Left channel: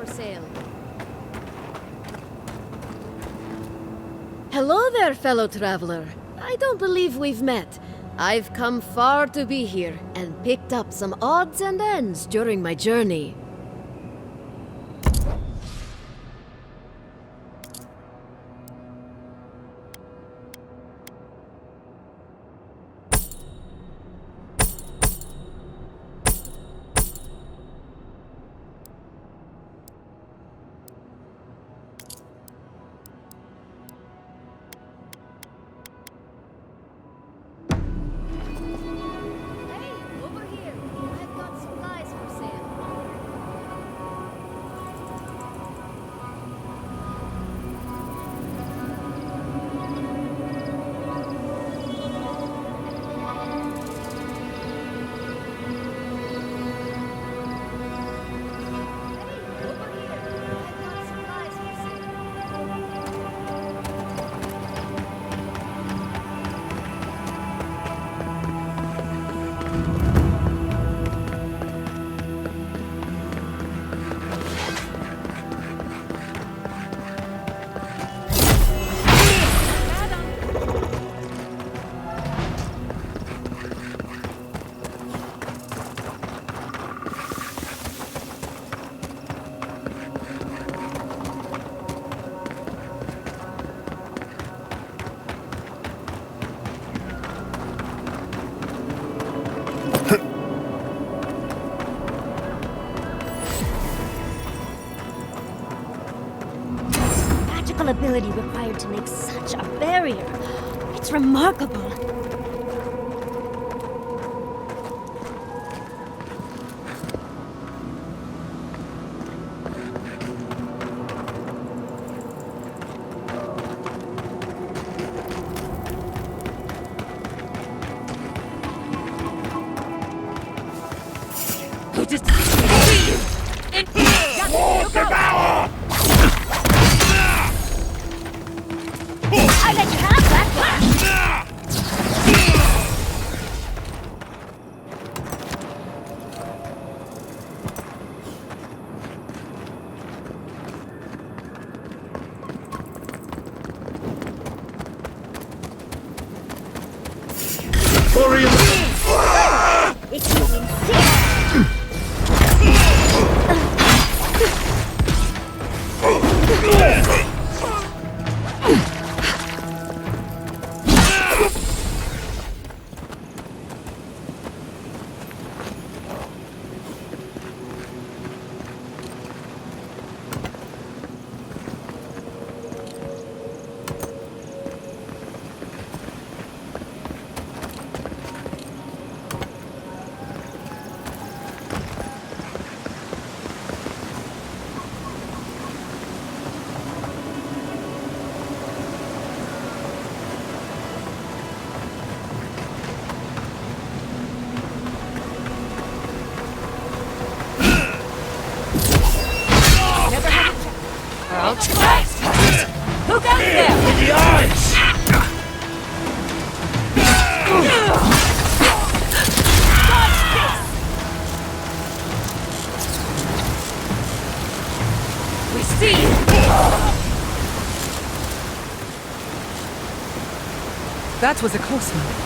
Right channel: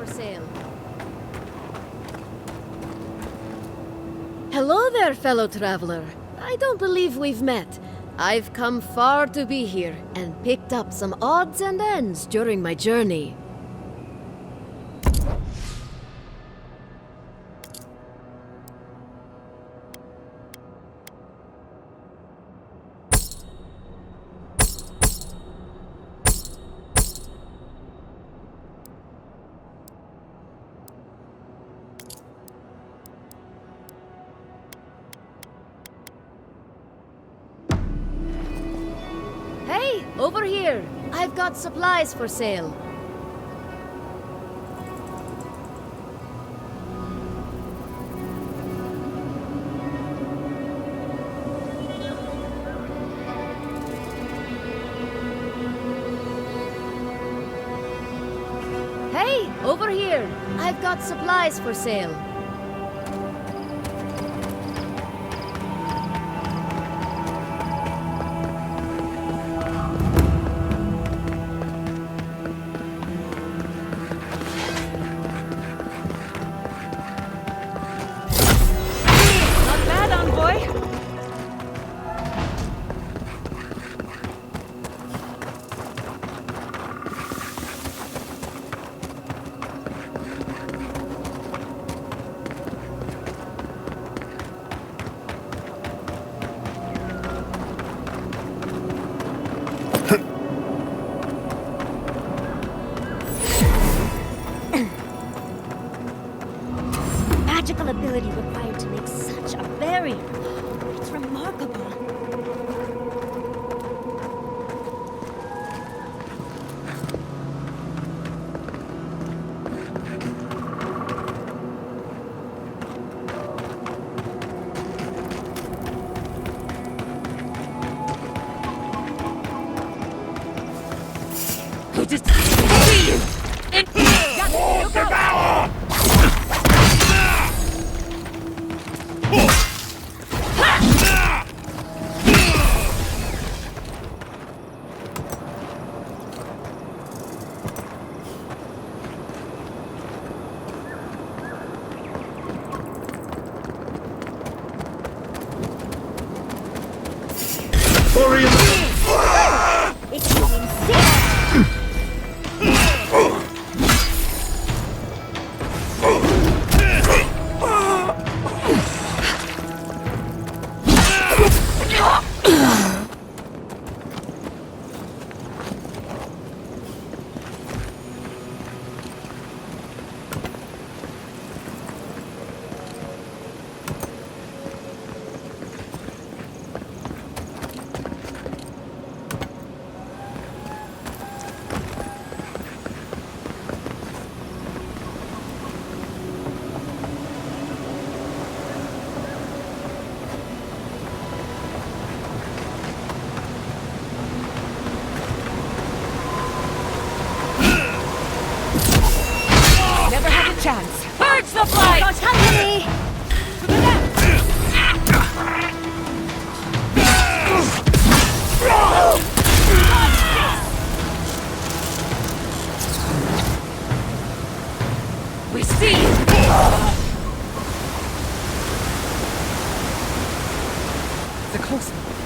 for sale. Hello there, fellow traveler. I don't believe we've met. I've come far to be here, and picked up some odds and ends during my journey. Hey, over here! I've got supplies for sale. Hey, over here! I've got supplies for sale. Magical ability required to make such a barrier. It's remarkable. Who just see you? Look out! I let you have that. It's moving sick. Never had a chance. Purge the flight! Who got there? We see you! That was a close one.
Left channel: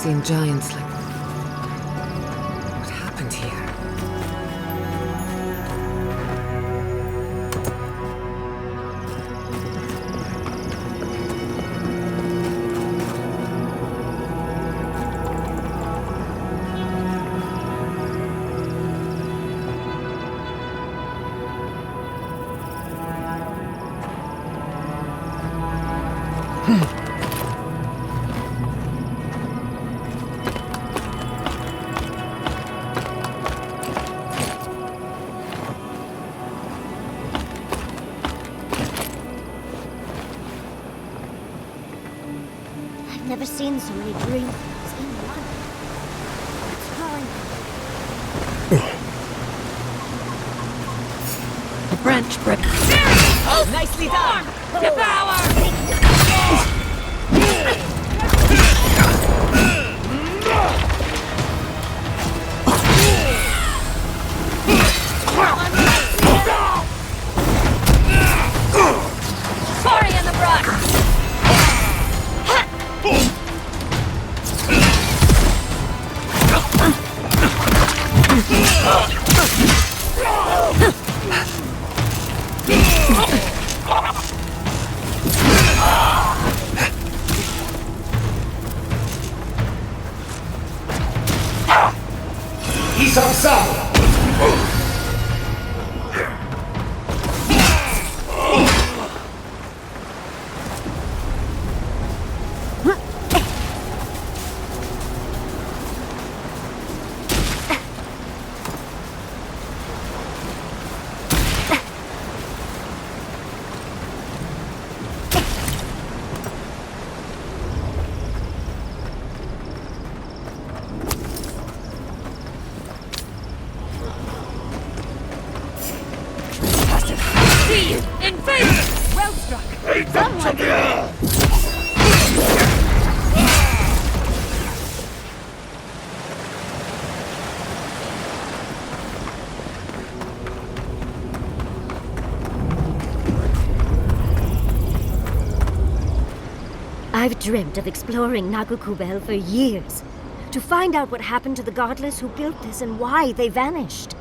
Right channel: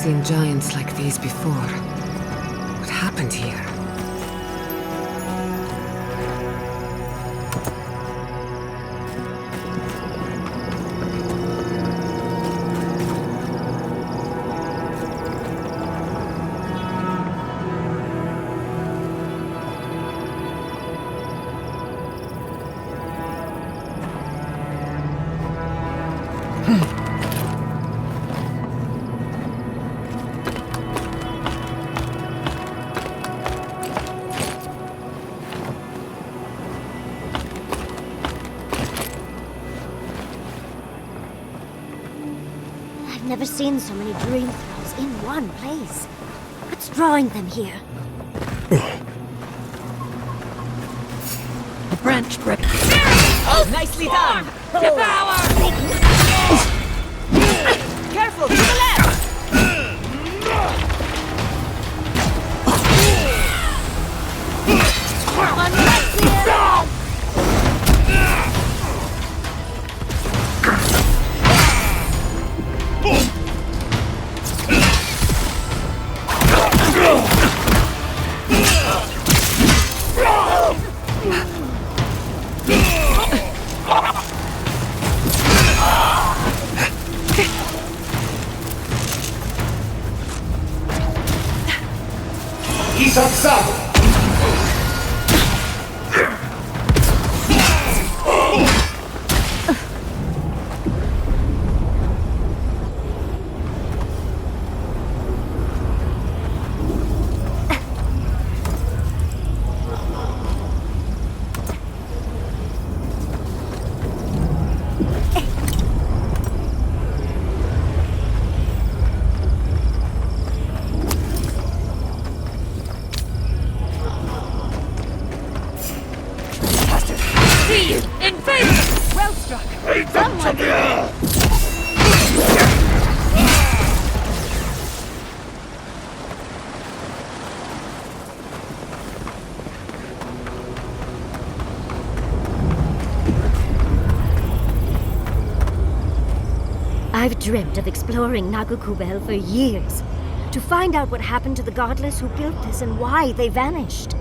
seen giants like these before. What happened here? I've never seen so many dream throws in one place. What's drawing them here? Branch break. Nicely done! Devour! Careful, to the left! One right here! Sorry in the brush! See you! Invade! Well struck! I've dreamt of exploring Nagukubel for years, to find out what happened to the godless who built this and why they vanished.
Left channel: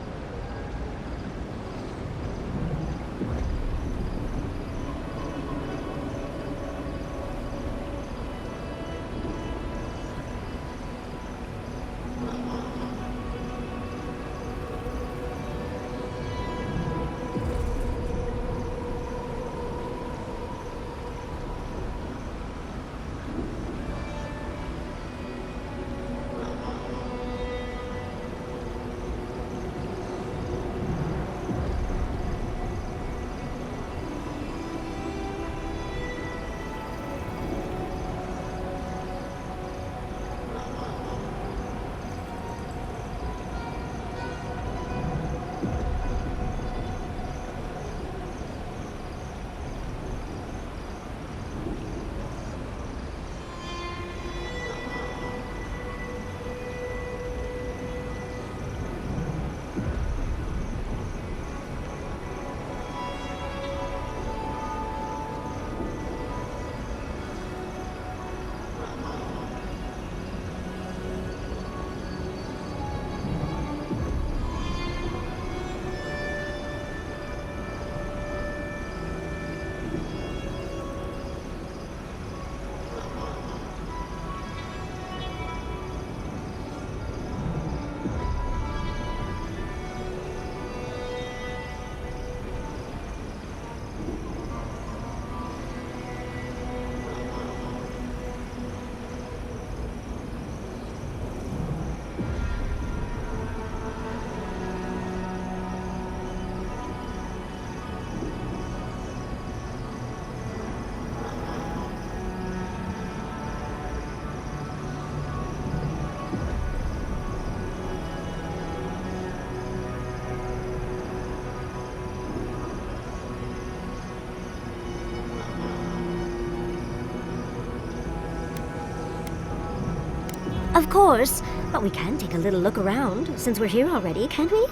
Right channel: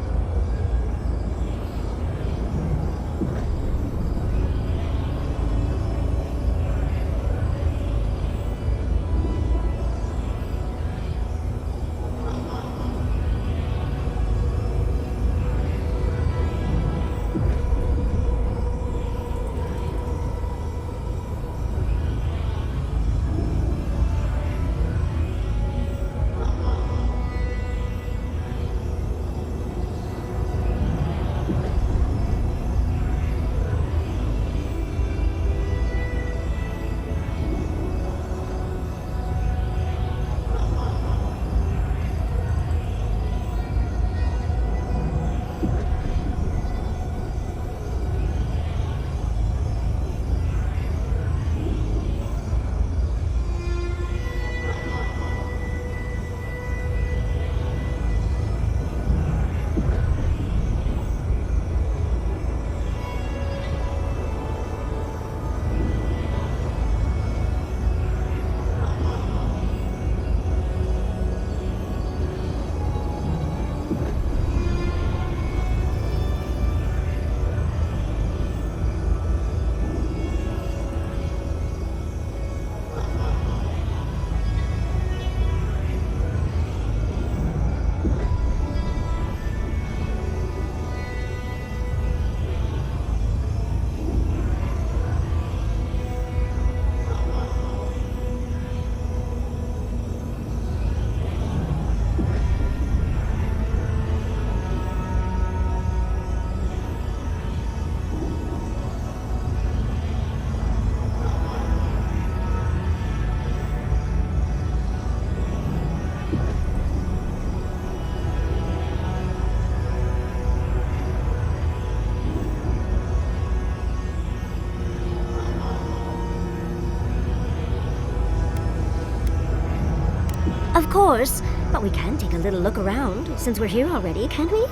Of course, but we can take a little look around, since we're here already, can't we?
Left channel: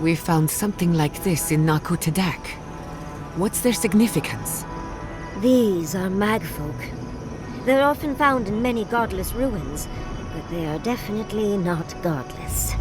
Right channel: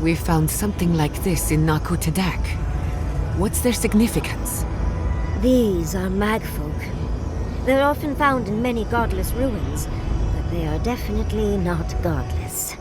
We found something like this in Naku Tadak. What's their significance? These are magfolk. They're often found in many godless ruins, but they are definitely not godless.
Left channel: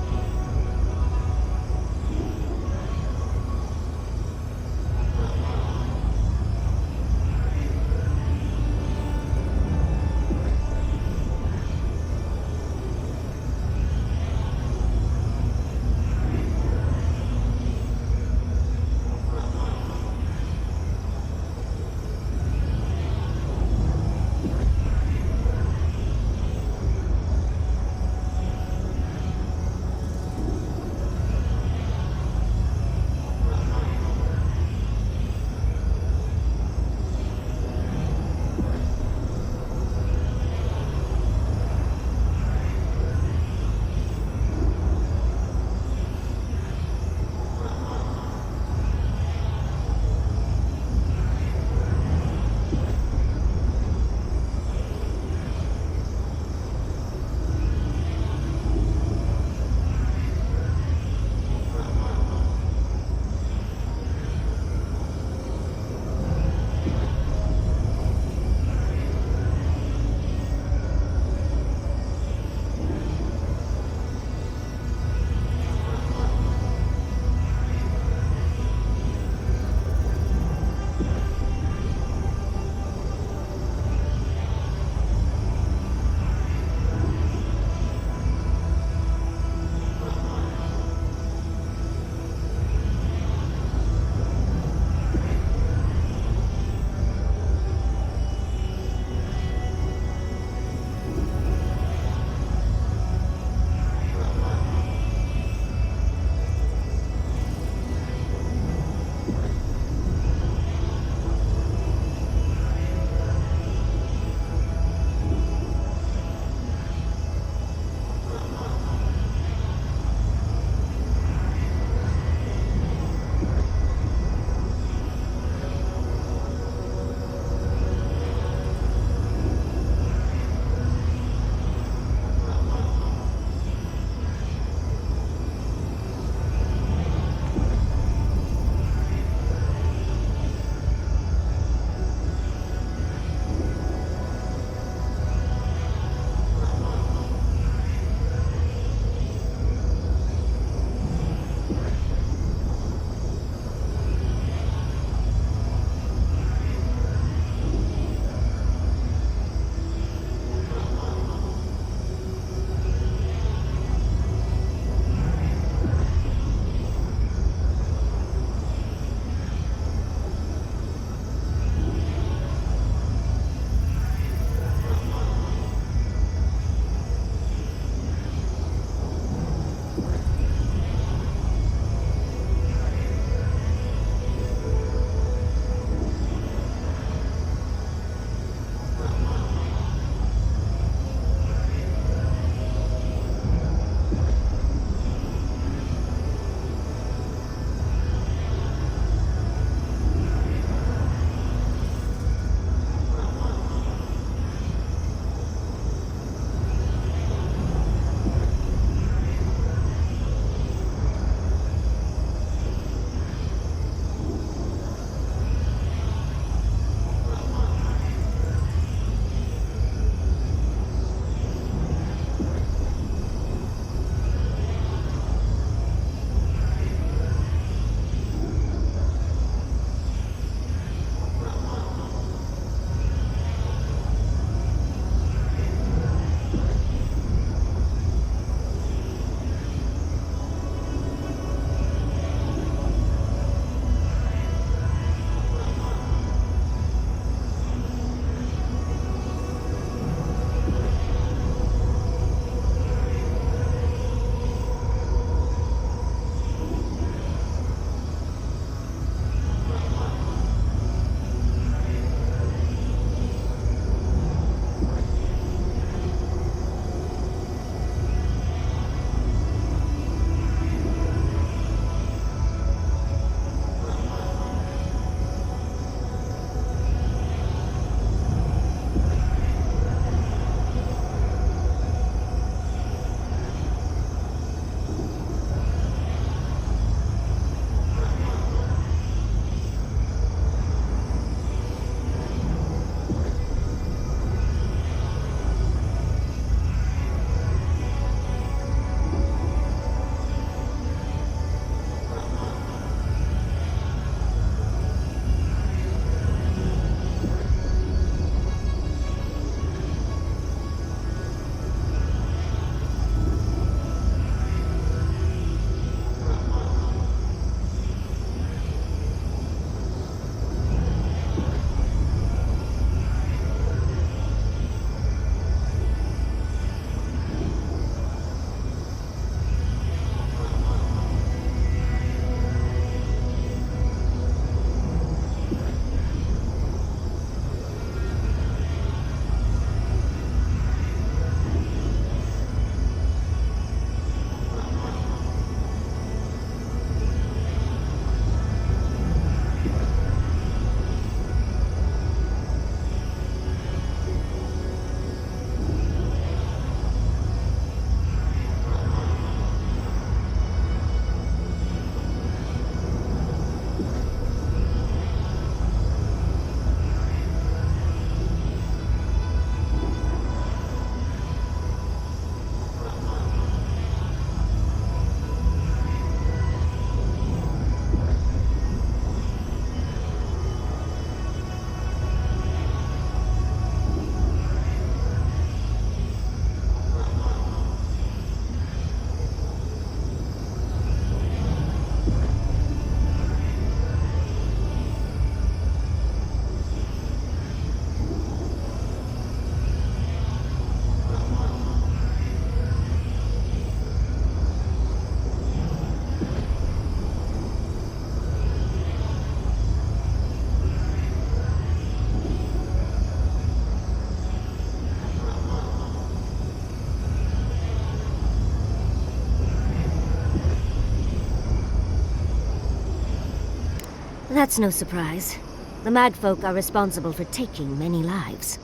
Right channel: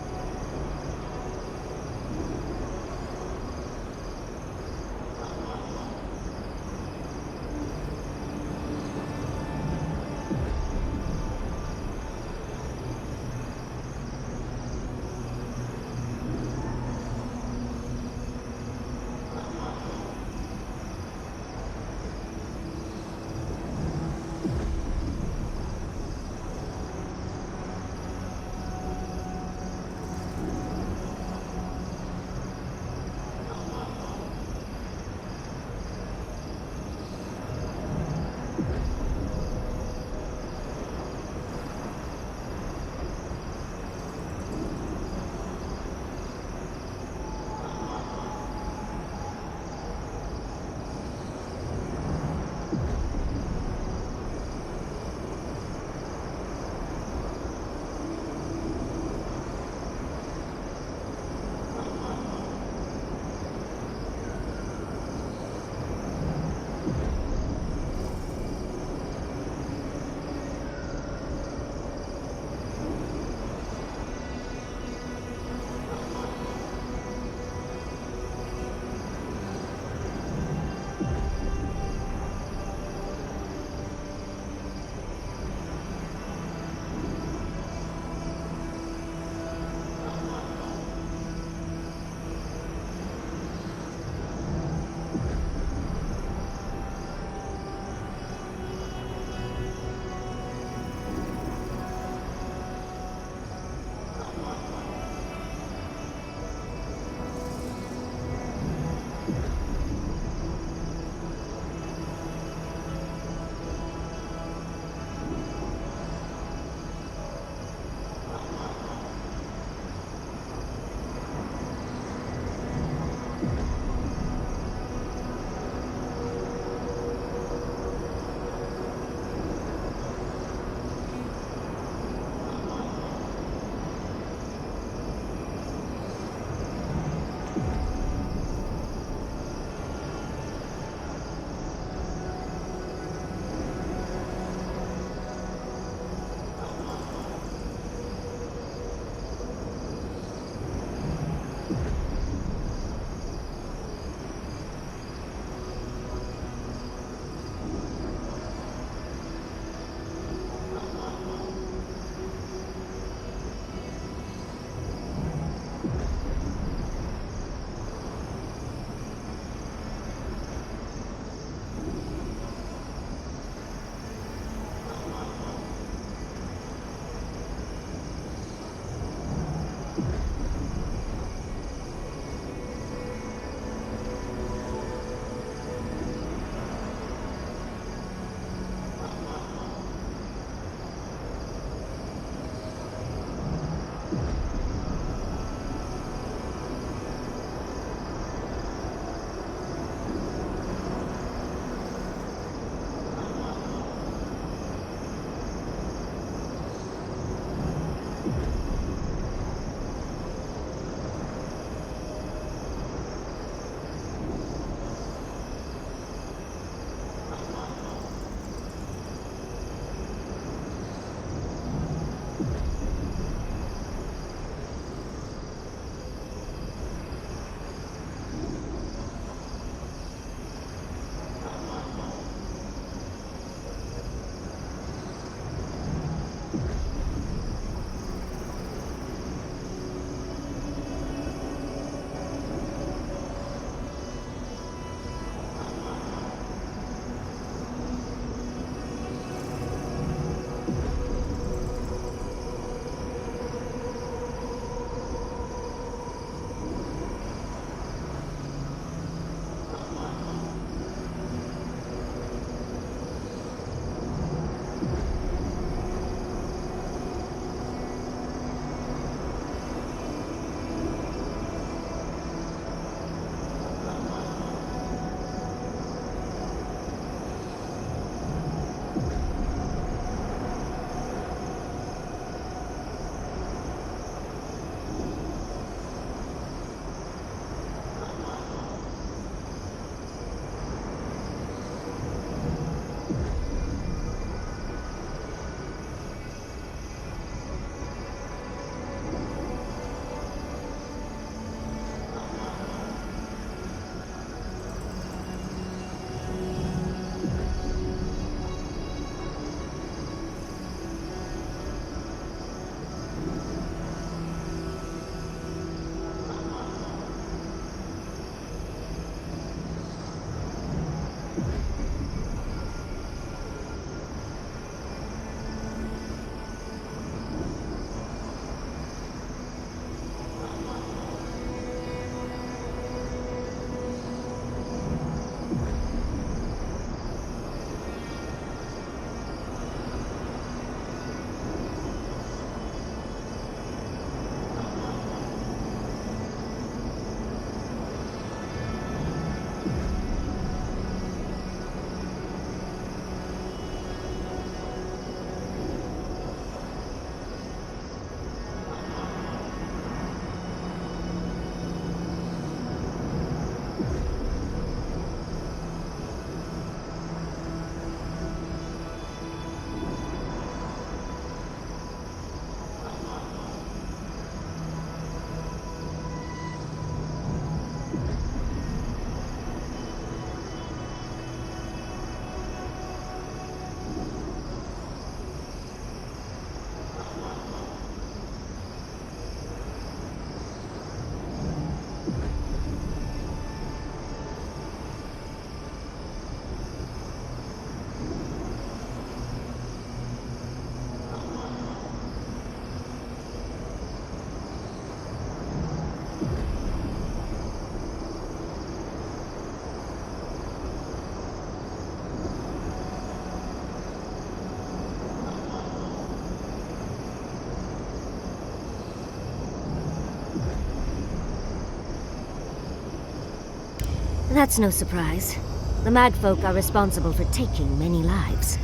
That's no surprise. The Magfolk are responsible for taking many lives.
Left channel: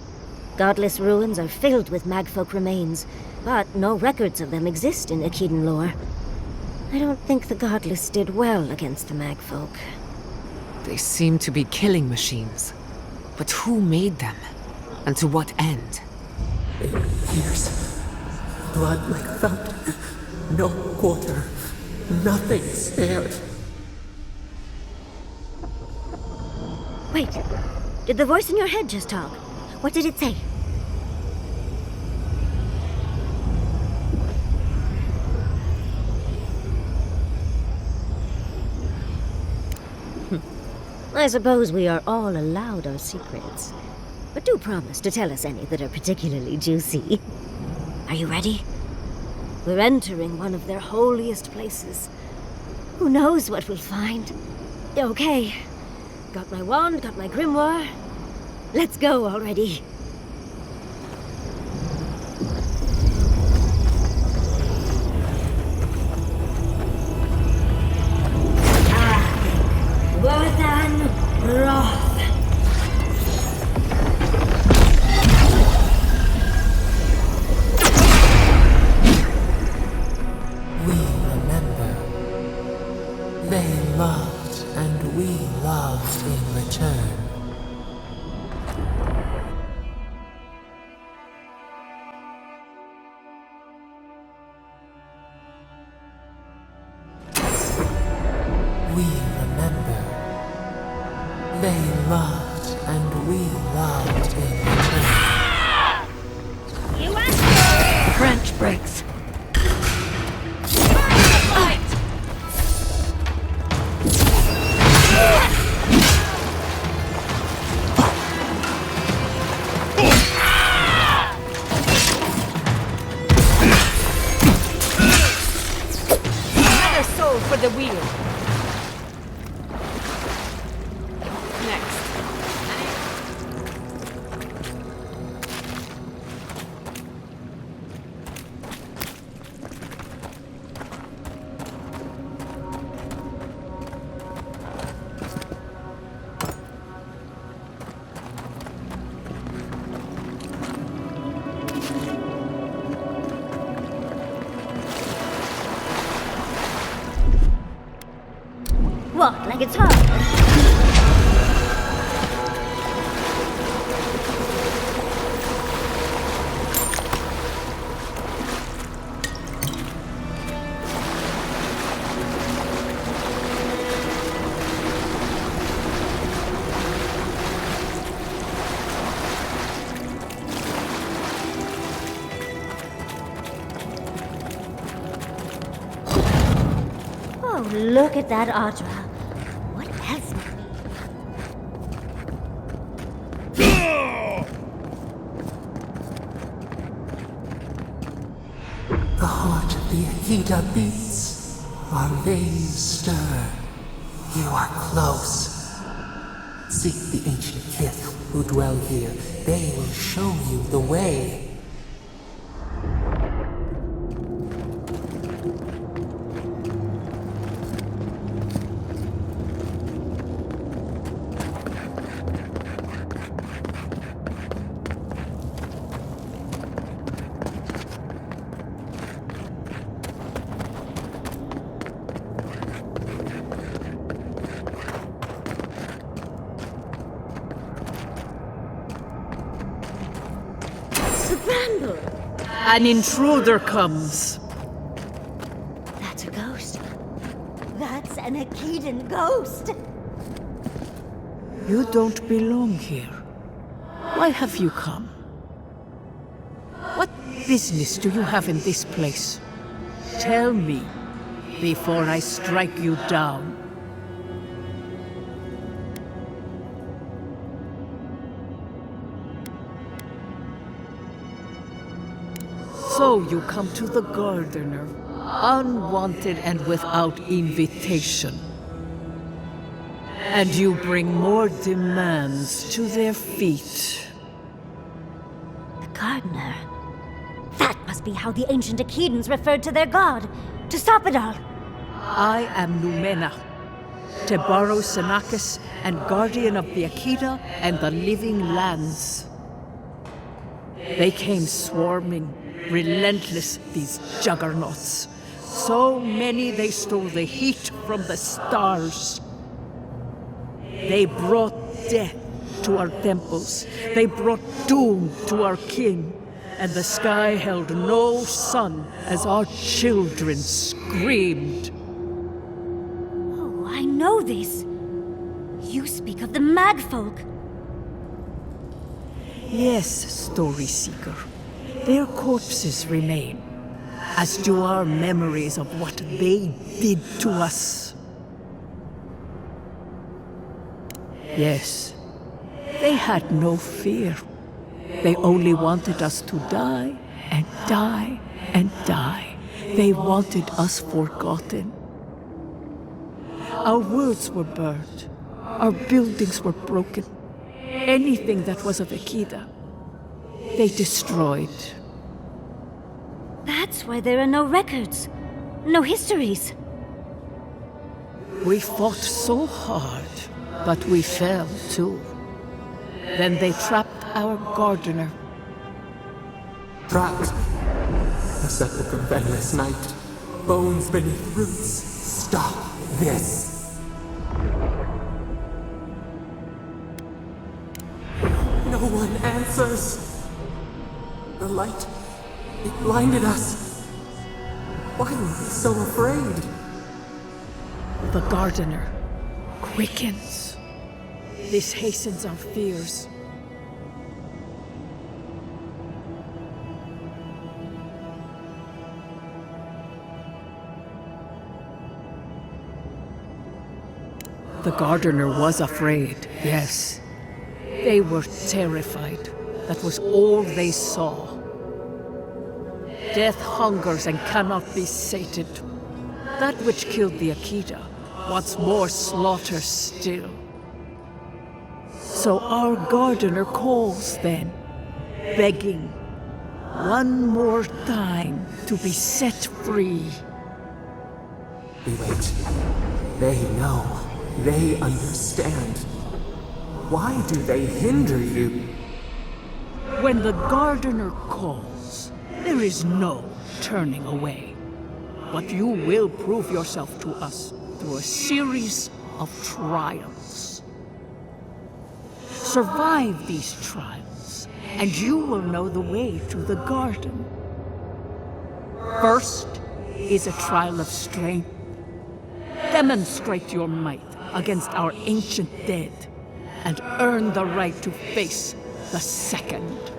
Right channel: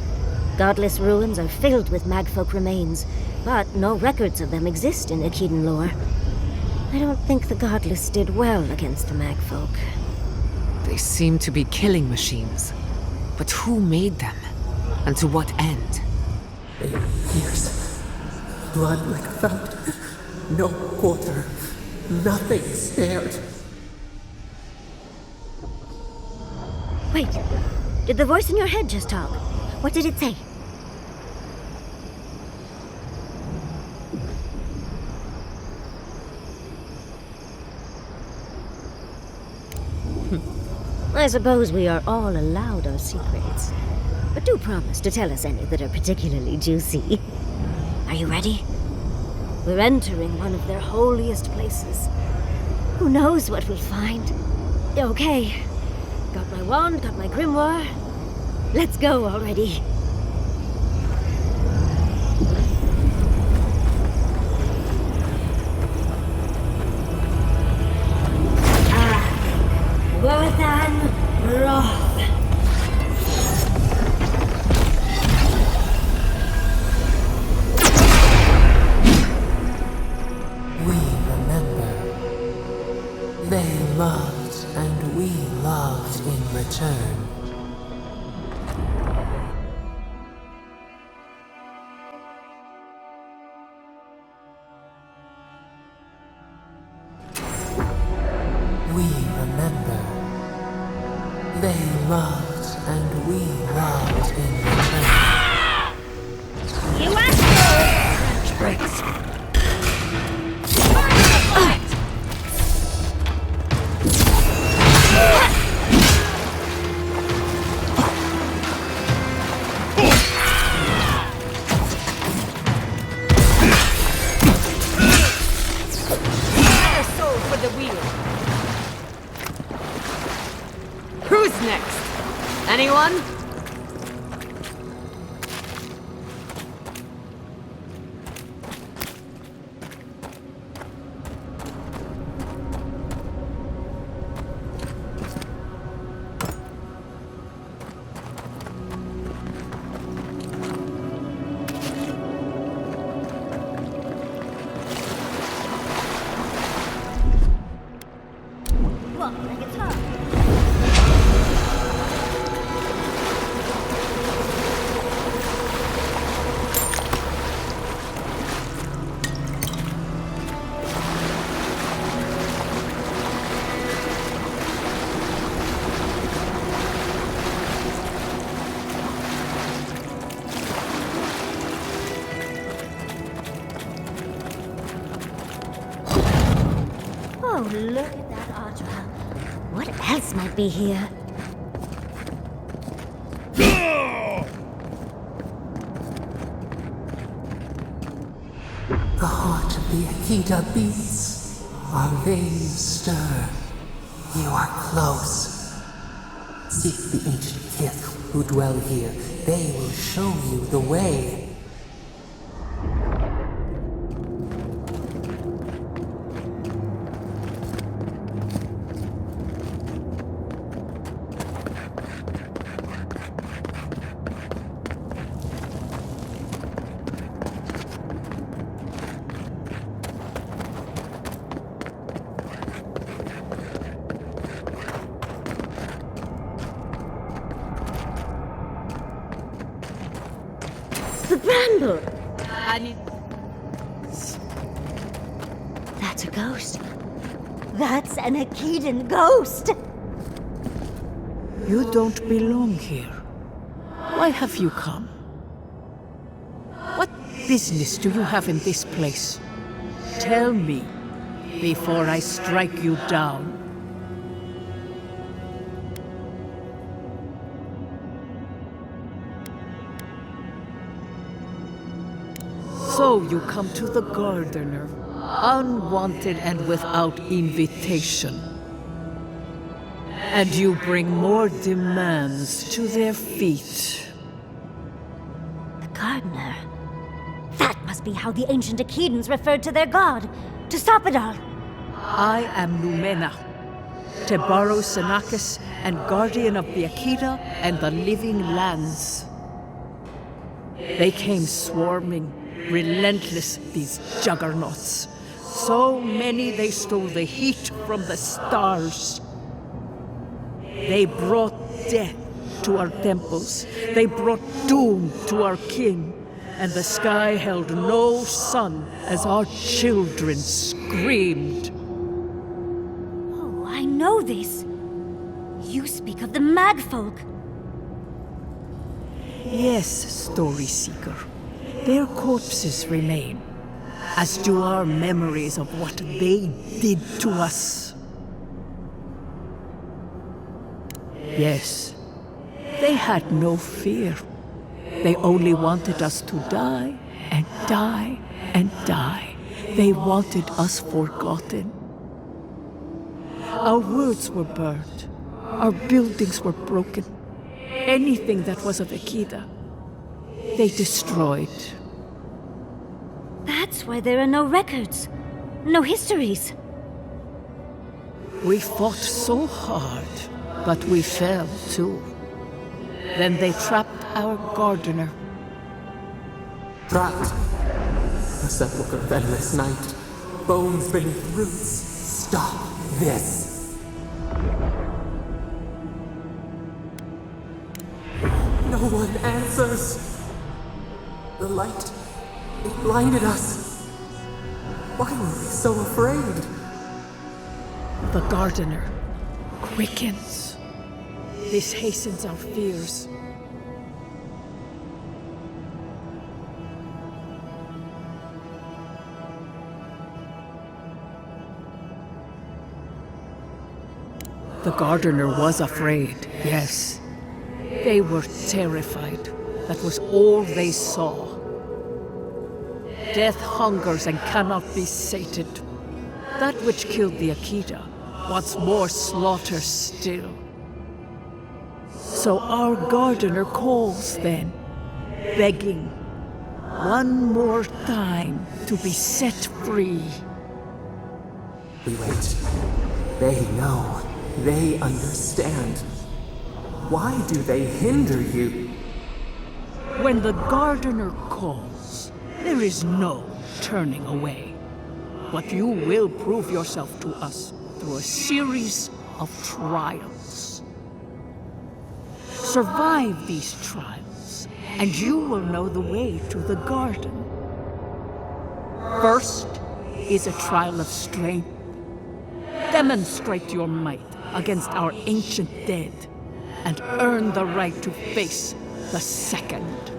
Godless ruins are filled with Magfolk remains, but no records of them exist in Akedan lore. I don't think the Godless did well against the Magfolk. They seem to be killing machines. But who made them? And to what end? 8 years. Blood like a fountain. No quarter. Nothing spared. Wait, did the voice in your head just talk? What did it say? I suppose we are all allowed our secrets. But do promise to tell us any that are particularly juicy. Are you ready? We're entering one of their holiest places. Who knows what we'll find? Okay. Got my wand, got my grimoire. Let's go already. Worthan Roth. We remember. They loved, and we loved in return. We remember. They loved, and we loved in return. You asked Branch breaks. Another soul for the wheel. Who's next? Anyone? Walk like it's hard. Oh, look at that Audra. What else might be here? The heart of the Akita beats. Our veins stir. You are close. Seek the ancient kith who dwell here. They will show you the way. The bramble! An intruder comes. That's a ghost. That's an Akedan ghost! You don't belong here. Why have you come? What business do you have in this place? Tell me, before I strike you down. So you come to the Gardener, unwanted and without invitation. And you bring more demands to their feet. The gardener. That must be how the ancient Akedans referred to their god. To stop it all. I am Numena. Tebaro Senakis, and guardian of the Akita and the living lands. They came swarming, relentless, these juggernauts. So many they stole the heat from the stars. They brought death to our temples. They brought doom to our kin. And the sky held no sun as our children screamed. Oh, I know this. You speak of the Magfolk. Yes, Story Seeker. Their corpses remain, as do our memories of what they did to us. Yes, they had no fear. They only wanted us to die and die and die. They wanted us forgotten. Our words were burned. Our buildings were broken. Anything that was of Akida, they destroyed. That's why there are no records, no histories. We fought so hard, but we fell too. Then they trapped our gardener. Trapped. A sepulchre of endless night. Bones beneath roots. Stop this. No one answers. The light, it blinded us. Why were we so afraid? The gardener quickens. This hastens our fears. The gardener was afraid, yes. They were terrified. That was all they saw. Death hungers and cannot be sated. That which killed the Akita wants more slaughter still. So our gardener calls then, begging one more time to be set free. We wait. They know. They understand. Why do they hinder you? When the gardener calls, there is no turning away. But you will prove yourself to us through a series of trials. Survive these trials, and you will know the way to the garden. First is a trial of strength. Demonstrate your might against our ancient dead, and earn the right to face the second.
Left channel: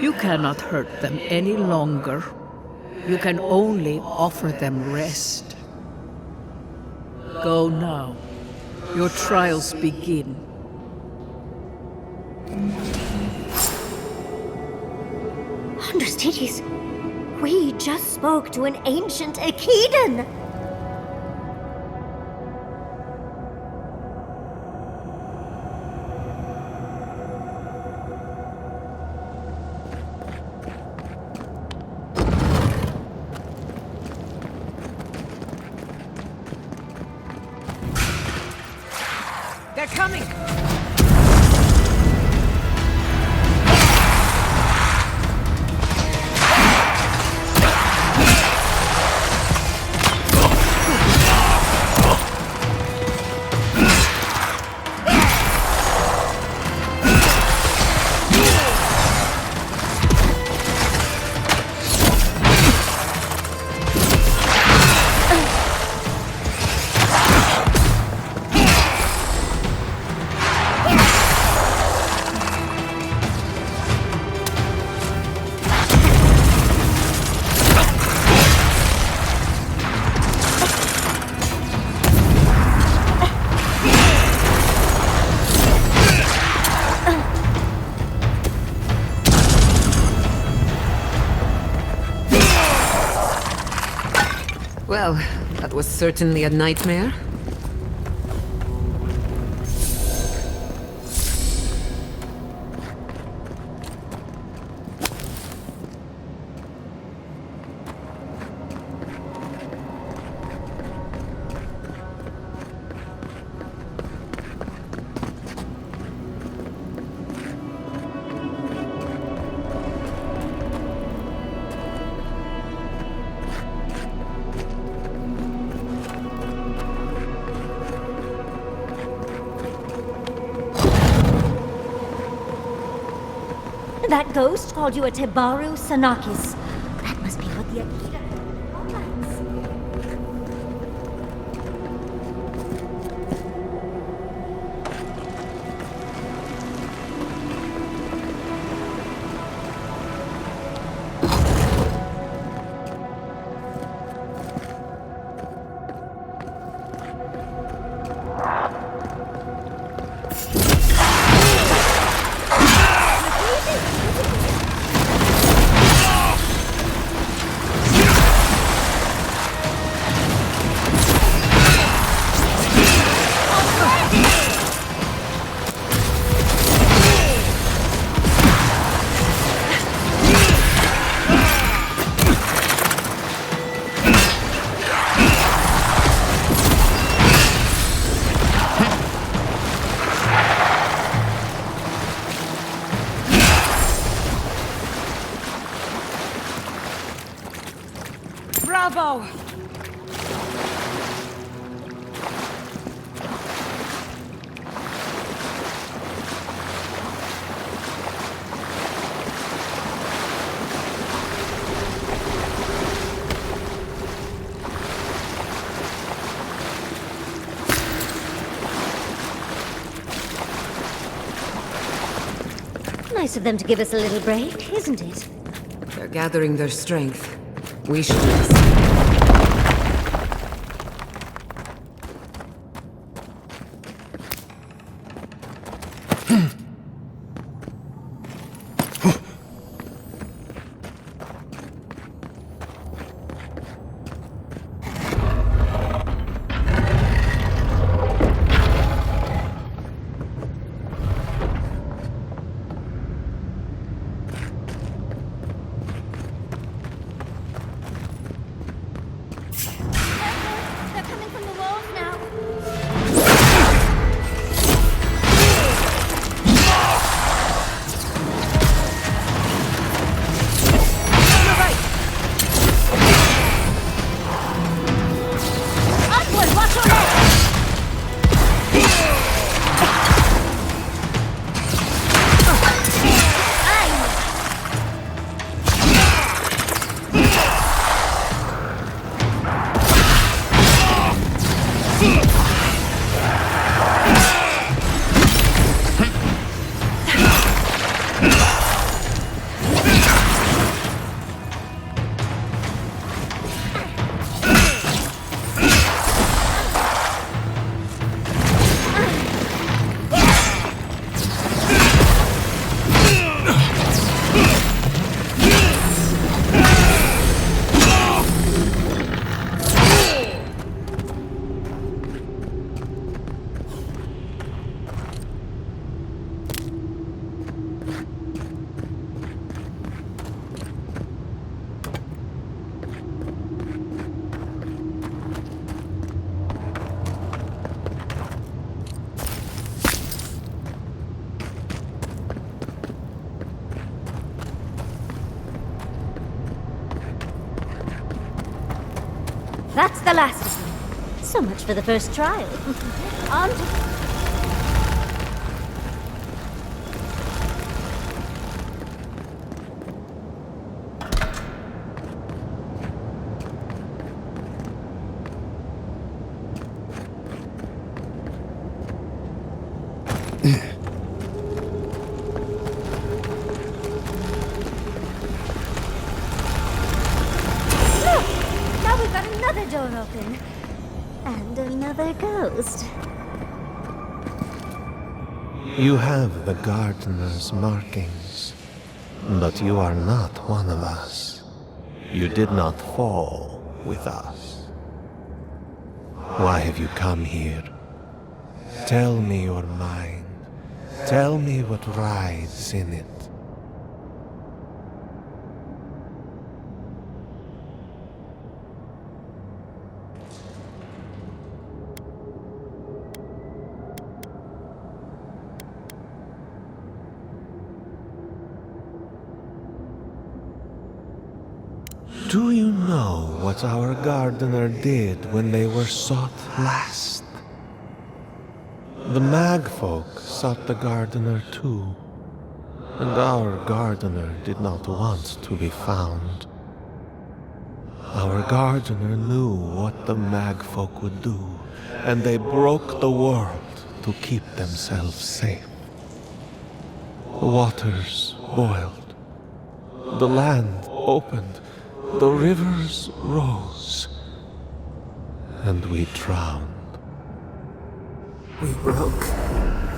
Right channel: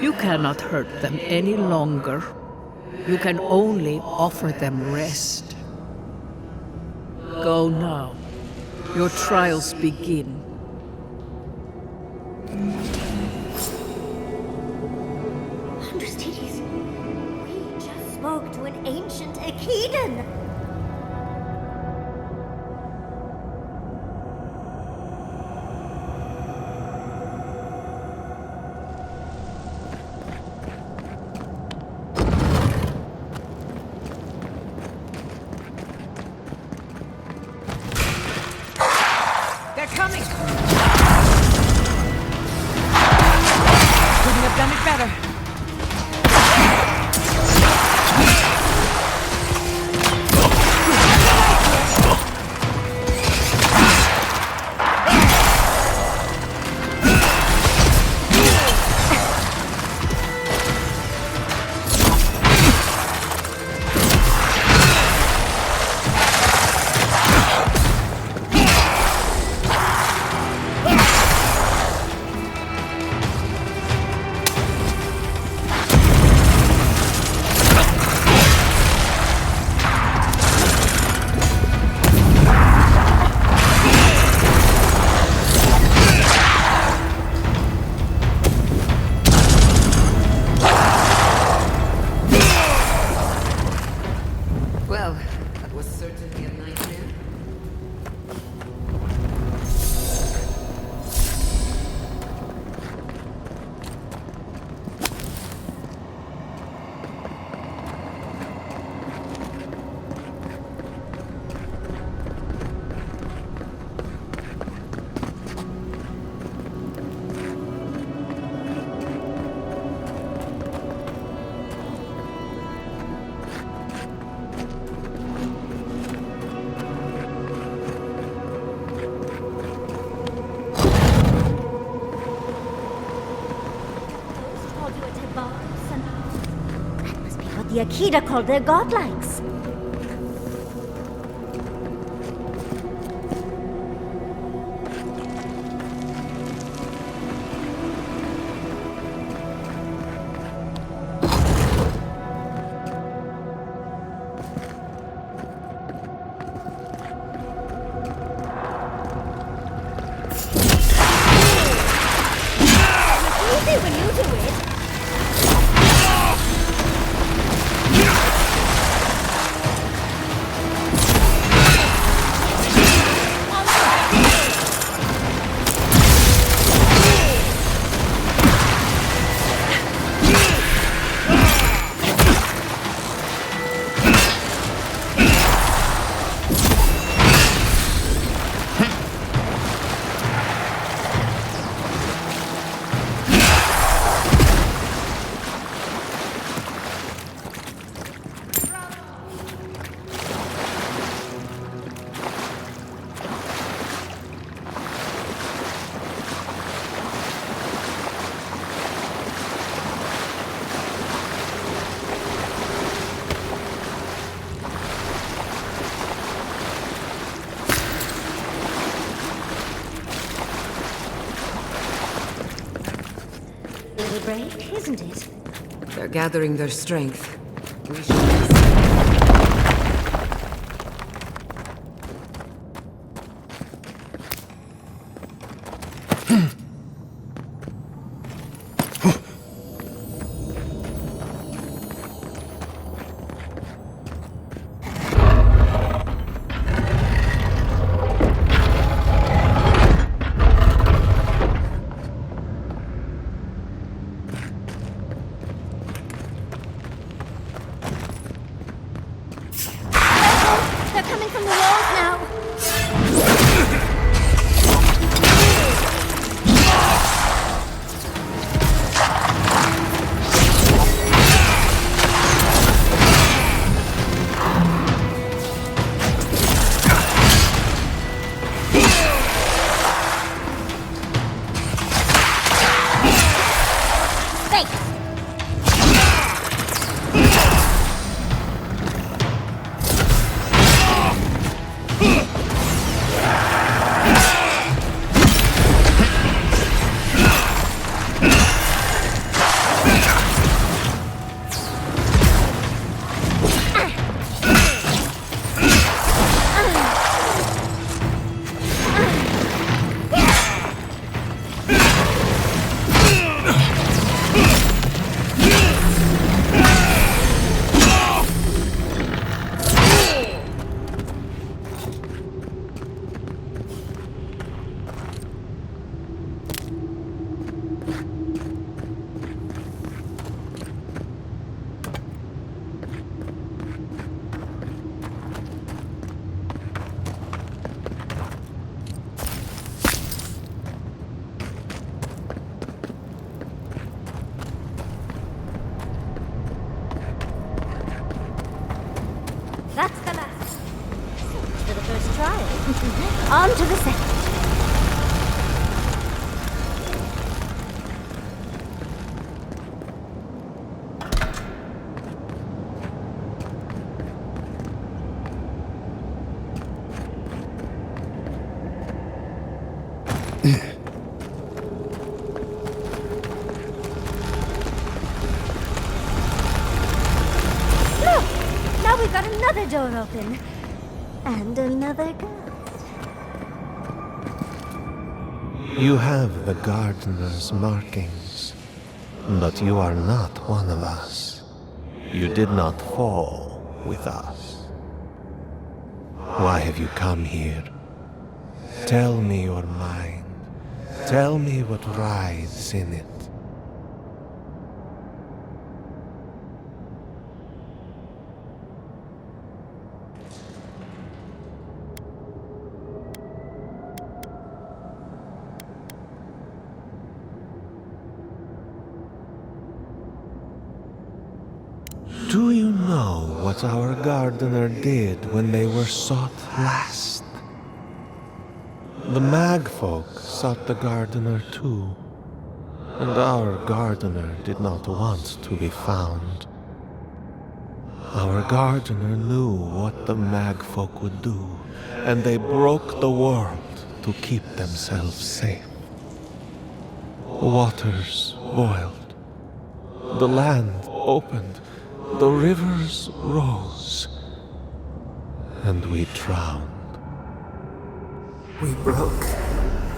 You cannot hurt them any longer. You can only offer them rest. Go now. Your trials begin. Understudies, we just spoke to an ancient Akidan! They're coming! Couldn't have done it better. Certainly a nightmare. That ghost called you a Tebaru Sanakis. That must be what the Akita called their godlikes. Bravo! Nice of them to give us a little break, isn't it? They're gathering their strength. We should... They're coming from the walls now. That's the last one. So much for the first trial. On to the second. Now we've got another door open. And another ghost. You have the gardener's markings, but you are not one of us. You did not fall with us. Why have you come here? Tell me your mind. Tell me what rides in it. Do you know what our gardener did when they were sought last? The Magfolk sought the gardener too, and our gardener did not want to be found. Our gardener knew what the Magfolk would do, and they broke the world to keep themselves safe. The waters boiled, the land opened, the rivers rose, and we drowned. We broke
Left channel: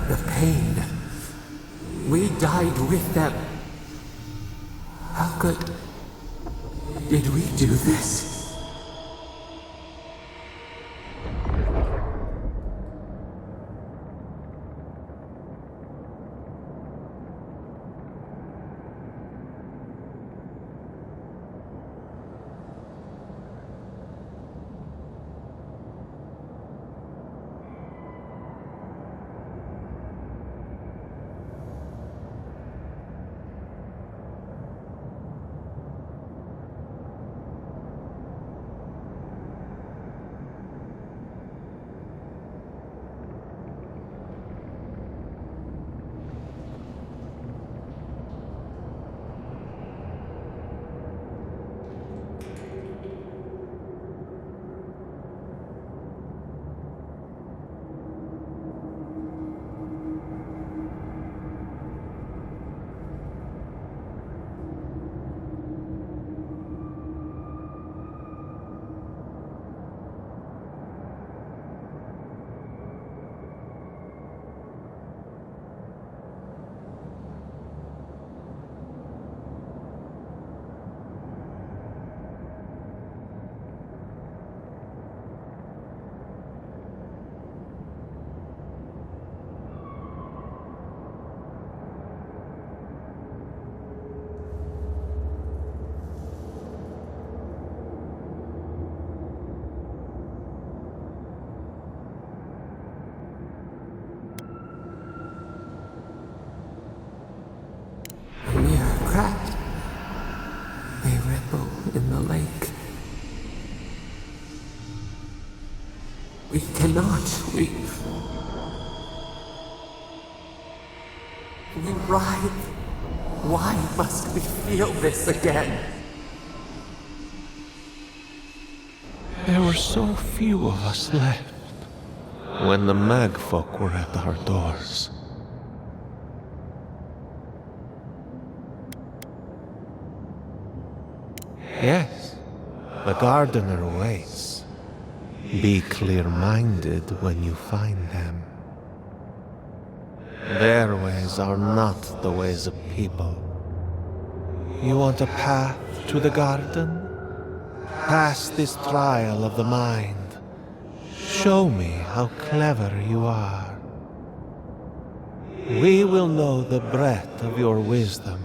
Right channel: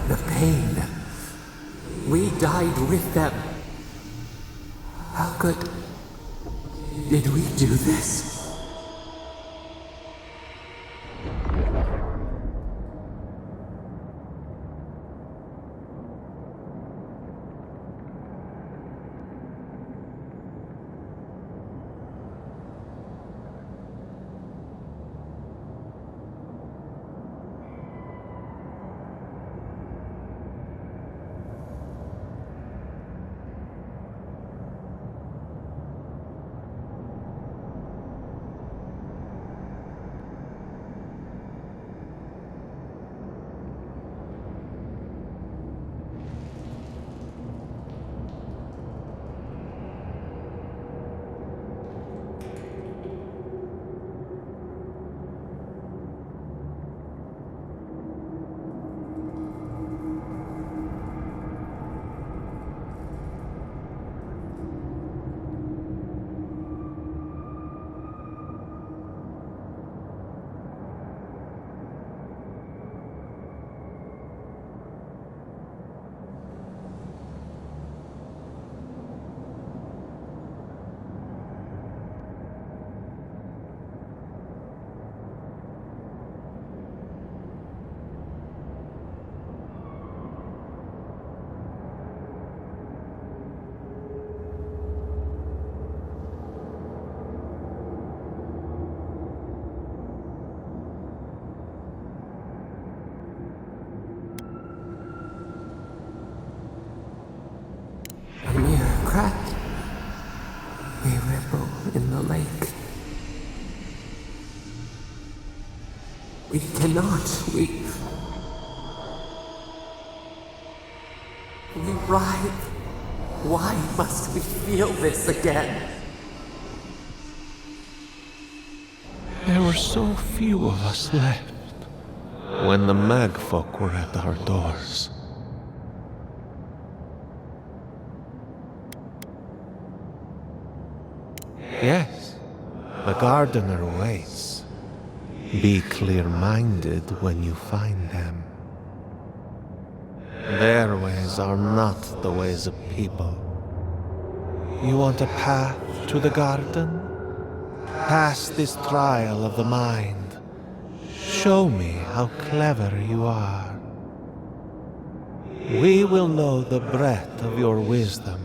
the pain. We died with them. How good did we do this? A mere crack, a ripple in the lake. We cannot, we writhe. Why must we feel this again? There were so few of us left when the Magfolk were at our doors. Yes, the gardener waits. Be clear-minded when you find them. Their ways are not the ways of people. You want a path to the garden? Pass this trial of the mind. Show me how clever you are. We will know the breadth of your wisdom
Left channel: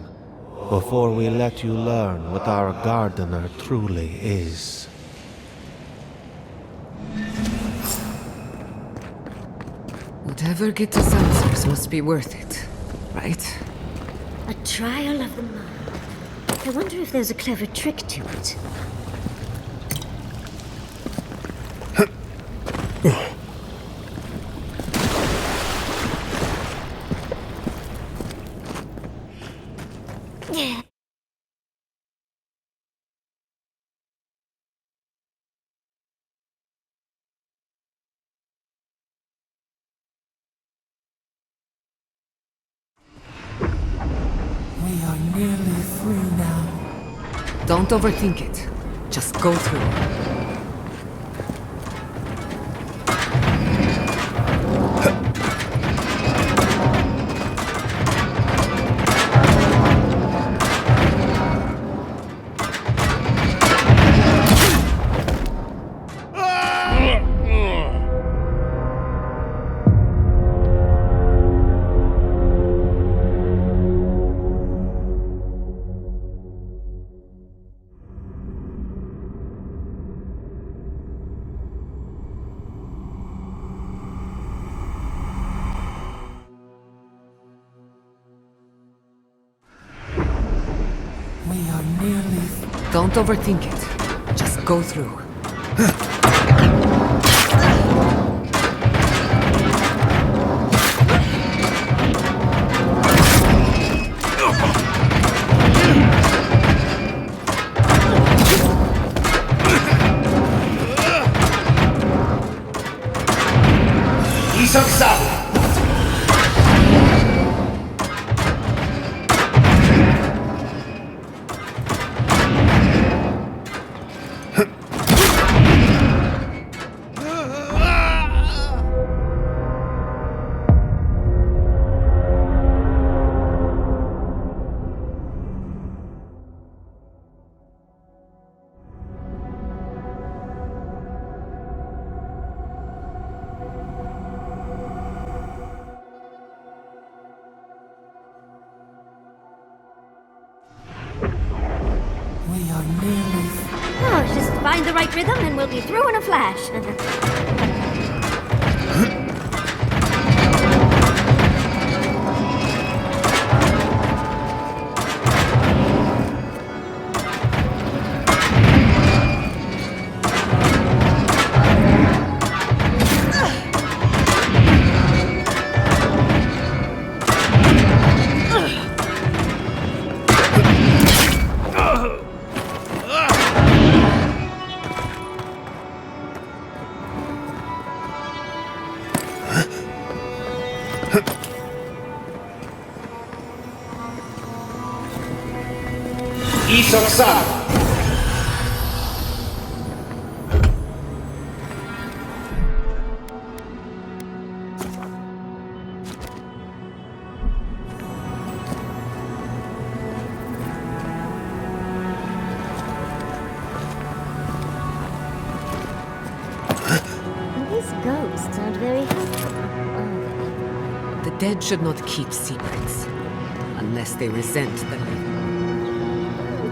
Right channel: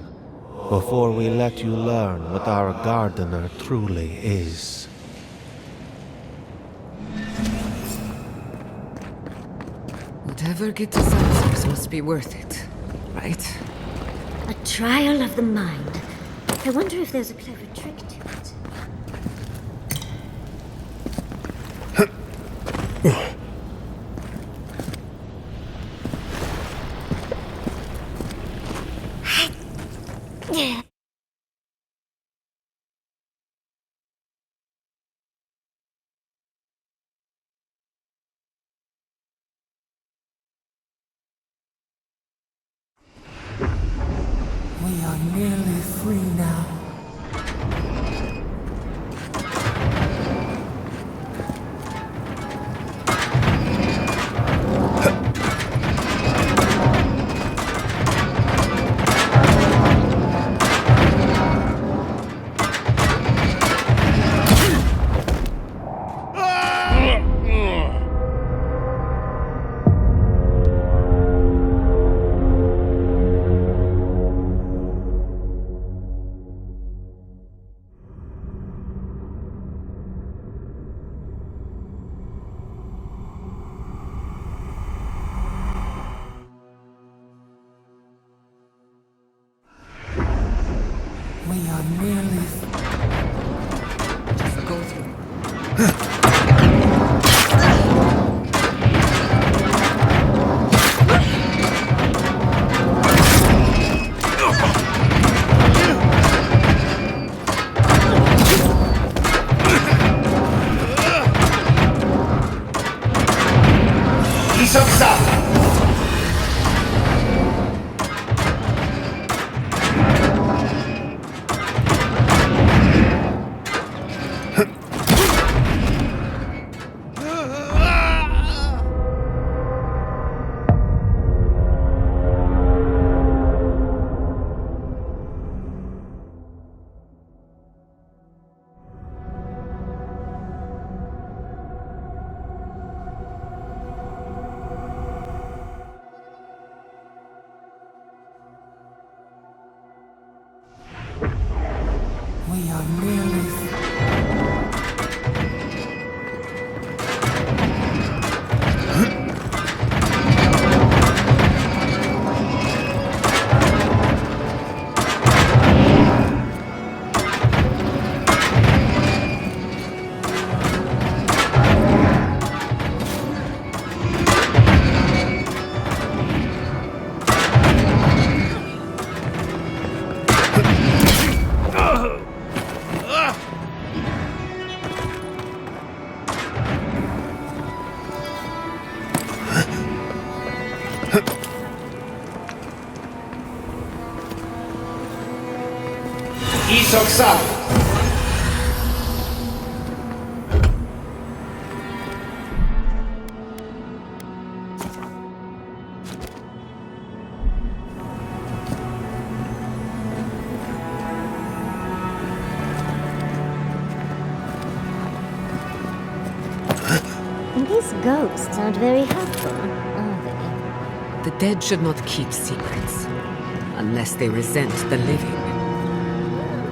before we let you learn what our gardener truly is. Whatever gets us answers must be worth it, right? A trial of the mind. I wonder if there's a clever trick to it. We are nearly free now. Don't overthink it. Just go through it. We are nearly... Don't overthink it. Just go through. We are nearly... Oh, just find the right rhythm and we'll be through in a flash. These ghosts aren't very helpful, are they? The dead should not keep secrets. Unless they resent the living.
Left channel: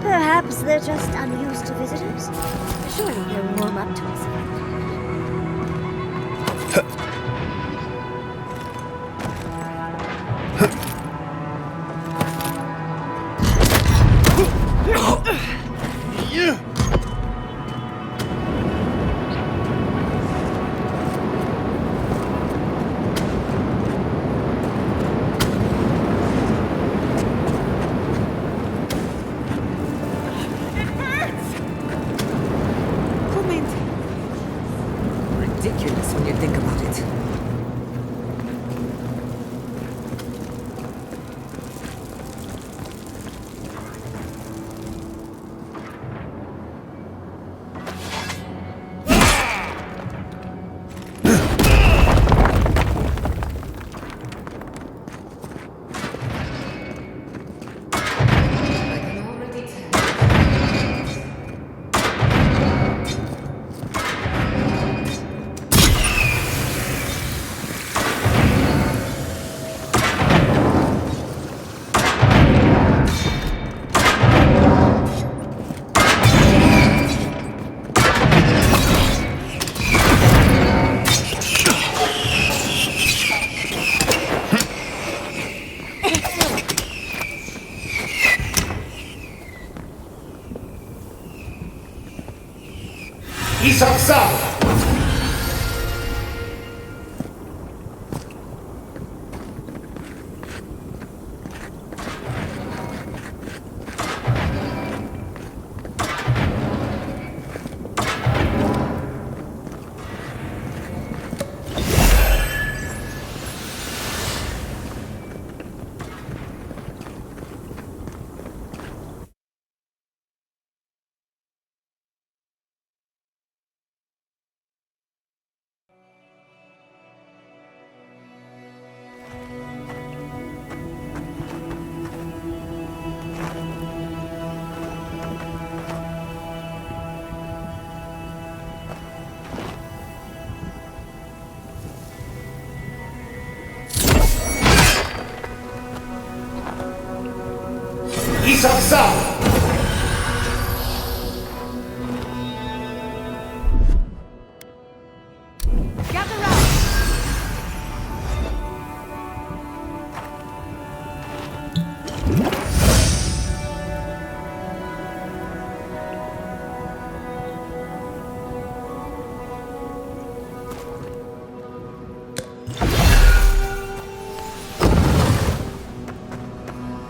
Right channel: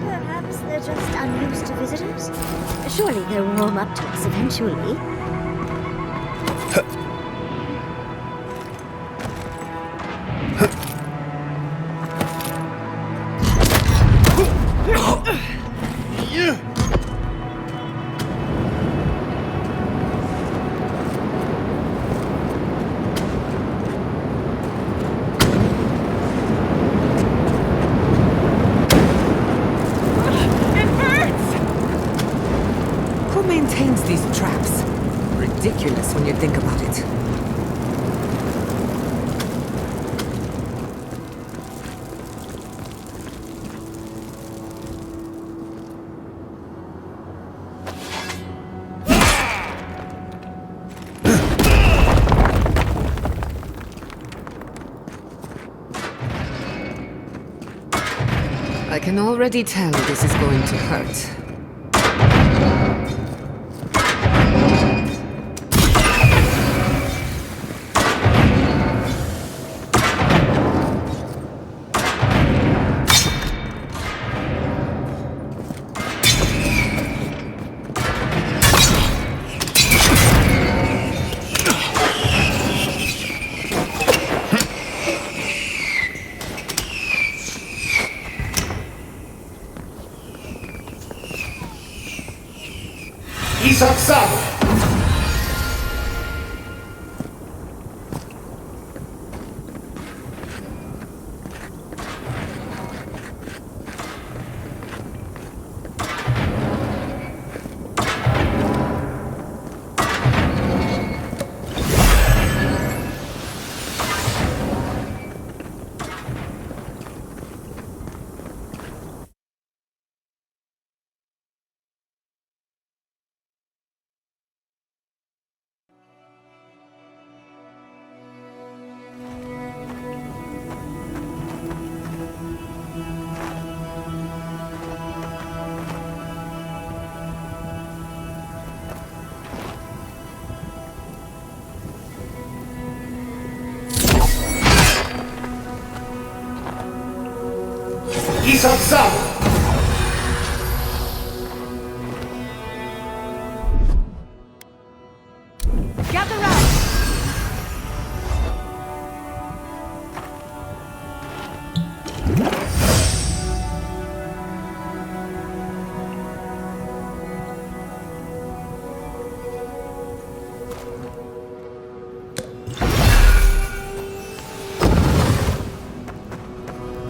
Perhaps they're just unused to visitors. Surely they'll warm up to us eventually. Who maintains these traps? Ridiculous when you think about it. I can already tell this is going to hurt.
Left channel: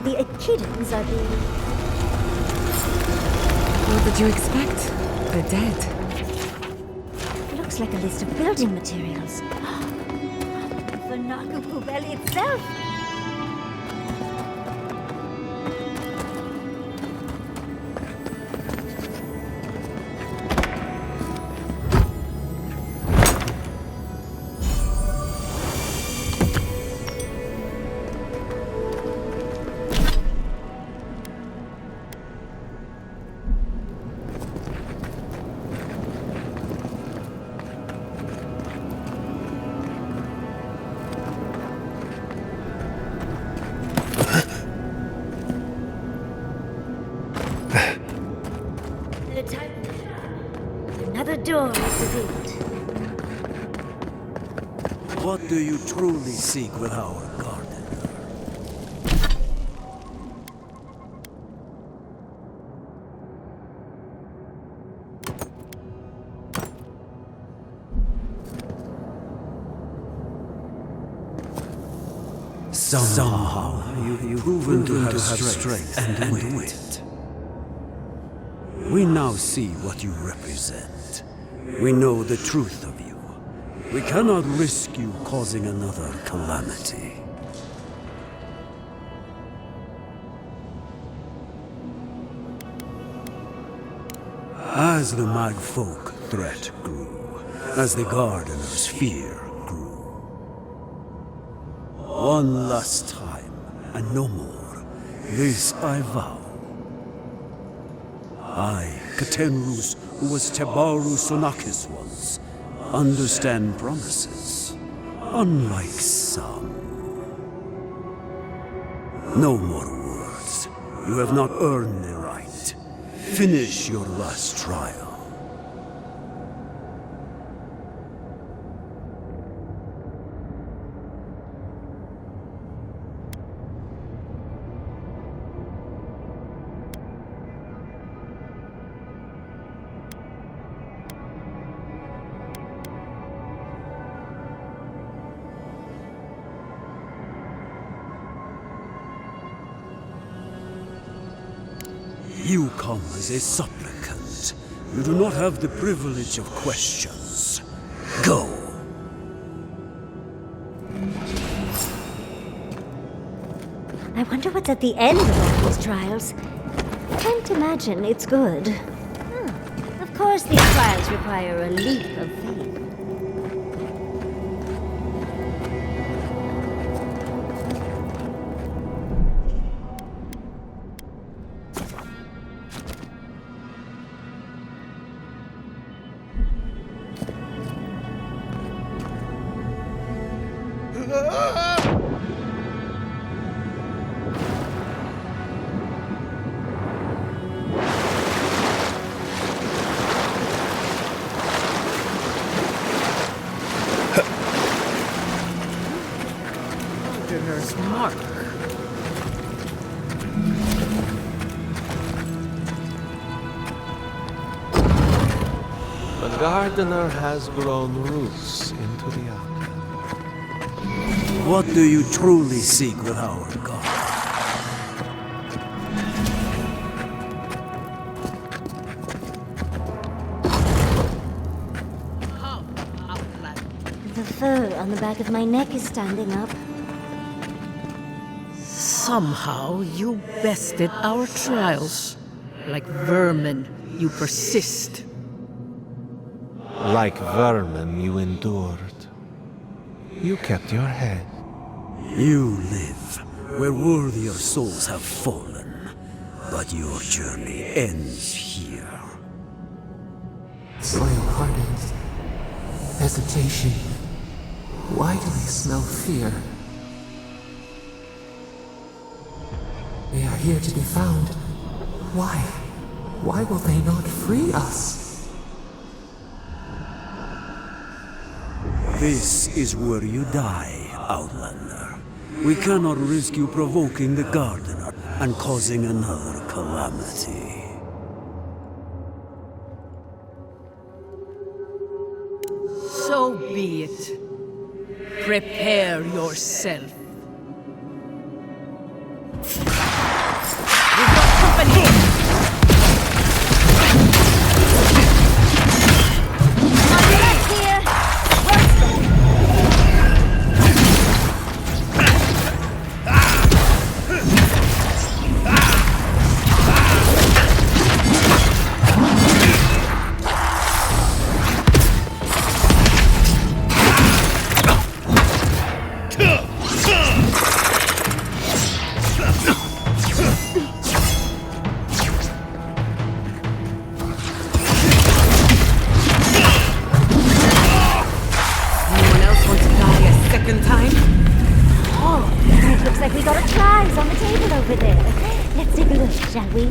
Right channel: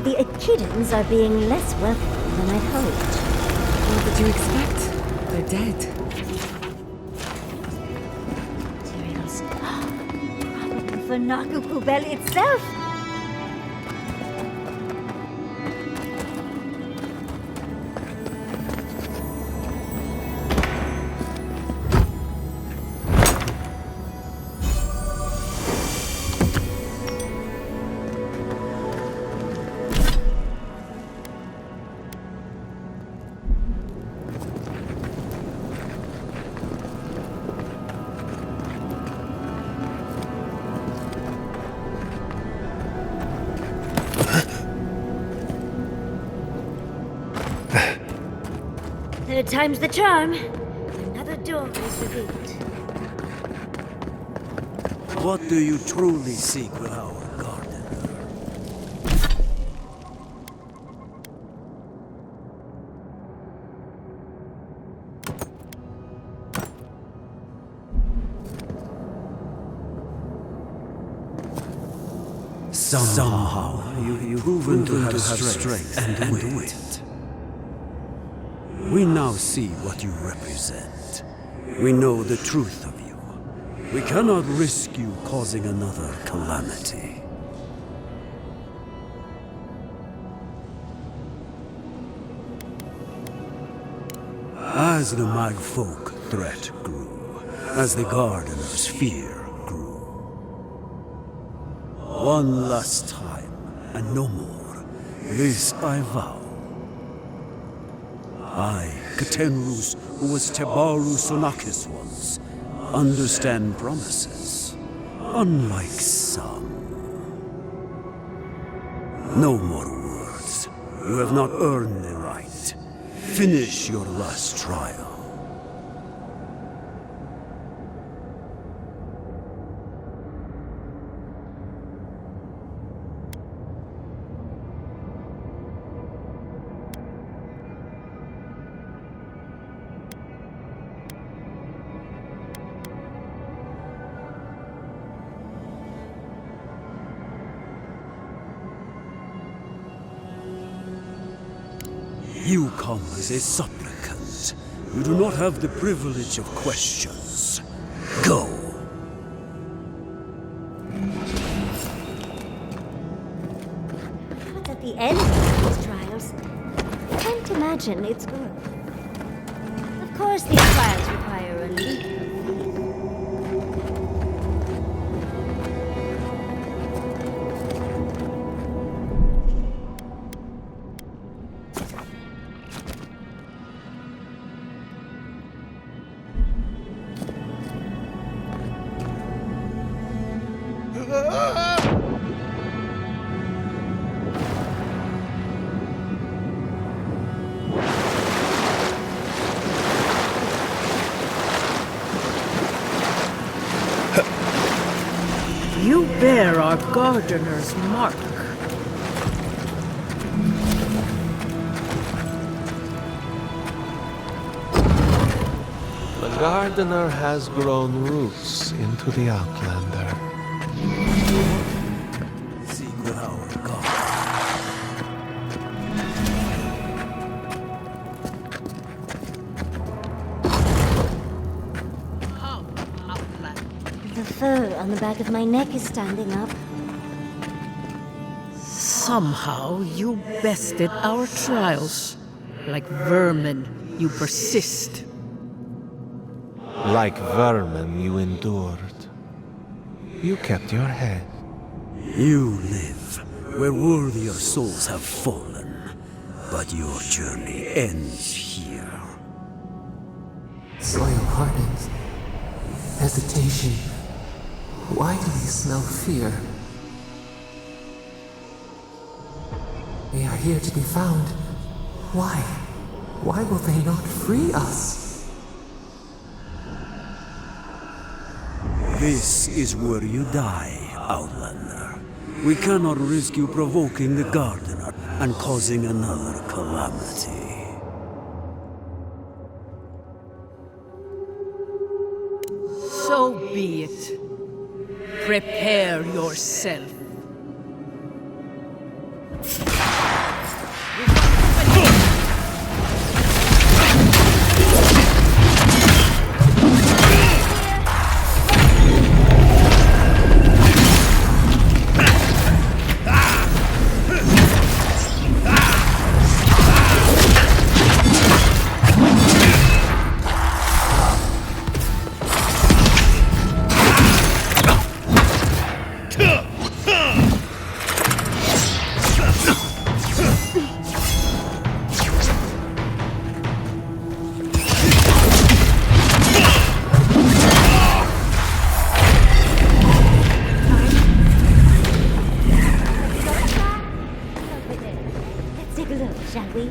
the Echidans are being less welcome than I hoped. What did you expect? They're dead. Looks like a list of building materials. Probably for Naku Kubel itself. Third time's the charm. Another door is revealed. What do you truly seek with our garden? Somehow you've proven to have strength and wit. We now see what you represent. We know the truth of you. We cannot risk you causing another calamity. As the Magfolk threat grew, as the Gardener's fear grew, one last time, and no more, this I vow. I, Katenrus, who was Tebaru Sonakis once, understand promises, unlike some. No more words. You have not earned the right. Finish your last trial. You come as a supplicant. You do not have the privilege of questions. Go. I wonder what's at the end of these trials. I can't imagine it's good. Of course, these trials require a leap of faith. You bear our Gardener's mark. The Gardener has grown roots into the Outlander. What do you truly seek with our God? The fur on the back of my neck is standing up. Somehow you bested our trials. Like vermin, you persist. Like vermin, you endured. You kept your head. You live where worthier souls have fallen, but your journey ends here. Soil hardens. Hesitation. Why do we smell fear? They are here to be found. Why? Why will they not free us? This is where you die, Outlander. We cannot risk you provoking the Gardener and causing another calamity. So be it. Prepare yourself. shall we?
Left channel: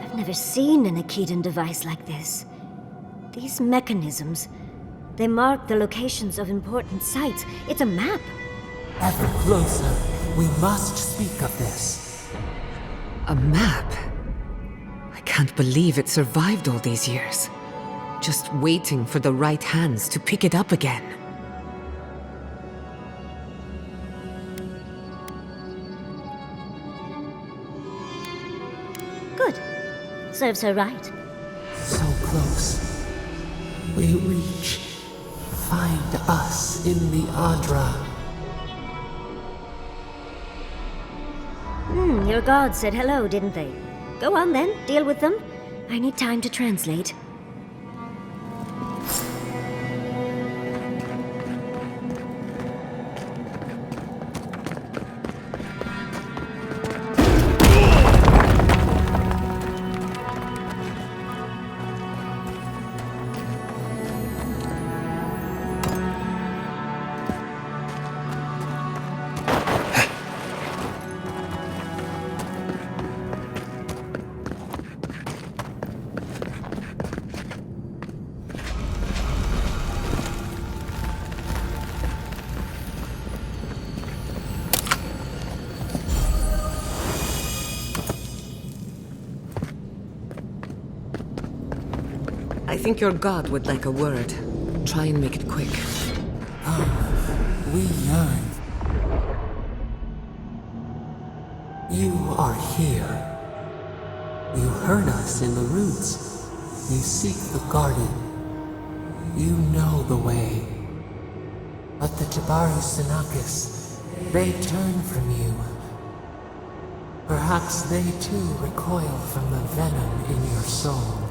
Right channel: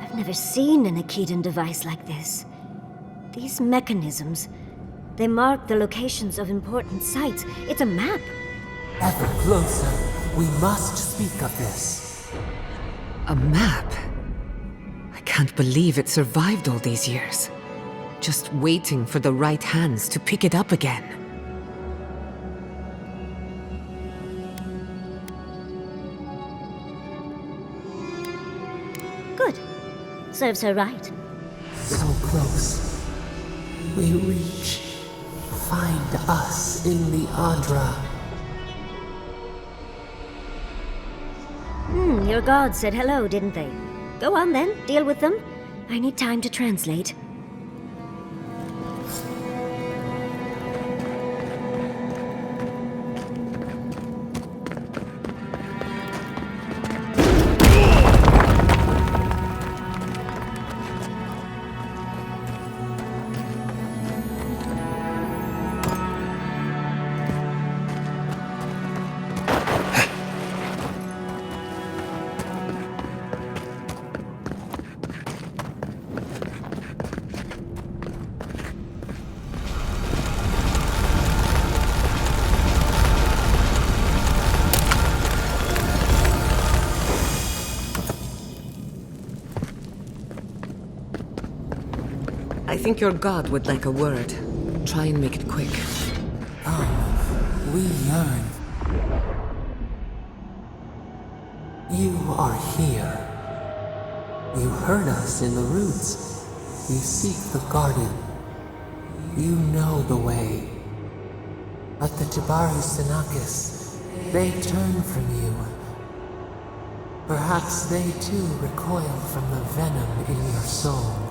I've never seen an Akedan device like this. These mechanisms, they mark the locations of important sites. It's a map. Ever closer. We must speak of this. A map? I can't believe it survived all these years. Just waiting for the right hands to pick it up again. Good. Serves her right. So close. We reach. Find us in the Adra. Your gods said hello, didn't they? Go on then, deal with them. I need time to translate. I think your god would like a word. Try and make it quick. We yearn. You are here. You heard us in the roots. You seek the garden. You know the way. But the Jabaru Senakis, they turn from you. Perhaps they too recoil from the venom in your soul.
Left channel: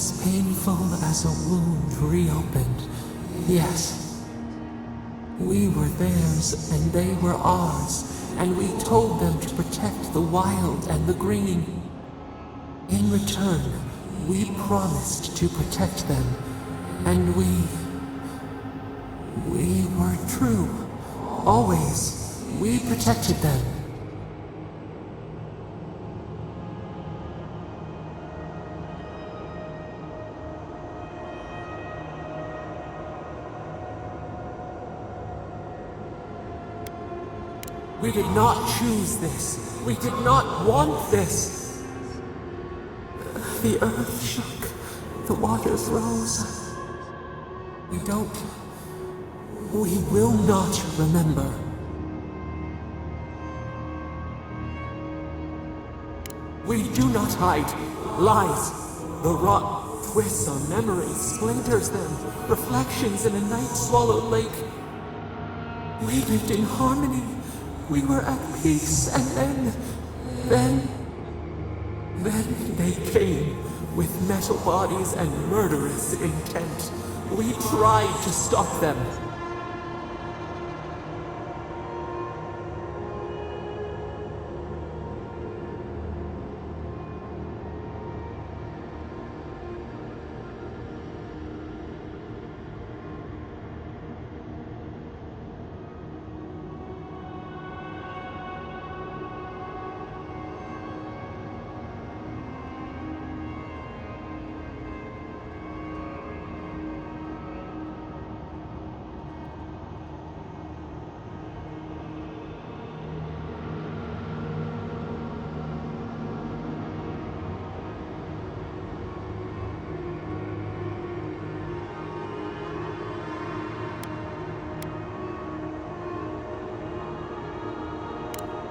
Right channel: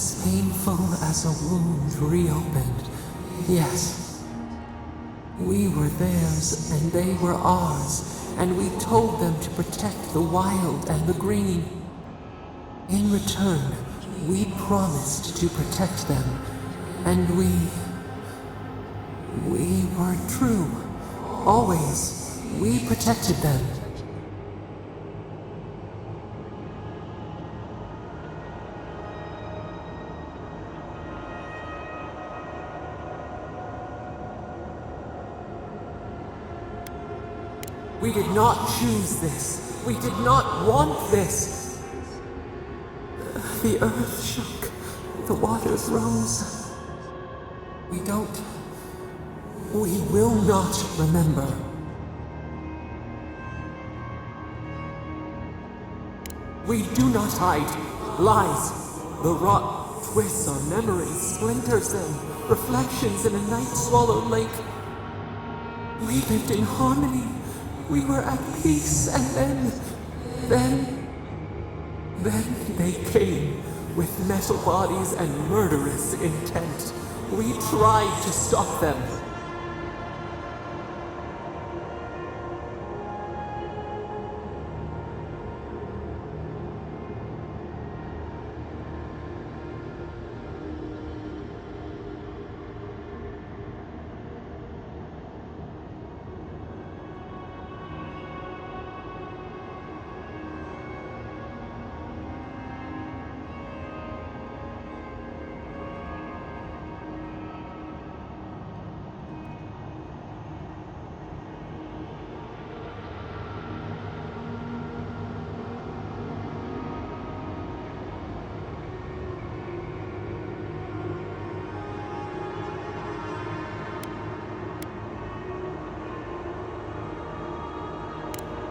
as painful as a wound reopened. Yes. We were theirs and they were ours, and we told them to protect the wild and the green. In return, we promised to protect them, and we were true. Always, we protected them. We did not choose this. We did not want this. The earth shook. The waters rose. We will not remember. We do not hide. Lies. The rot twists our memories, splinters them. Reflections in a night-swallowed lake. We lived in harmony. We were at peace, and then they came with metal bodies and murderous intent. We tried to stop them.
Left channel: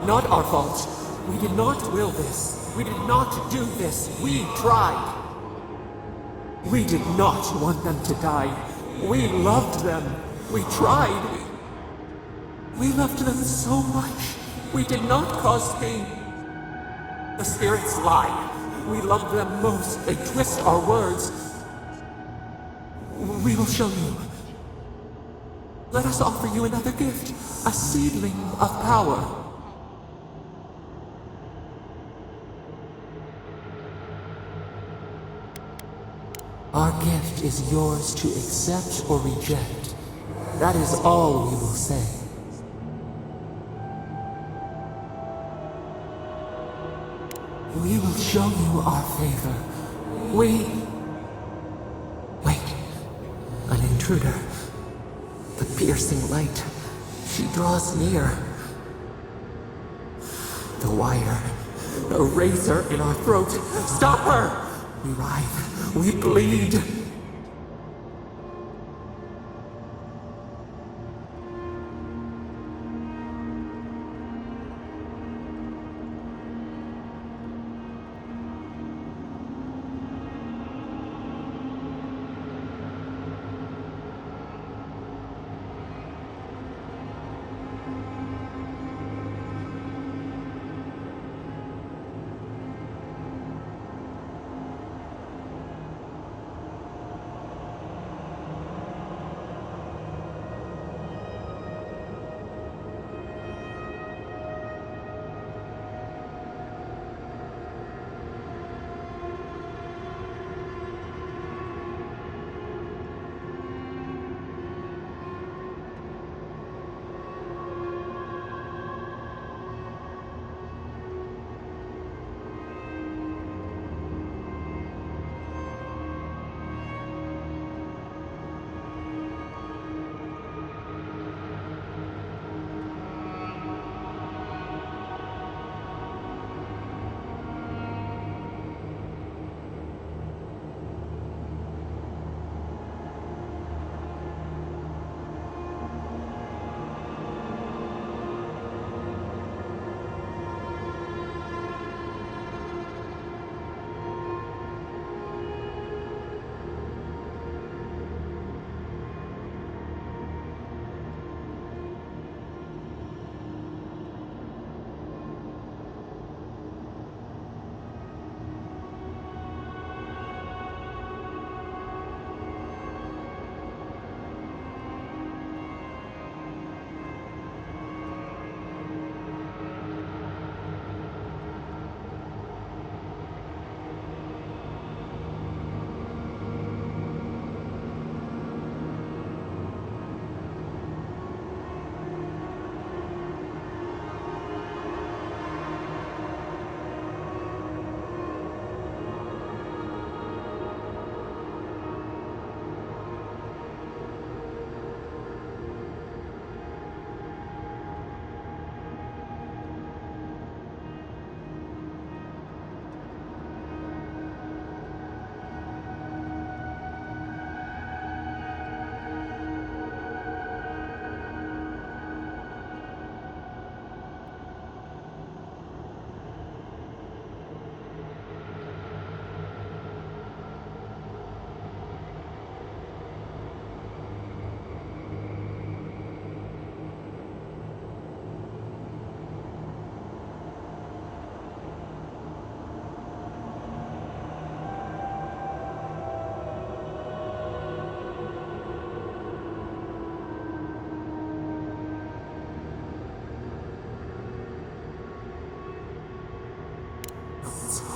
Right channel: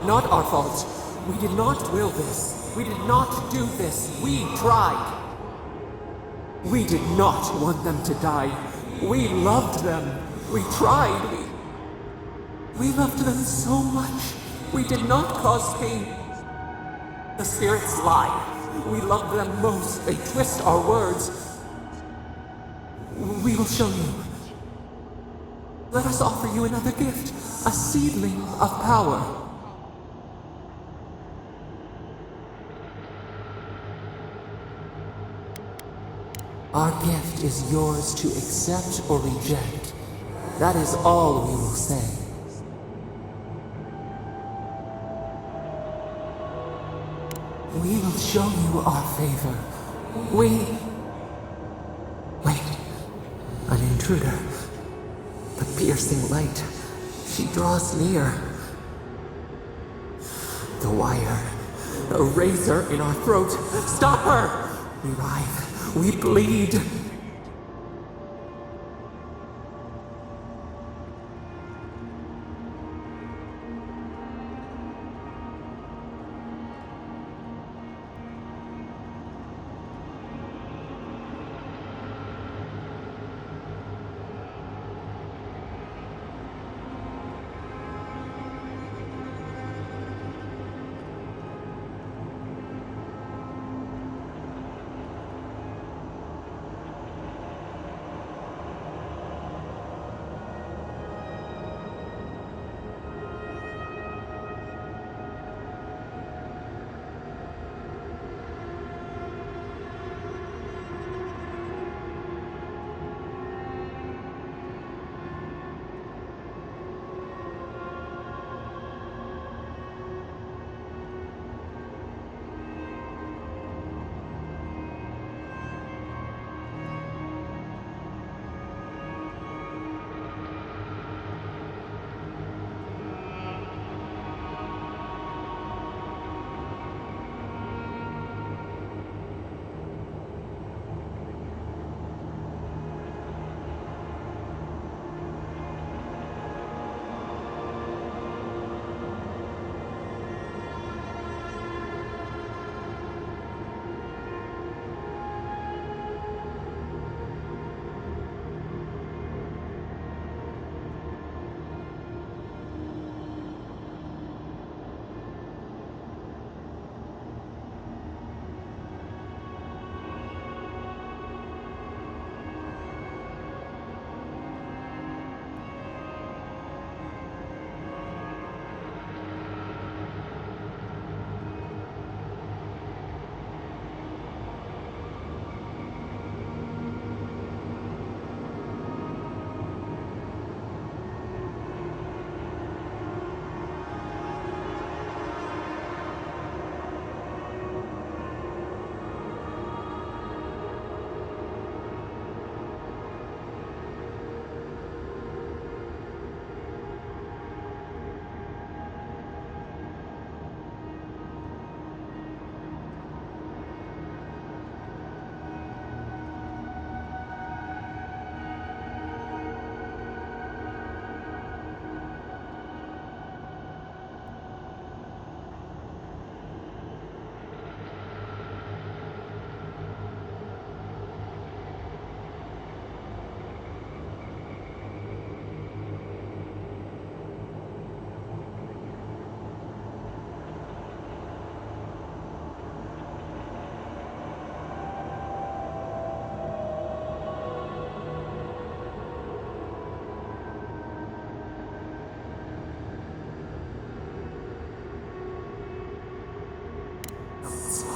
Not our fault. We did not will this. We did not do this. We tried. We did not want them to die. We loved them. We tried. We loved them so much. We did not cause pain. The spirits lie. We loved them most. They twist our words. We will show you. Let us offer you another gift. A seedling of power. Our gift is yours to accept or reject. That is all we will say. We will show you our favor. Wait. An intruder. The piercing light. She draws near. The wire. A razor in our throat. Stop her! We writhe. We bleed.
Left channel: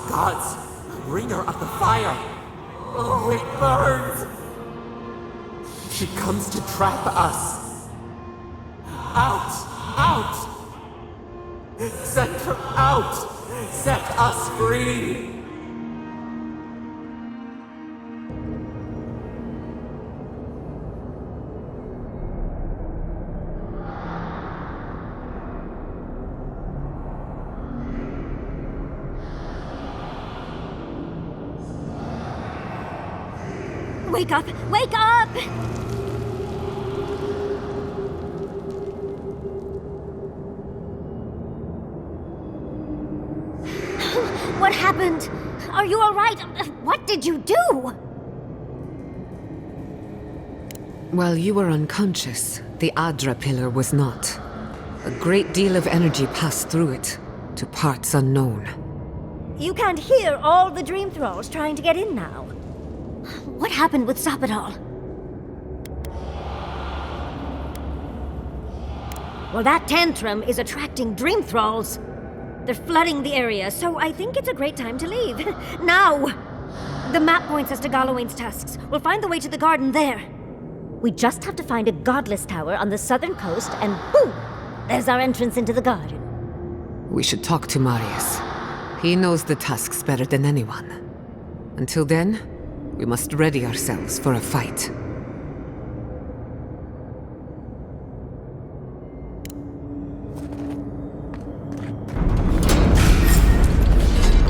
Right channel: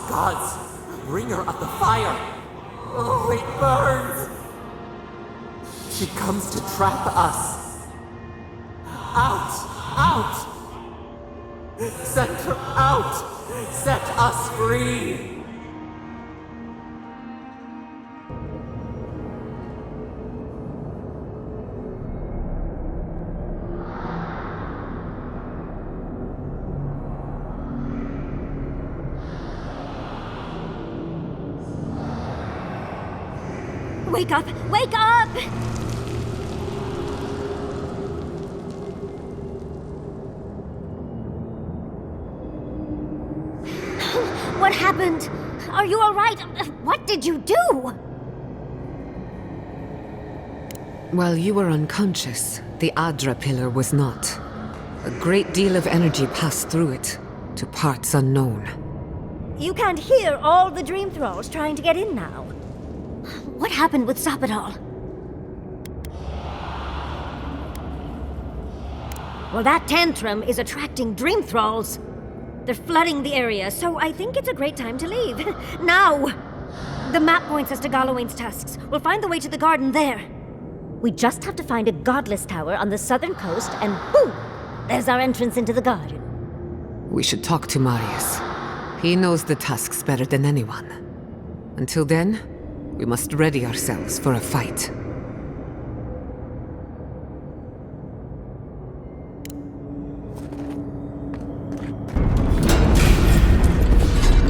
Gods, bringer of the fire! Oh, it burns! She comes to trap us! Out! Out! Send her out! Set us free! Wake up! Wake up! What happened? Are you all right? What did you do? While you were unconscious, the Adra pillar was not. A great deal of energy passed through it, to parts unknown. You can't hear all the dream thralls trying to get in now. What happened with Stop It All? Well, that tantrum is attracting dream thralls. They're flooding the area, so I think it's a great time to leave. Now! The map points us to Galawain's tusks. We'll find the way to the garden there. We just have to find a godless tower on the southern coast, and boom! There's our entrance into the garden. We should talk to Marius. He knows the tusks better than anyone. Until then, we must ready ourselves for a fight.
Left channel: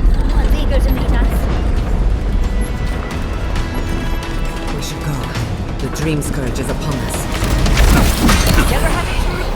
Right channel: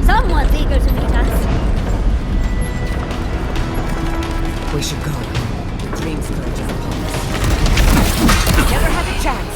Someone's eager to meet us. We should go. The dream scourge is upon us. Never had a chance.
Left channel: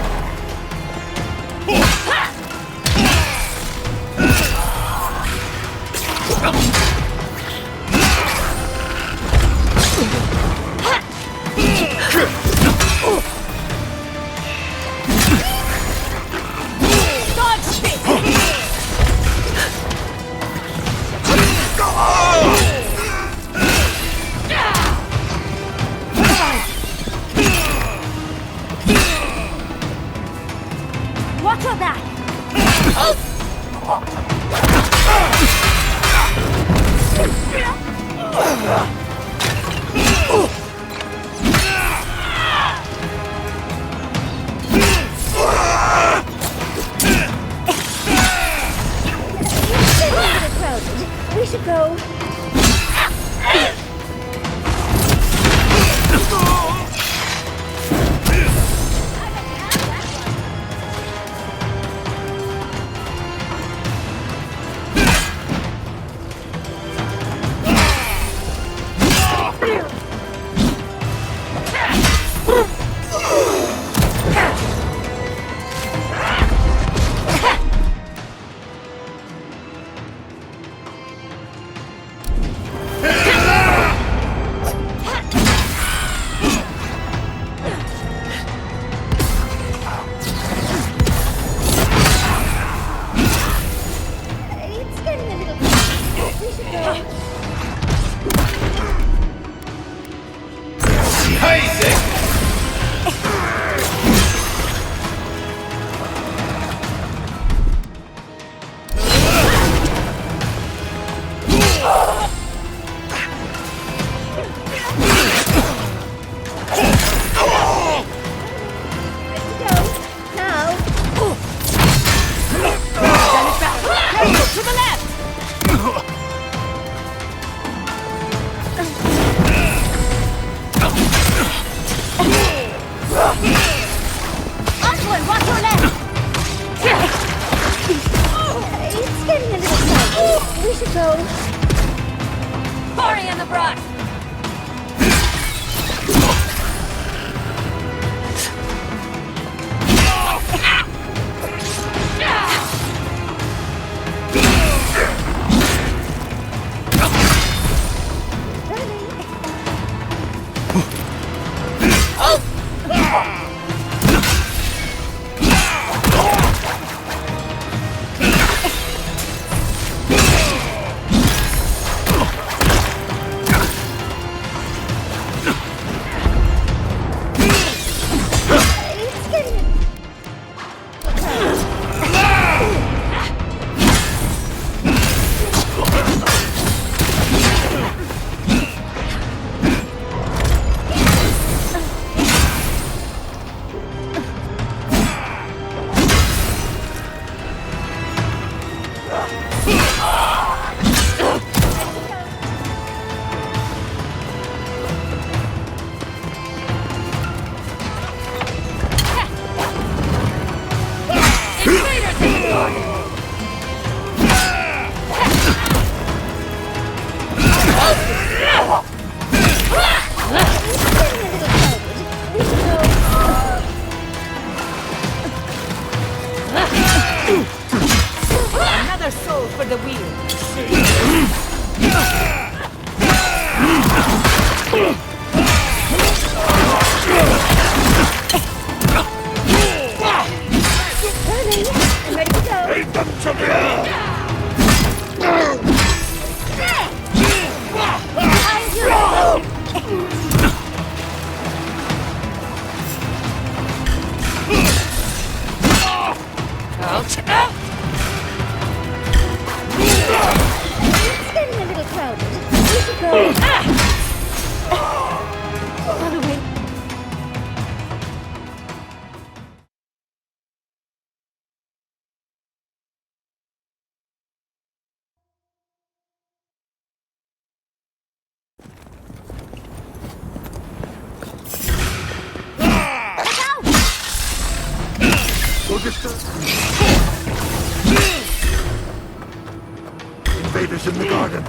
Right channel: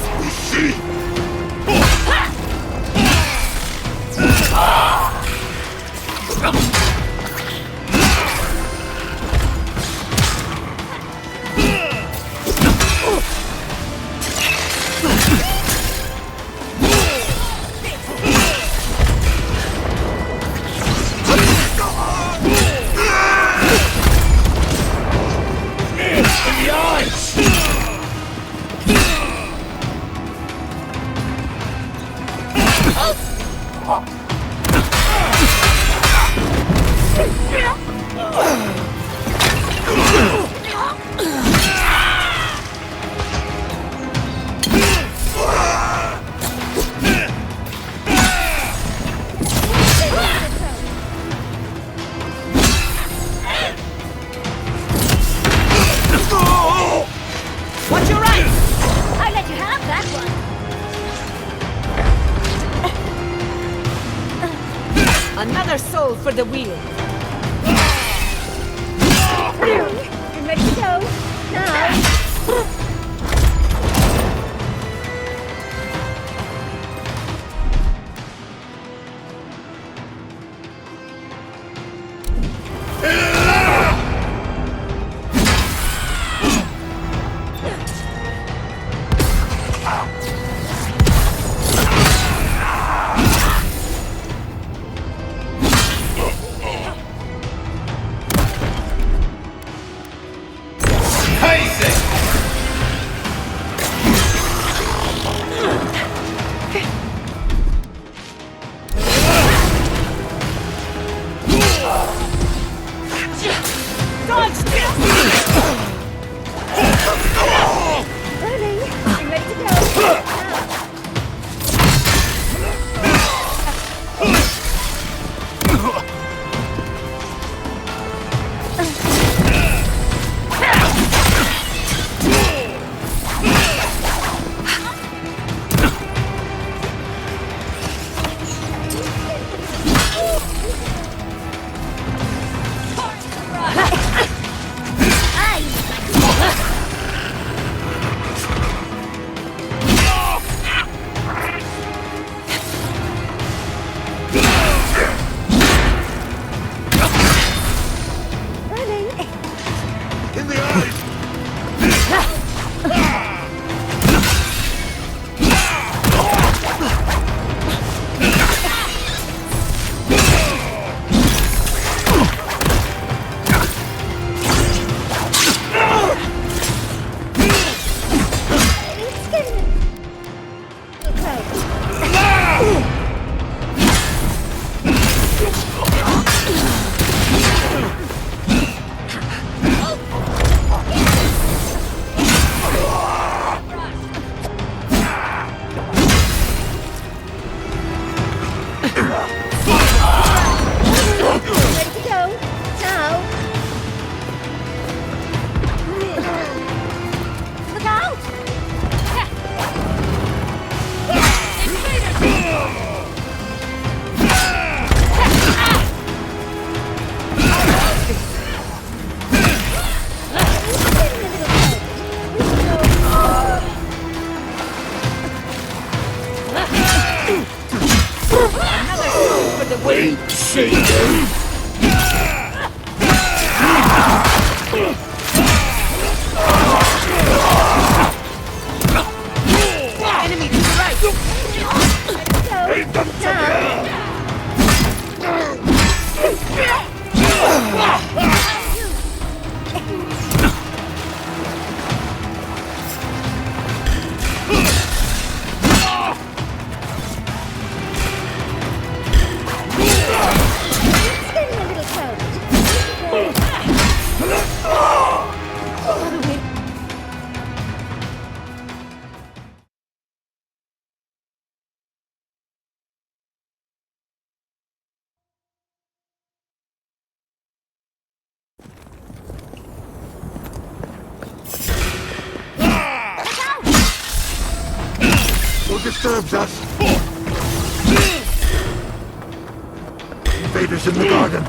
For the wheel. the wheel! Enemy strike! Ready to go! Leave them to me! It's getting a little crowded. We should go. By the way, Who disturbed us? Invaders in the garden.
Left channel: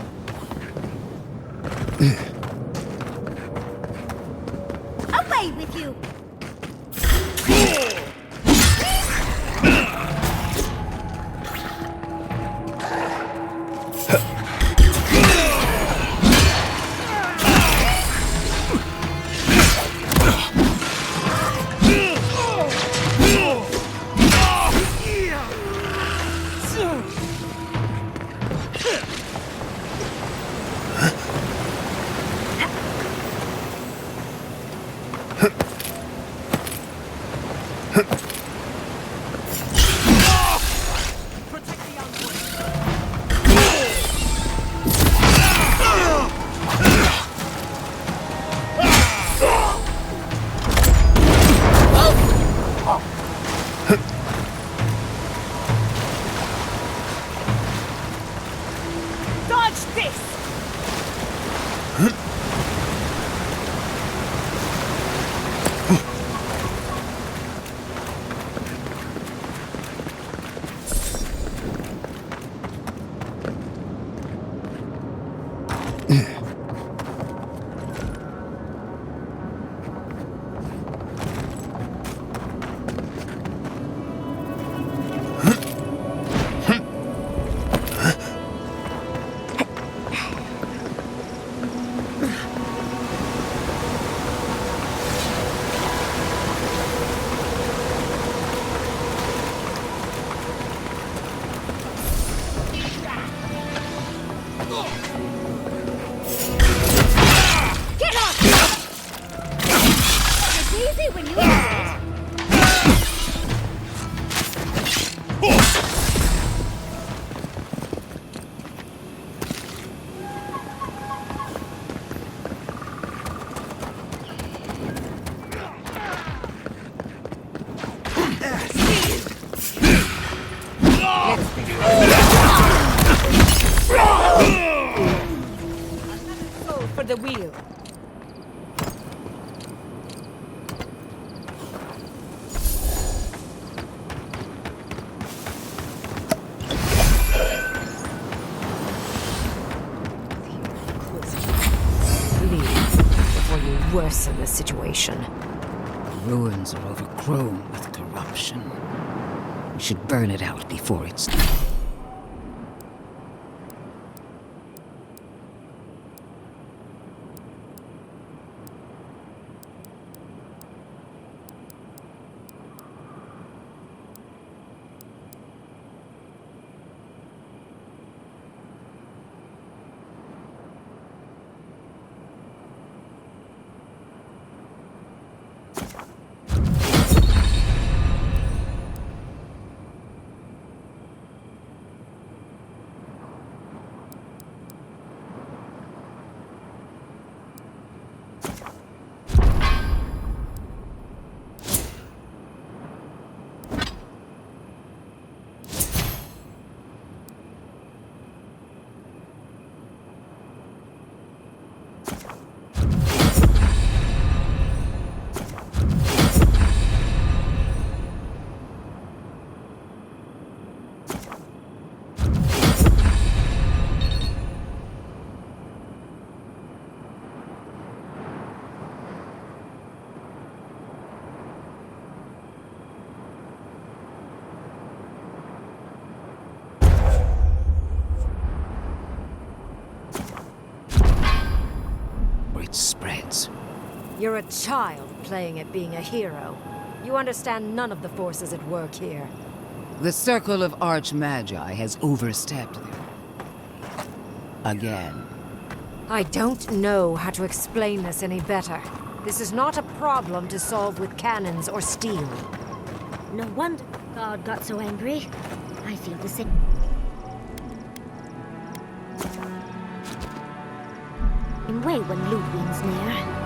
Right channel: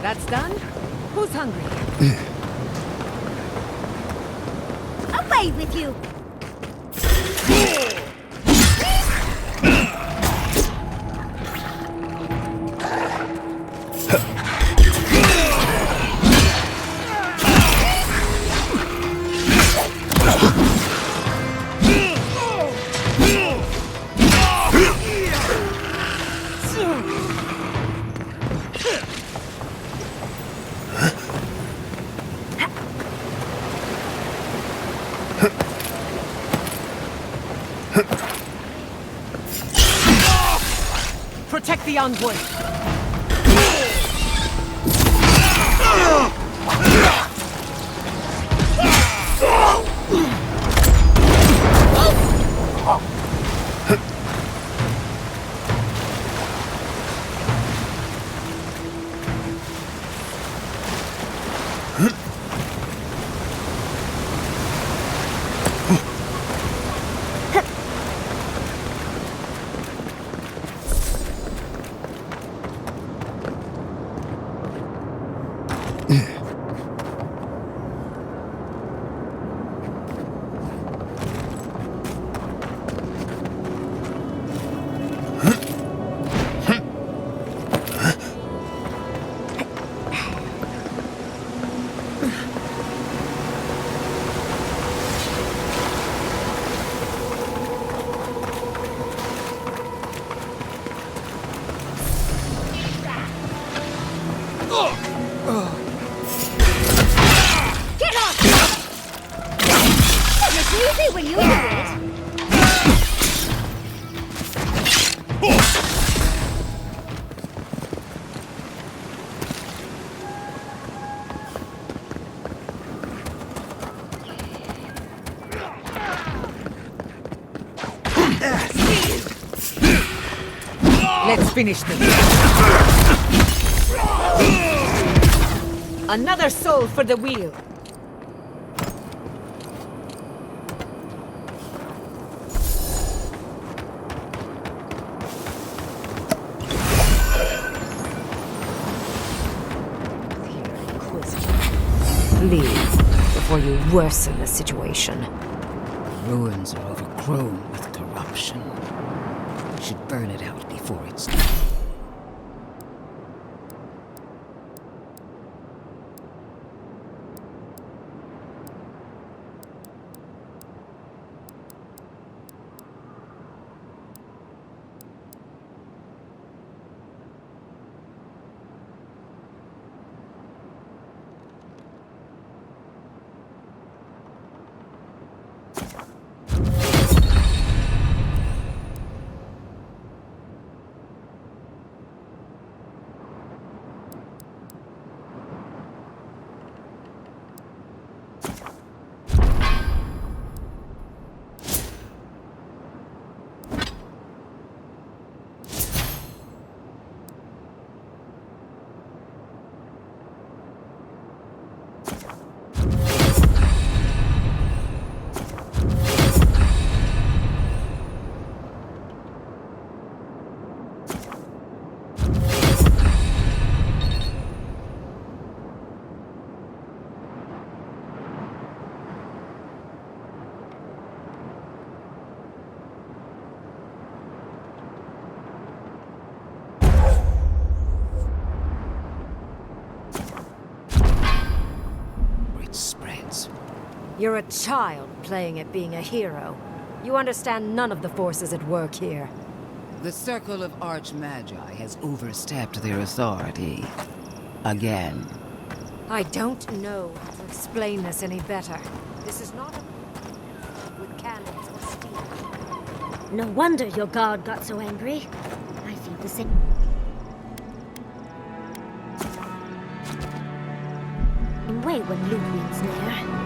That's done? Who's hungry? away with you! Protect the envoy! Dodge this! Get off! It's easy when you do it. Let's finish this. Another soul for the wheel. Leave before you worsen the situation. The ruins are overgrown with corruption. We should burn it out before it's done. You're a child playing at being a hero. You understand none of the forces at work here. The Circle of Archmagi has overstepped their authority. Again. I don't know how to explain this any better. This is not a problem to solve with cannons or steel. No wonder your guard got so angry. I feel the same. Way when Ludwig's near.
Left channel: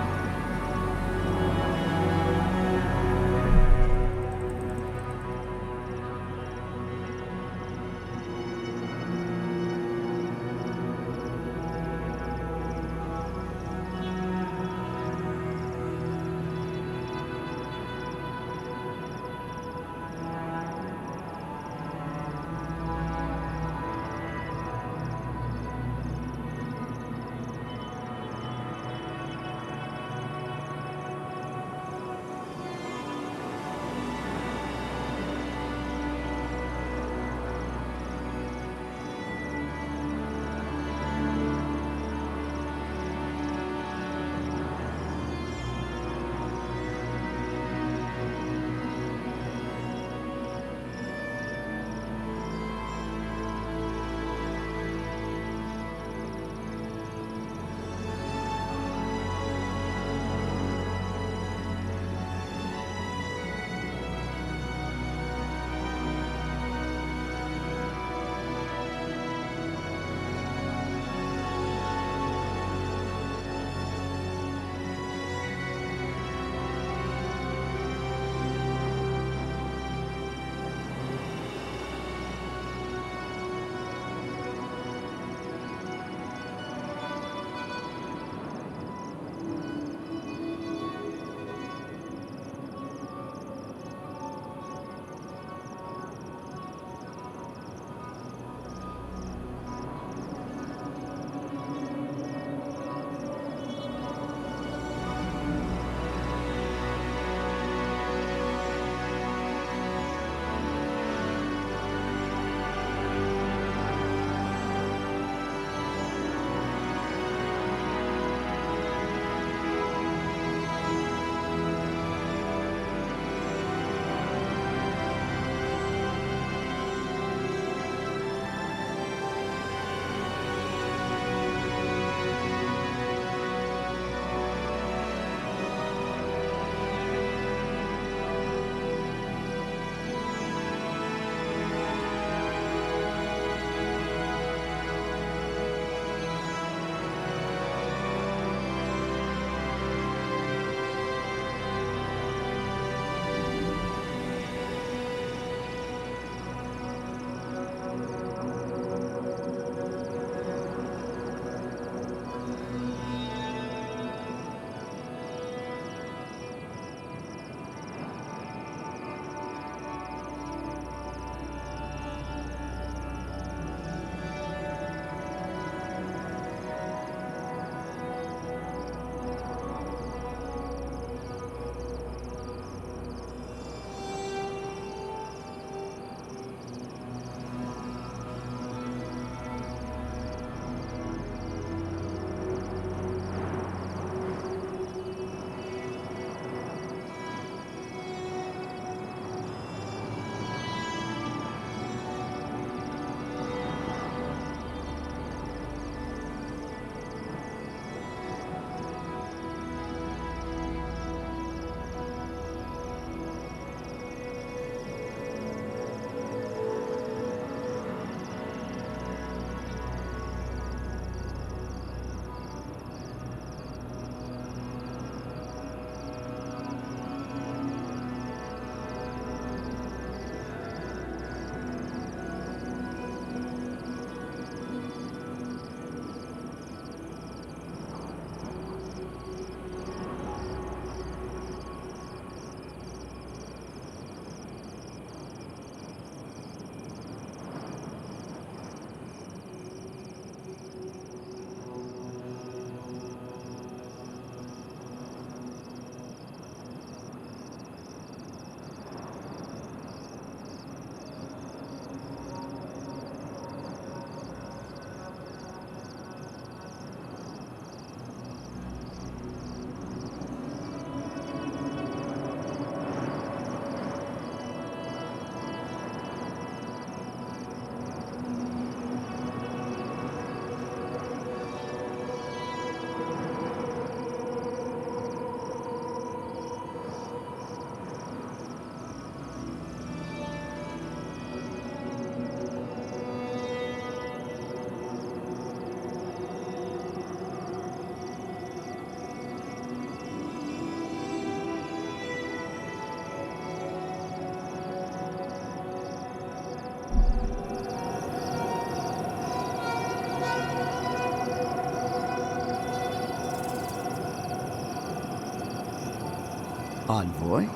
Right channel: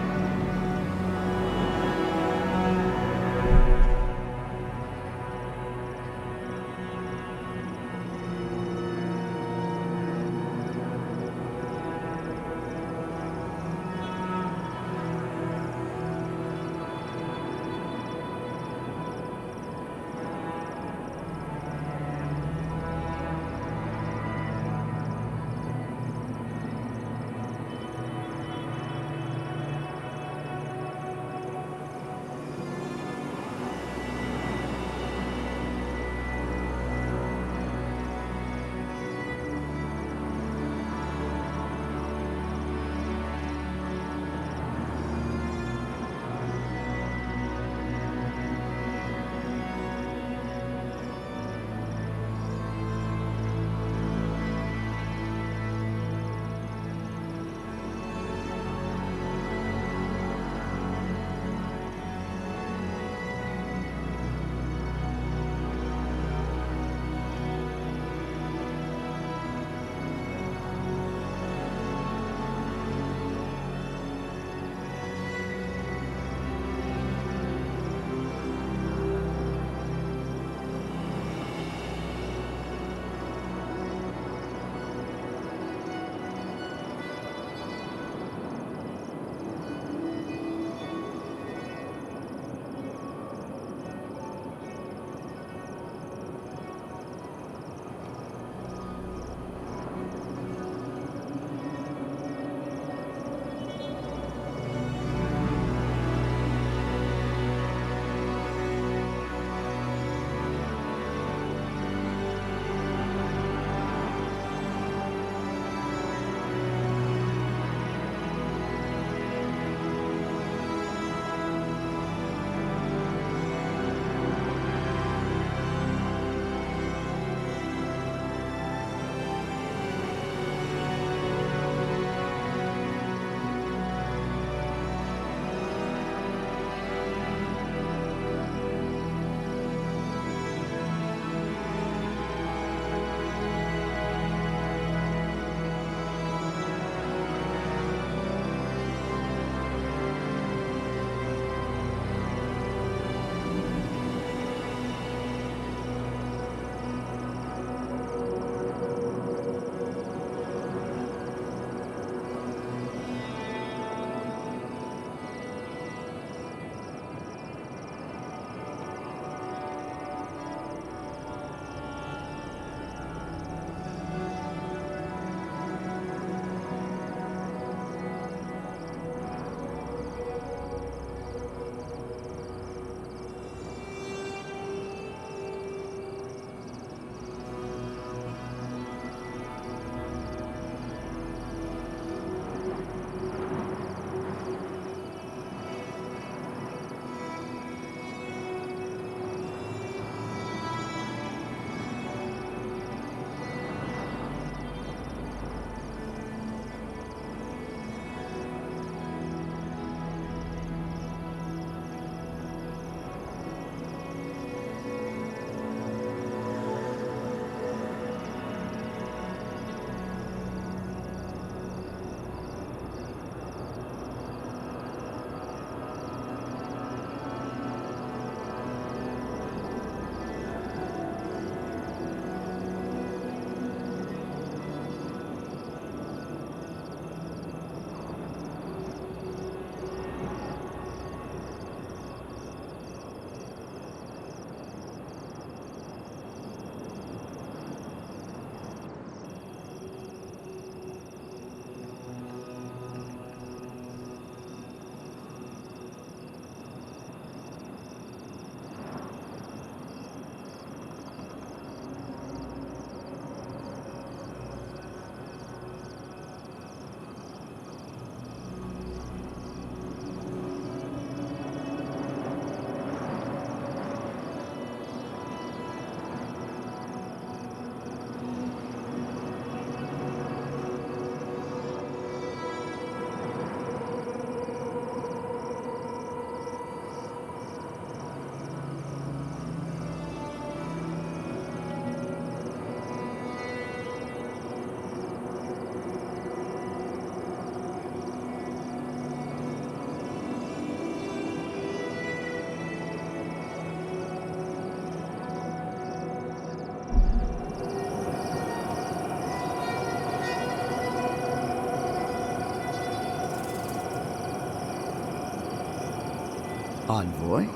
Envoy.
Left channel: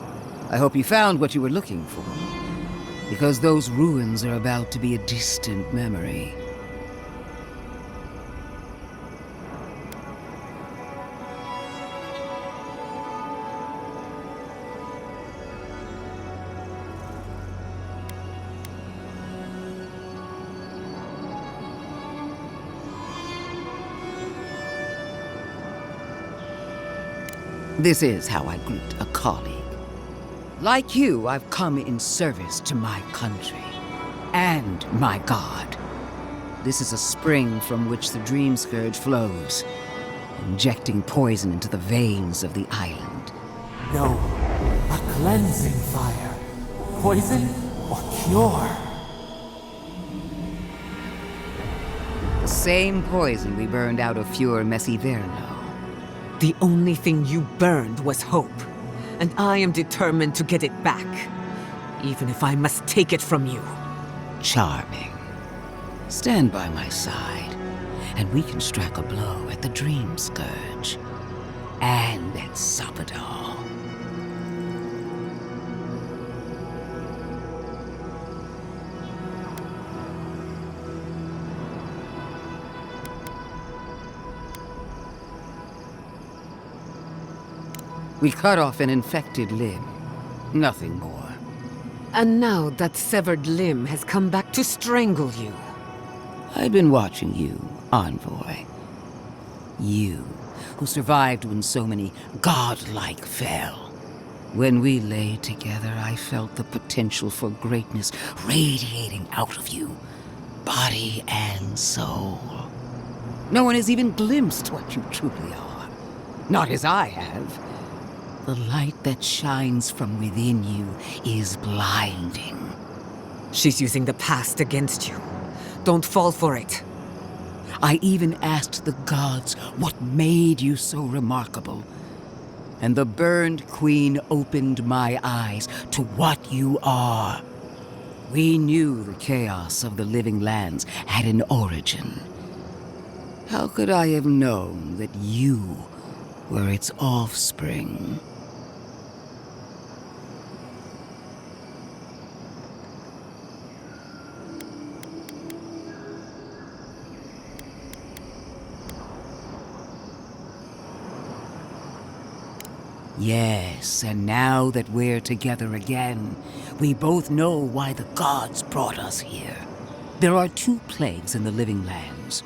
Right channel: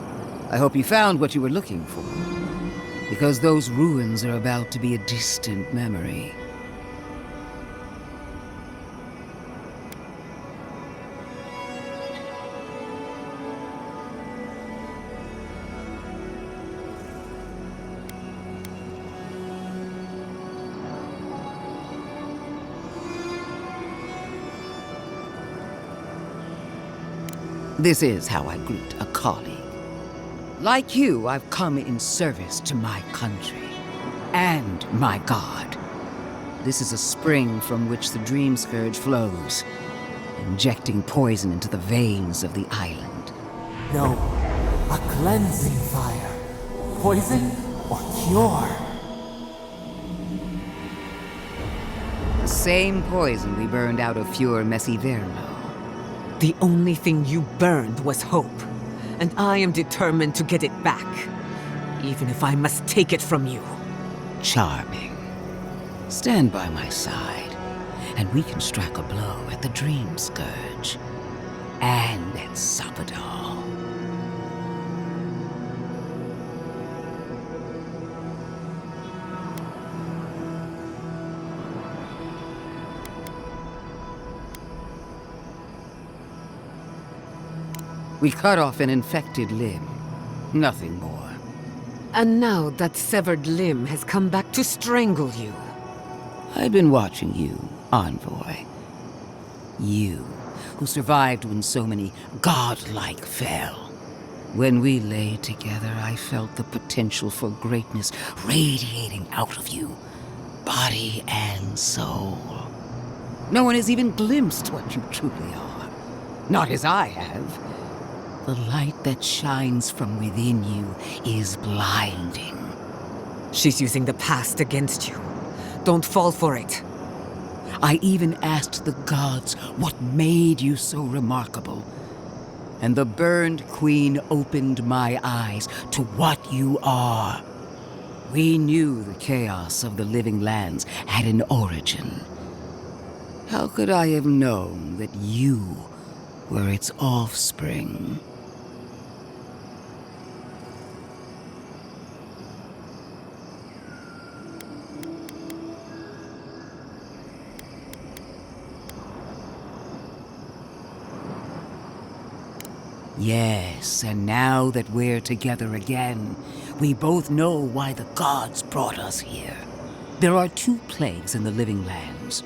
I hope you found what you were looking for. Because those ruins are about to be a distant memory. This is how I greet a colleague. Like you, I've come in service to my country and my god. This is a spring from which the Dream Scourge flows, injecting poison into the veins of the island. No, a cleansing fire. Poison or cure? The same poison we burned out of Fior Messiverno. The only thing you burned was hope, and I am determined to get it back, even if I must take it from you. Charming. Stand by my side, and we can strike a blow at the Dream Scourge. And at Sapadal. We cut off an infected limb. Nothing more. And now that severed limb has come back to strangle you. I've been watching you, Envoy. You, who survived when so many godlike fell. When we lay together, I felt the potential for greatness radiating out of you, body and soul. No one has even glimpsed what you truly are. Not as I have. The light that shines from within you is blinding. She's using the past against you. Don't fall for it. I even asked the gods what made you so remarkable. And the burned queen opened my eyes to what you are. We knew the chaos of the living lands had an origin. How could I have known that you were its offspring? Yes, and now that we're together again, we both know why the gods brought us here. There are 2 plagues in the living lands.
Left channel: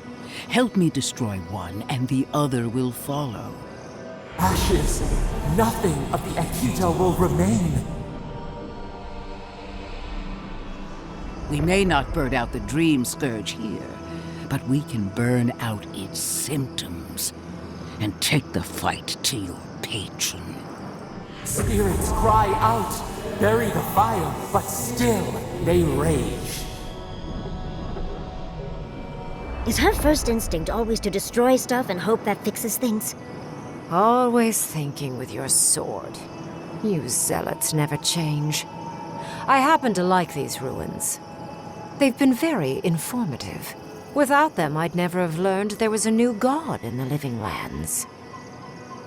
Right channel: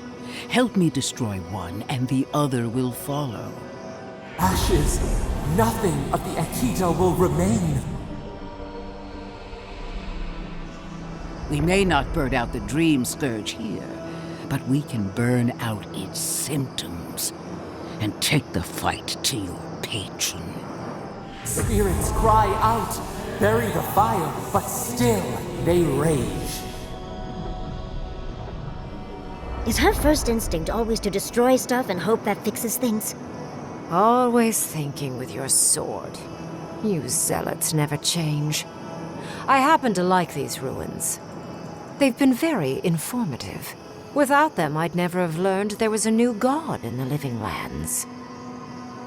Help me destroy one, and the other will follow. Ashes. Nothing of the Akita will remain. We may not burn out the Dream Scourge here, but we can burn out its symptoms and take the fight to your patron. Spirits cry out, bury the fire, but still they rage. Is her first instinct always to destroy stuff and hope that fixes things? Always thinking with your sword. You zealots never change. I happen to like these ruins. They've been very informative. Without them, I'd never have learned there was a new god in the living lands.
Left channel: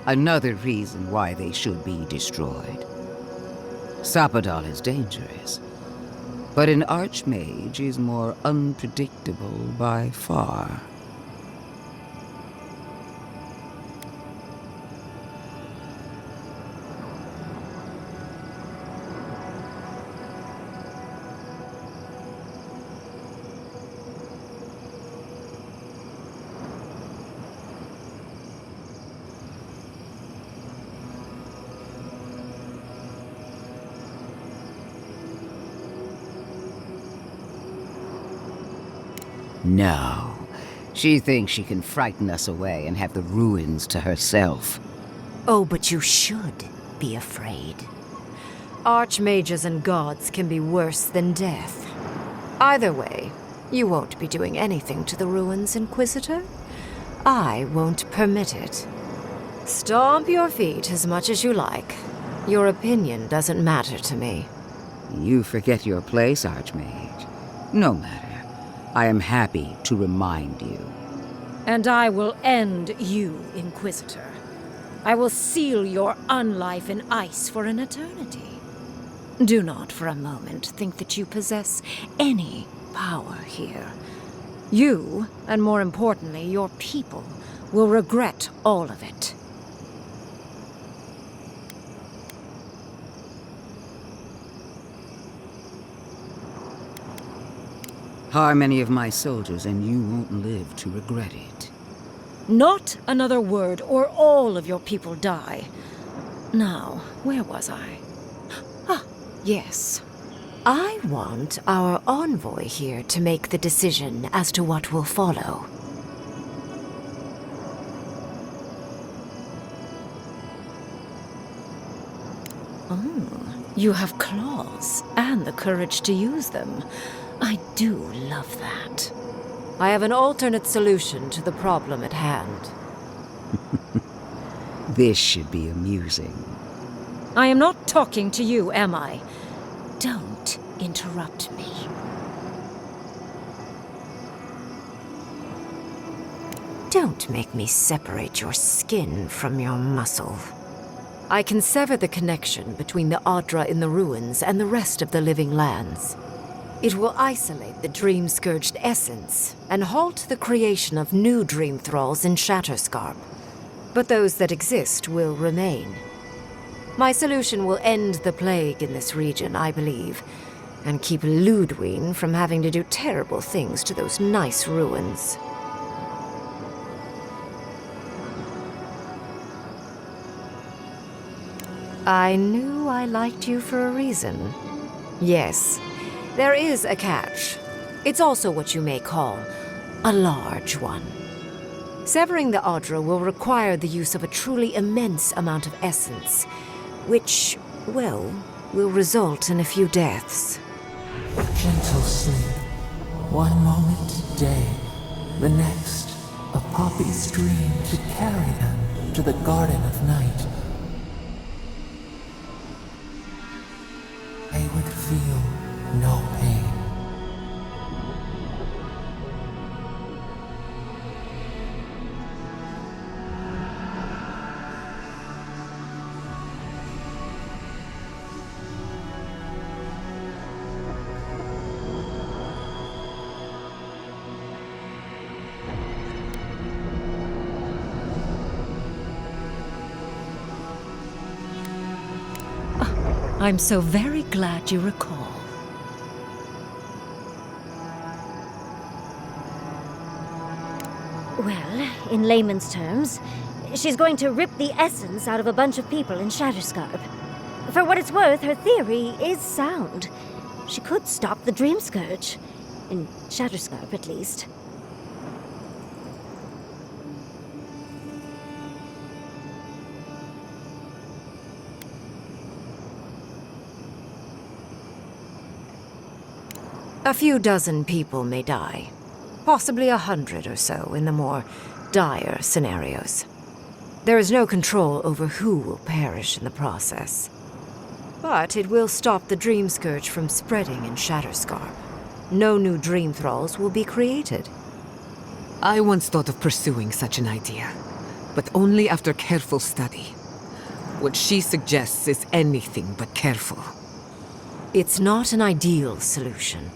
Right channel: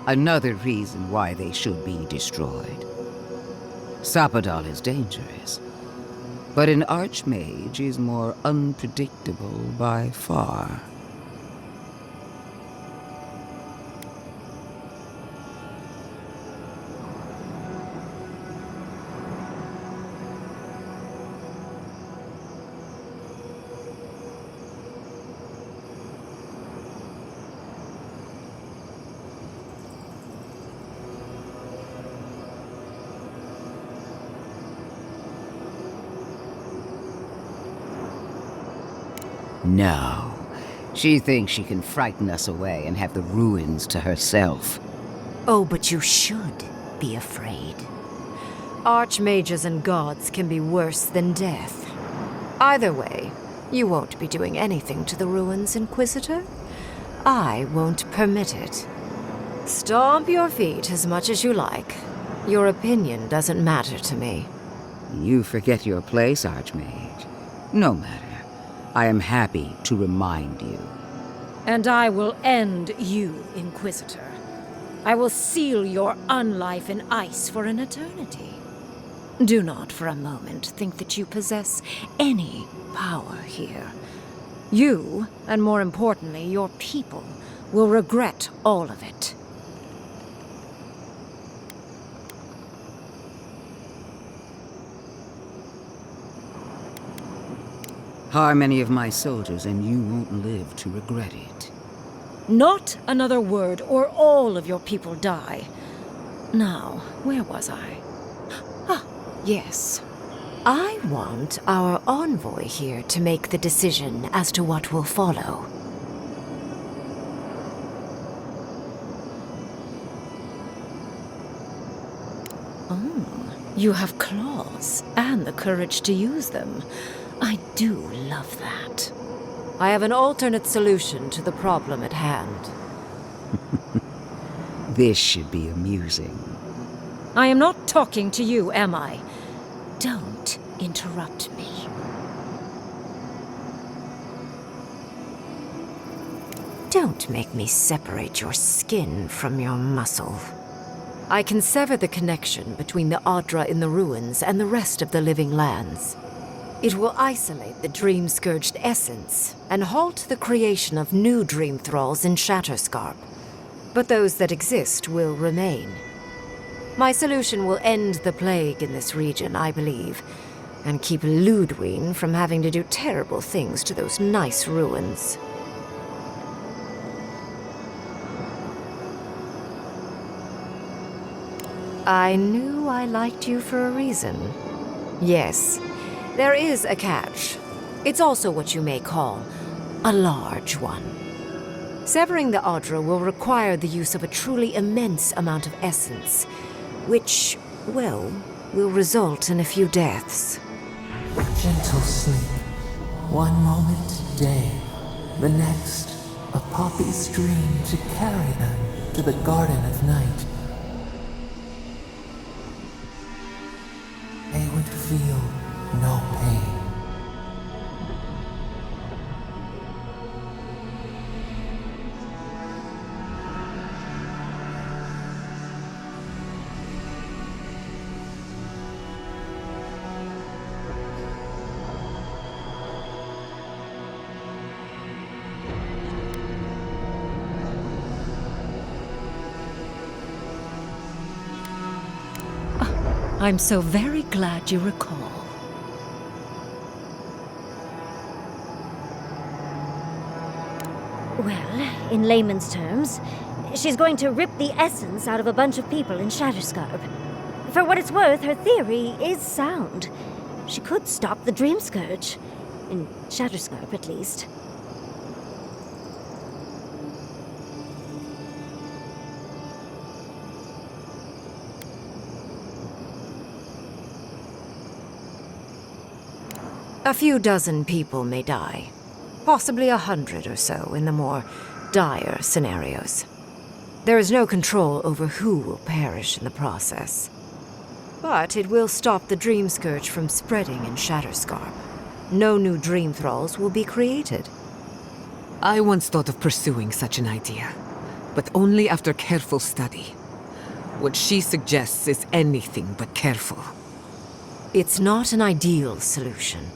Another reason why they should be destroyed. Sapadal is dangerous, but an archmage is more unpredictable by far. No. She thinks she can frighten us away and have the ruins to herself. Oh, but you should be afraid. Archmages and gods can be worse than death. Either way, you won't be doing anything to the ruins, Inquisitor. I won't permit it. Stomp your feet as much as you like. Your opinion doesn't matter to me. You forget your place, Archmage. No matter. I am happy to remind you. And I will end you, Inquisitor. I will seal your unlife in ice for an eternity. Do not for a moment think that you possess any power here. You, and more importantly, your people, will regret all of it. Harm any of my soldiers and you won't live to regret it. Not another word, or all of your people die. Now, where was I? Ah, yes. I want our envoy here to make the decision as to what will follow. Oh, you have claws, and the courage to use them. I do love that. I have an alternate solution to the problem at hand. This should be amusing. I am not talking to you, am I? Don't interrupt me. Don't make me separate your skin from your muscle. I can sever the connection between the Adra in the ruins and the rest of the living lands. It will isolate the dream-scourged essence and halt the creation of new dream thralls in Shatterscarp. But those that exist will remain. My solution will end the plague in this region, I believe, and keep Ludwig from having to do terrible things to those nice ruins. I knew I liked you for a reason. Yes, there is a catch. It's also what you may call a large one. Severing the Adra will require the use of a truly immense amount of essence, which, well, will result in a few deaths. Gentle sleep. One moment day, the next, a poppy's dream to carry them to the Garden of Night. They would feel no pain. I'm so very glad you recall. Well, in layman's terms, she's going to rip the essence out of a bunch of people in Shatterscarp. For what it's worth, her theory is sound. She could stop the Dream Scourge. In Shatterscarp, at least. A few dozen people may die. Possibly 100 or so in the more dire scenarios. There is no control over who will perish in the process. But it will stop the Dream Scourge from spreading in Shatterscarp. No new Dream Thralls will be created. I once thought of pursuing such an idea, but only after careful study. What she suggests is anything but careful. It's not an ideal solution.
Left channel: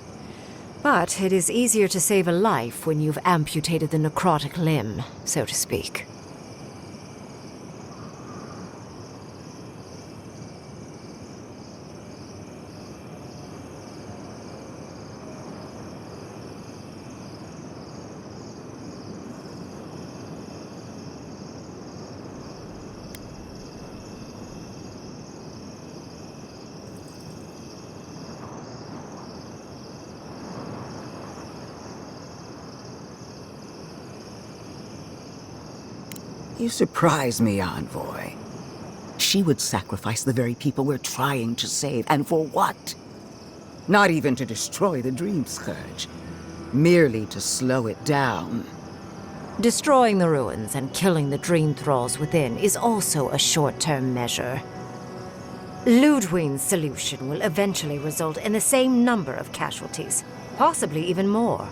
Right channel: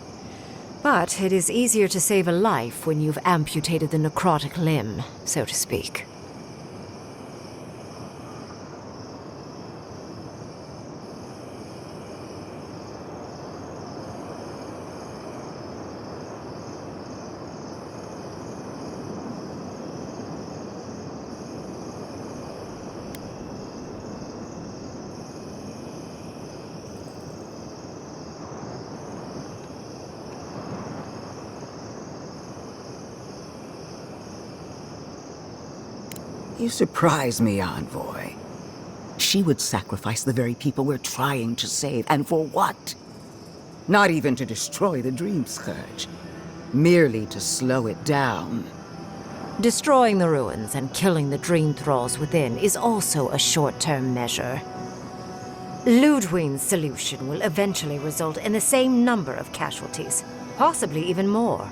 But it is easier to save a life when you've amputated the necrotic limb, so to speak. You surprise me, Envoy. She would sacrifice the very people we're trying to save, and for what? Not even to destroy the Dream Scourge. Merely to slow it down. Destroying the ruins and killing the Dream Thralls within is also a short-term measure. Ludwig's solution will eventually result in the same number of casualties, possibly even more.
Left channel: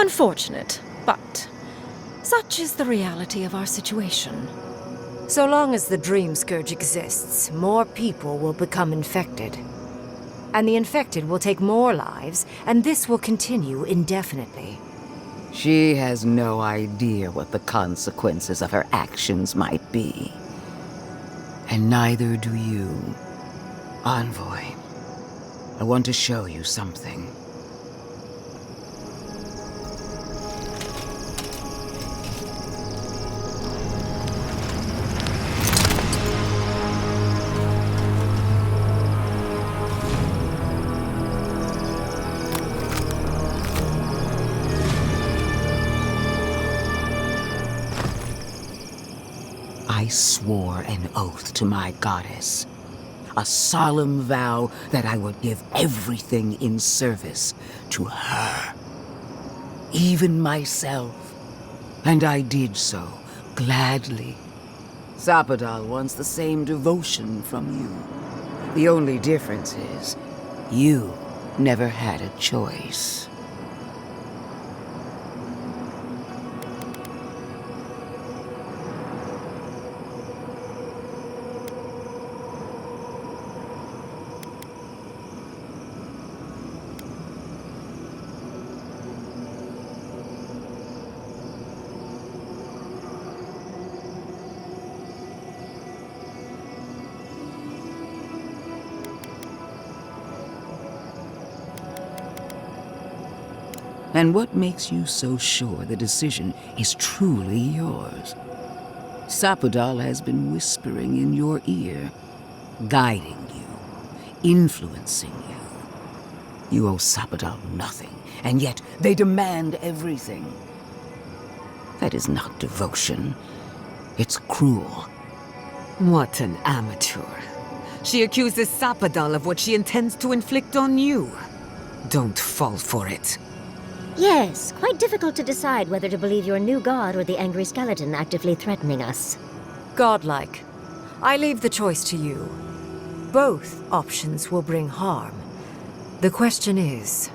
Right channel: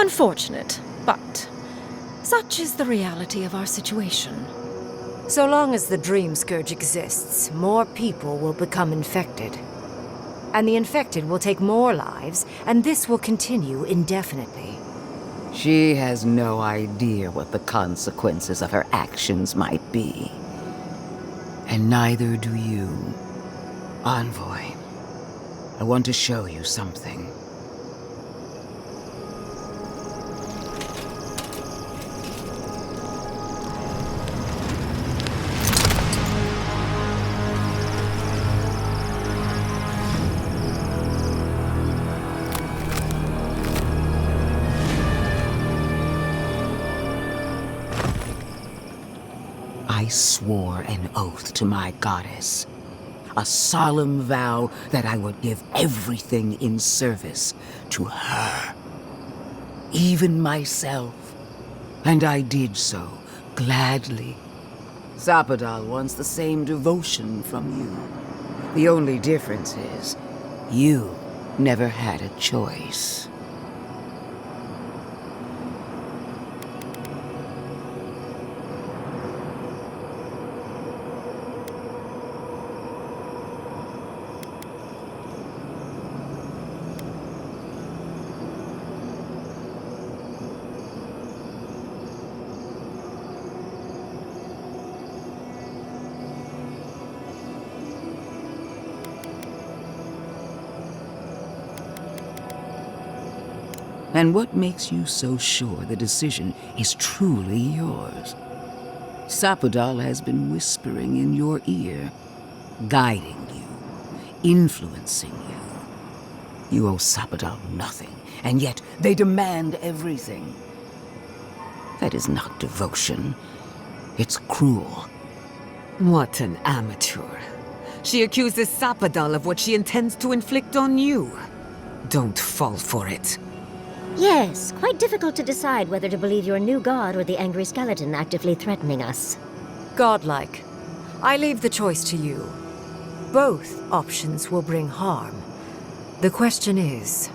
Unfortunate, but such is the reality of our situation. So long as the Dream Scourge exists, more people will become infected. And the infected will take more lives, and this will continue indefinitely. She has no idea what the consequences of her actions might be. And neither do you. Envoy, I want to show you something. I swore an oath to my goddess. A solemn vow that I would give everything in service to her. Even myself. And I did so, gladly. Zapadal wants the same devotion from you. The only difference is, you never had a choice. And what makes you so sure the decision is truly yours? Zapadal has been whispering in your ear, guiding you, influencing you. You owe Zapadal nothing, and yet they demand everything. That is not devotion. It's cruel. What an amateur. She accuses Zapadal of what she intends to inflict on you. Don't fall for it. Yes, quite difficult to decide whether to believe your new god or the angry skeleton actively threatening us. Godlike. I leave the choice to you. Both options will bring harm. The question is,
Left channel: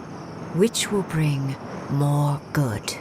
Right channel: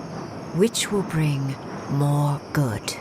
which will bring more good?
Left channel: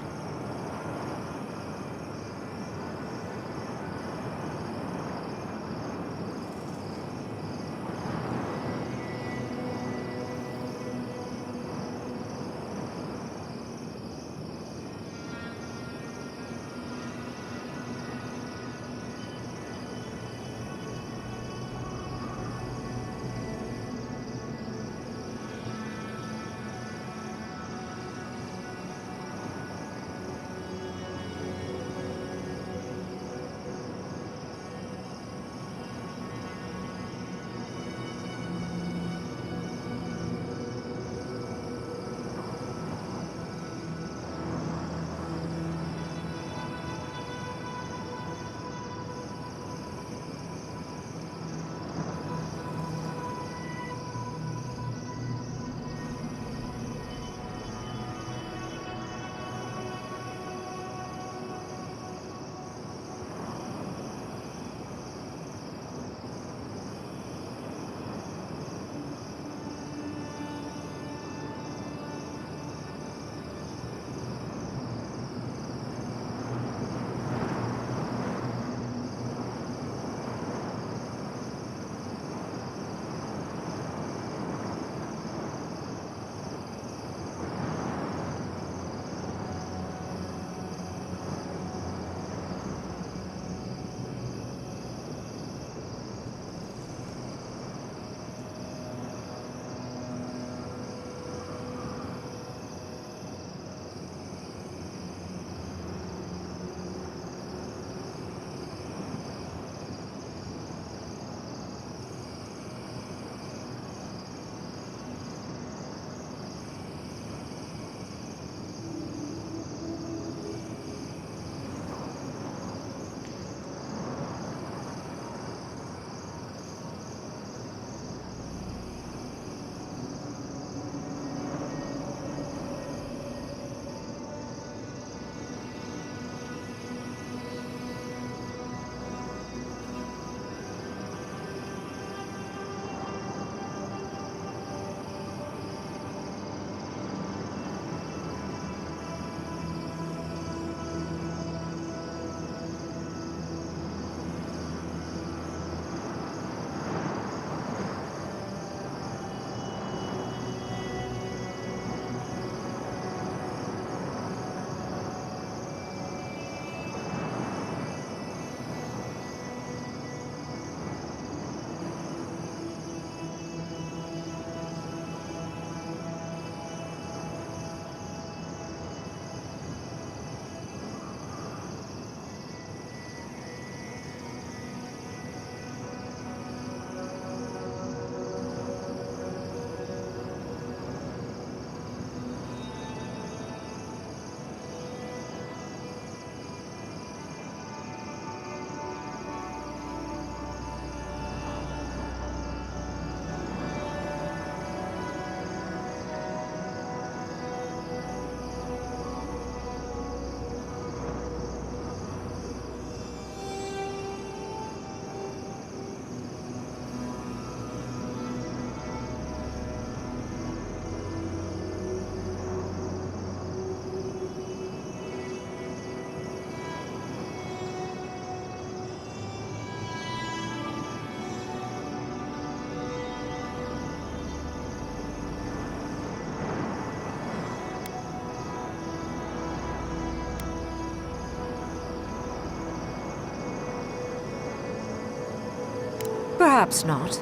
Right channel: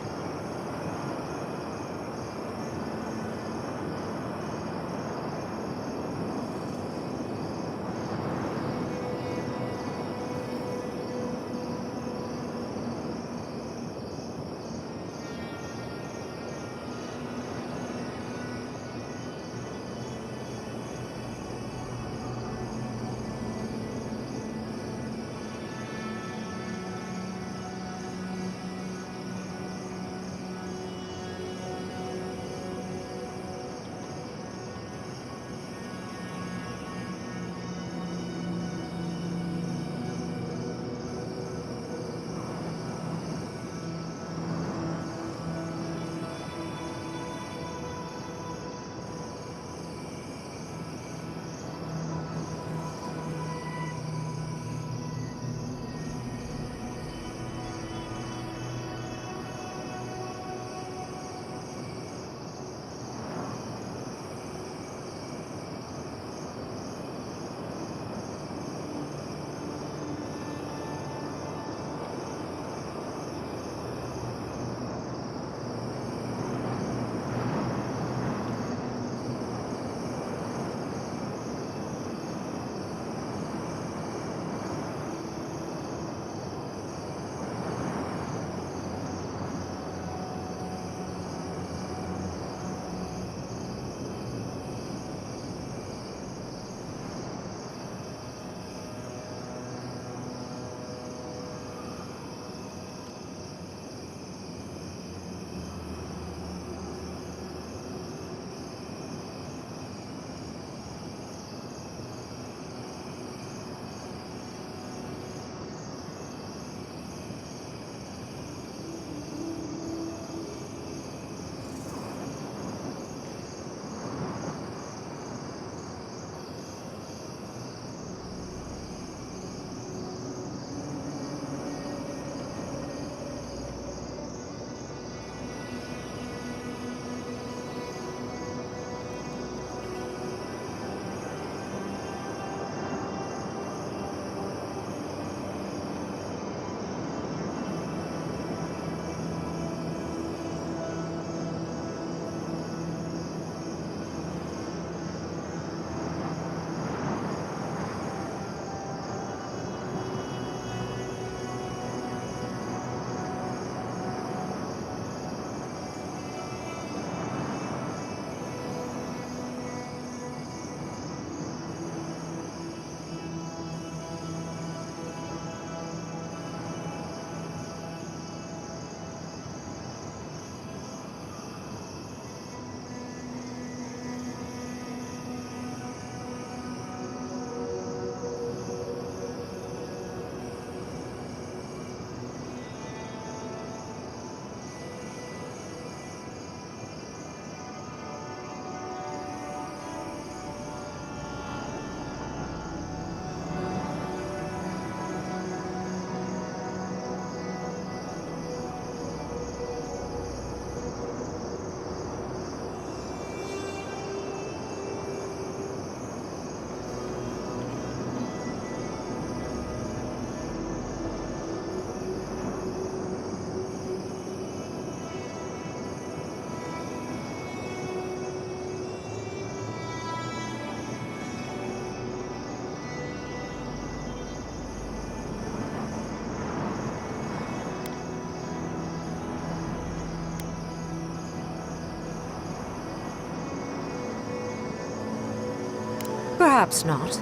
Perhaps not.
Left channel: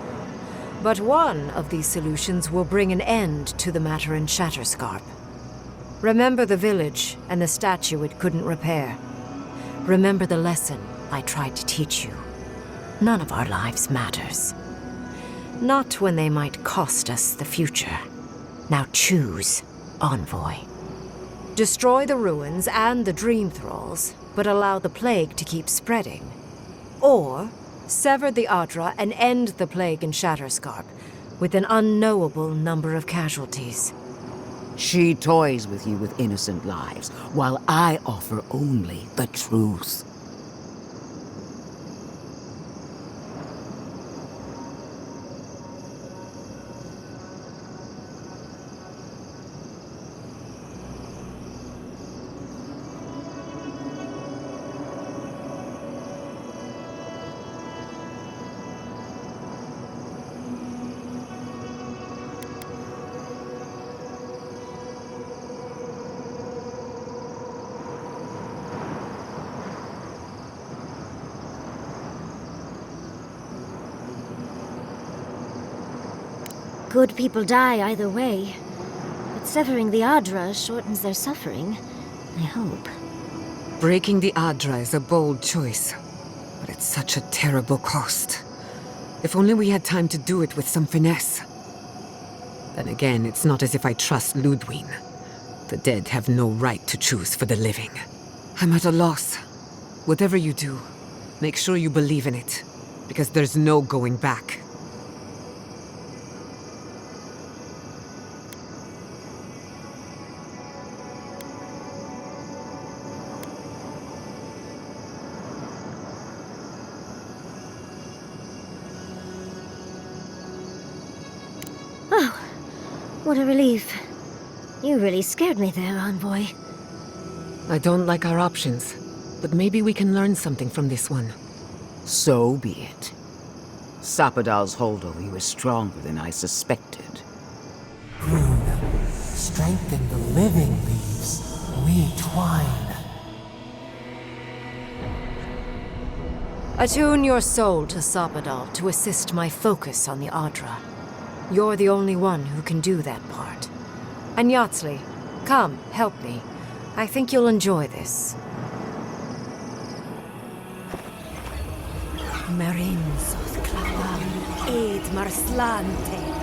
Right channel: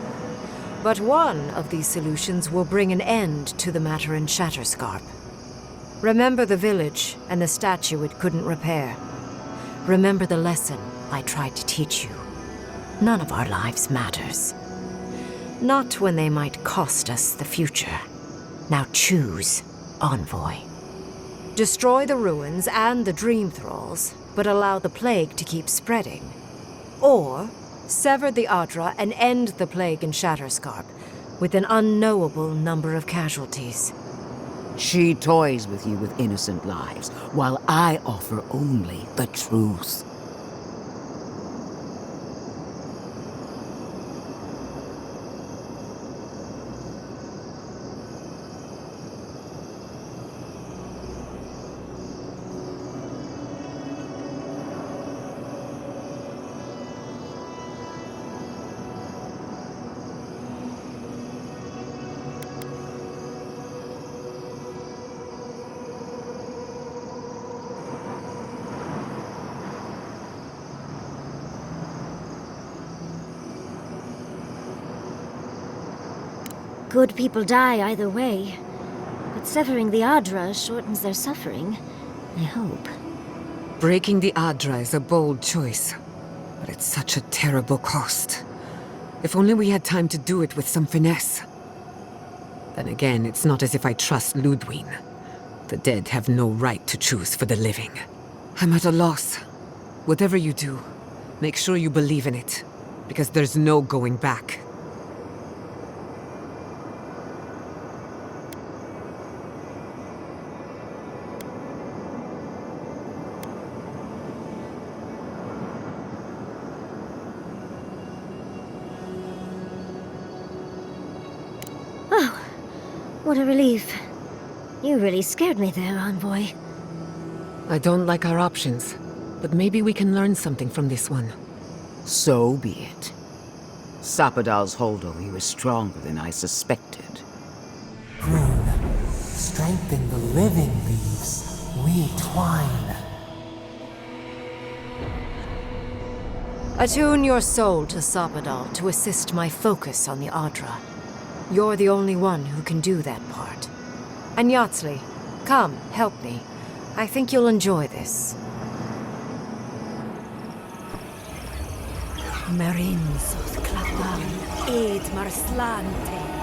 But one of these solutions will bring an end to the matter in Shatterscarp. Remember the village and the statue it couldn't repair. Remember the lesson I tried to teach you. None of our lives matters. Not when they might cost us the future. Now choose, Envoy. Destroy the ruins and the Dream Thralls, but allow the plague to keep spreading. Or sever the Adra and end the plague in Shatterscarp with an unknowable number of casualties. She toys with you with innocent lives, while I offer only the truth. Good people die either way, but severing the Adra shortens their suffering, I hope. Breaking the Adra is a bold choice, but it's such a terrible cost. If only we had time to do it with some finesse. Then again, it's not as if I trust Ludwig. The dead have no right to choose for the living. I'm at a loss. Whatever you do, make sure you believe in it, because there's no going back. What a relief. You really scared me there, Envoy. I don't like our options, but maybe we can learn something from this one. So be it. Sapadal's hold over you is stronger than I suspected. Rune, strengthen the living leaves. We twine. Attune your soul to Sapadal to assist my focus on the Adra. You're the only one who can do that part. And Yatsley, come, help me. I think you'll enjoy this. Marin soth clavan, ed marslante.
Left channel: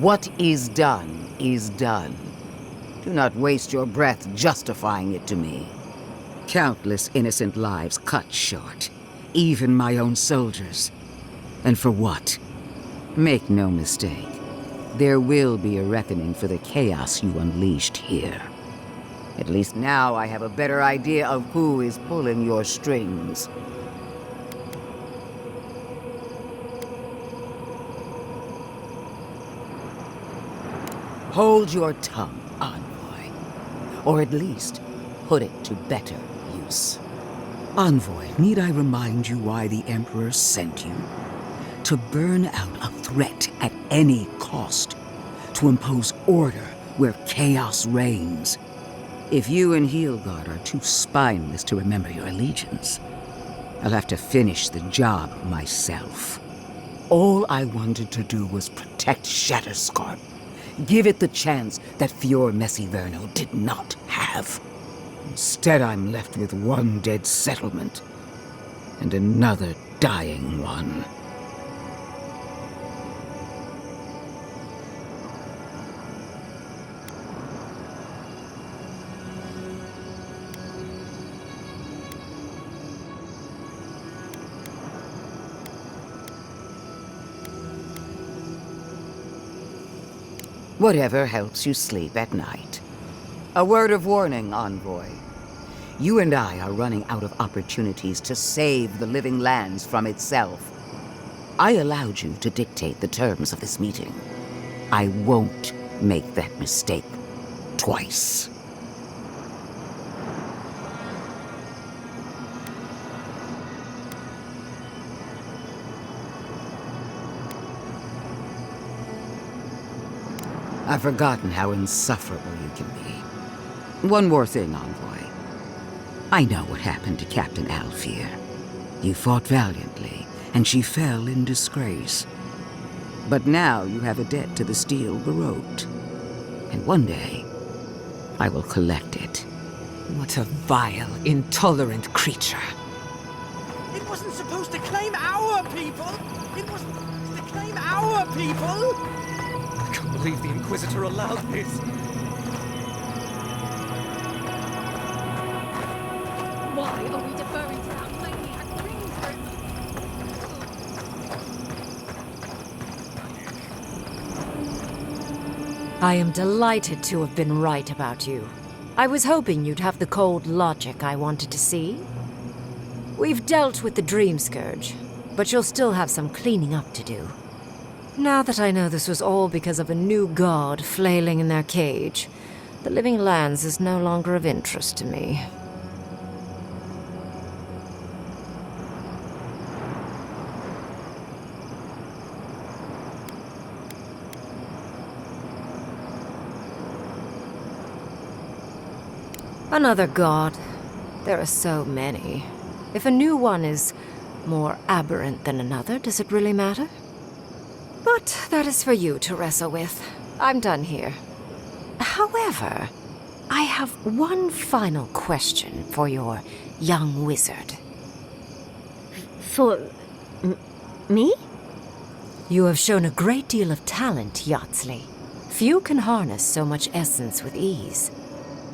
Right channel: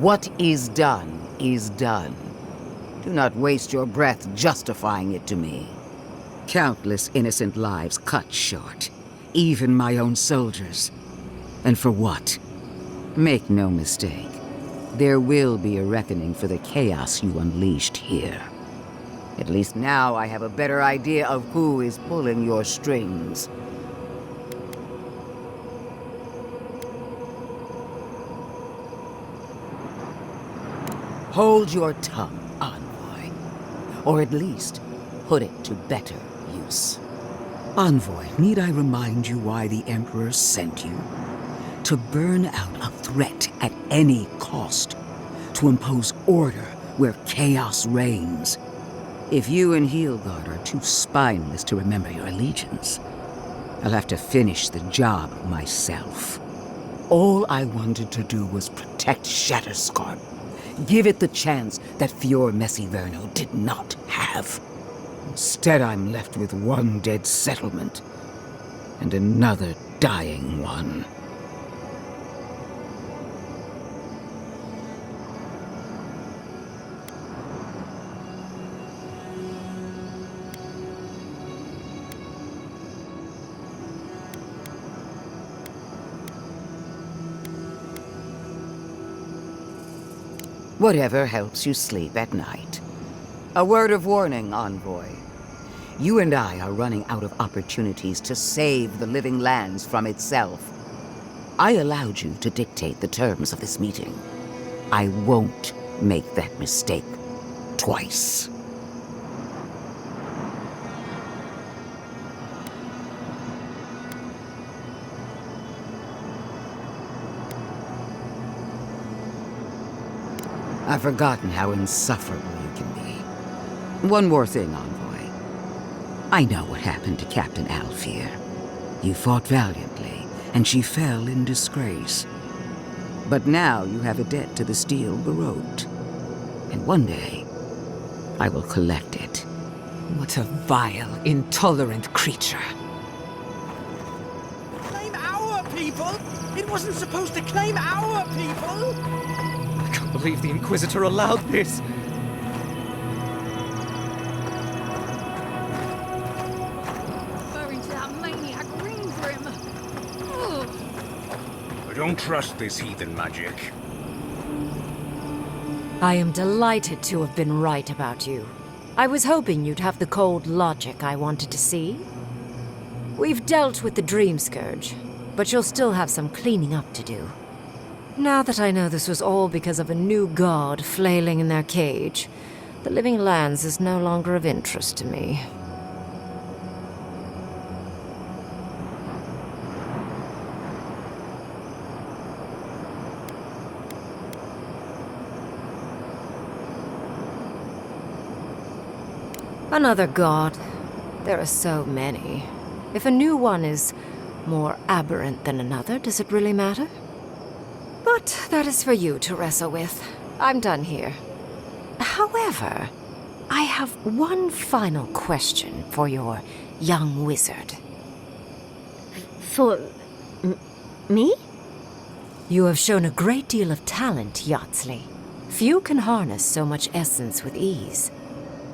What is done is done. Do not waste your breath justifying it to me. Countless innocent lives cut short, even my own soldiers. And for what? Make no mistake, there will be a reckoning for the chaos you unleashed here. At least now I have a better idea of who is pulling your strings. Hold your tongue, Envoy. Or at least, put it to better use. Envoy, need I remind you why the Emperor sent you? To burn out a threat at any cost. To impose order where chaos reigns. If you and Heelgard are too spineless to remember your allegiance, I'll have to finish the job myself. All I wanted to do was protect Shatterscarp. Give it the chance that Fior Messiverno did not have. Instead, I'm left with one dead settlement and another dying one. Whatever helps you sleep at night. A word of warning, Envoy. You and I are running out of opportunities to save the living lands from itself. I allowed you to dictate the terms of this meeting. I won't make that mistake twice. I've forgotten how insufferable you can be. One more thing, Envoy. I know what happened to Captain Alfear. You fought valiantly, and she fell in disgrace. But now you have a debt to the Steel Garrote. And one day, I will collect it. What a vile, intolerant creature. It wasn't supposed to claim our people! It wasn't supposed to claim our people! I can't believe the Inquisitor allowed this. Why are we deferring to that maniac Greenbrim? Ugh. I don't trust this heathen magic. I am delighted to have been right about you. I was hoping you'd have the cold logic I wanted to see. We've dealt with the Dream Scourge, but you'll still have some cleaning up to do. Now that I know this was all because of a new god flailing in their cage, the Living Lands is no longer of interest to me. Another god. There are so many. If a new one is more aberrant than another, does it really matter? But that is for you to wrestle with. I'm done here. However, I have one final question for your young wizard. For... me? You have shown a great deal of talent, Yatsley. Few can harness so much essence with ease.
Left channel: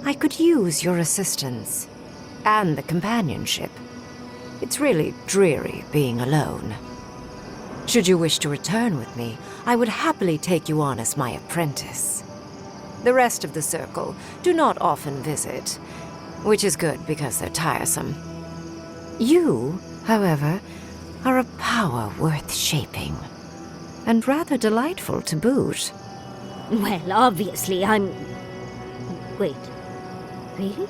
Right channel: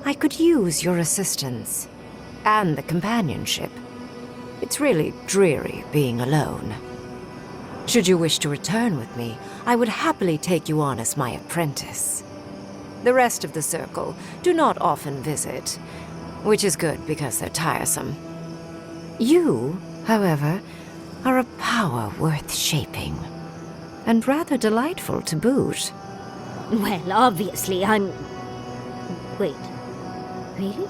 I could use your assistance. And the companionship. It's really dreary being alone. Should you wish to return with me, I would happily take you on as my apprentice. The rest of the circle do not often visit, which is good because they're tiresome. You, however, are a power worth shaping, and rather delightful to boot. Well, obviously, I'm... Wait. Really?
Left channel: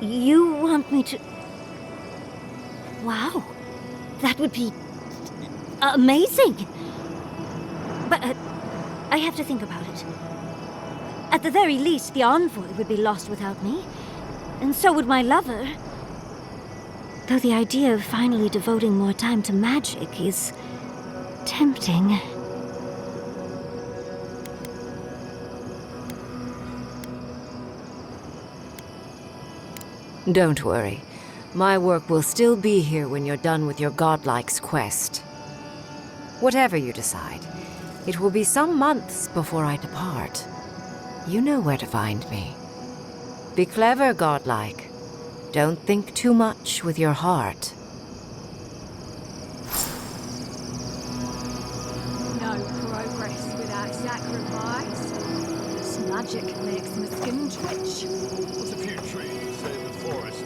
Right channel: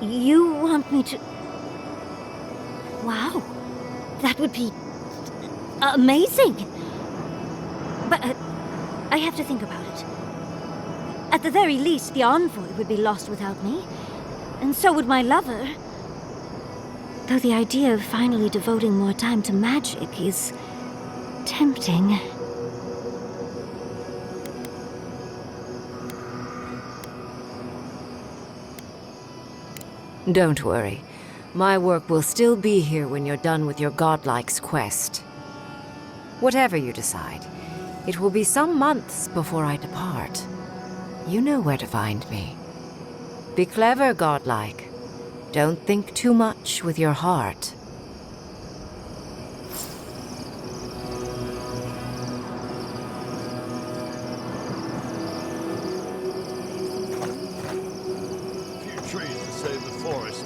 You want me to... Wow. That would be... amazing! But I have to think about it. At the very least, the Envoy would be lost without me. And so would my lover. Though the idea of finally devoting more time to magic is... tempting. Don't worry. My work will still be here when you're done with your godlike's quest. Whatever you decide, it will be some months before I depart. You know where to find me. Be clever, godlike. Don't think too much with your heart. No progress without sacrifice. This magic makes my skin twitch. There's a few trees to save the forest.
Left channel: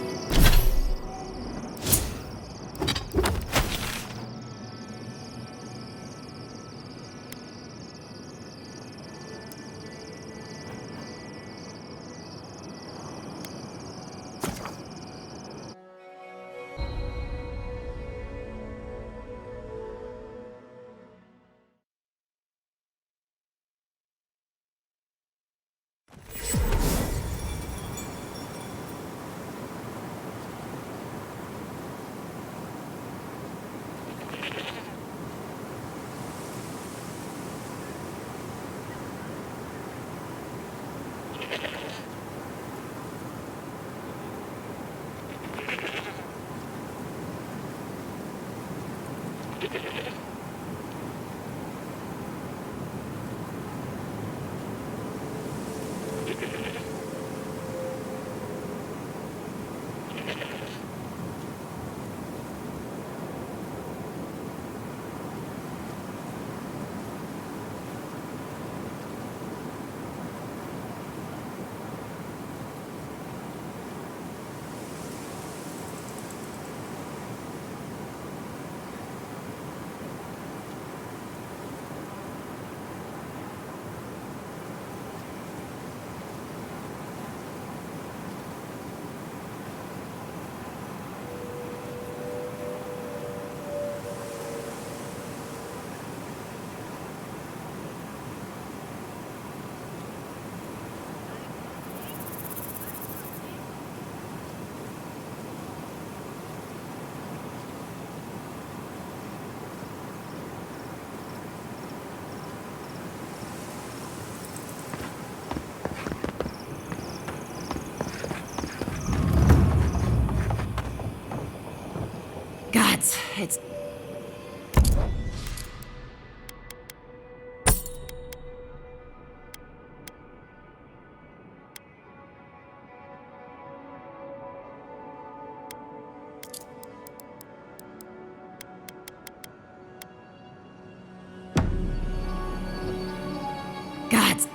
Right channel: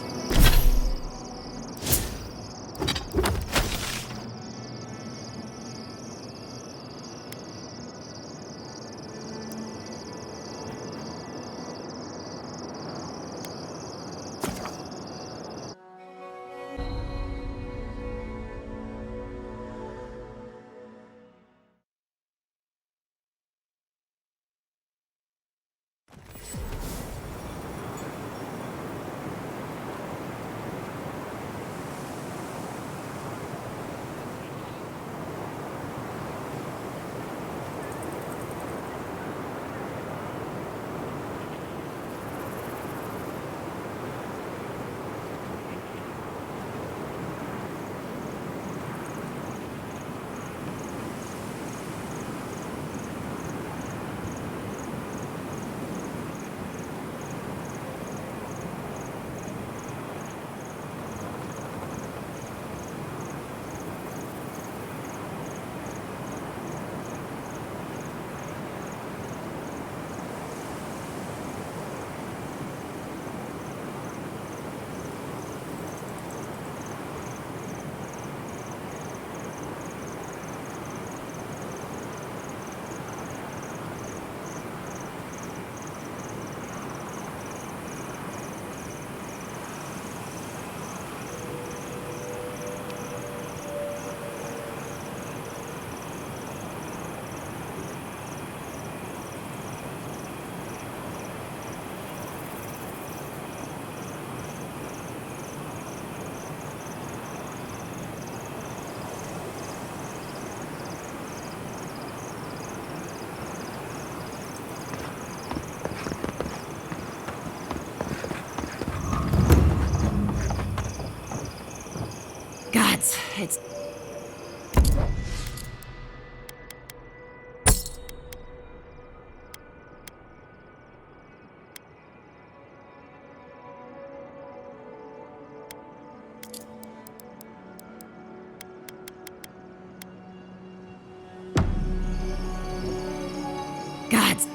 It's... Gods!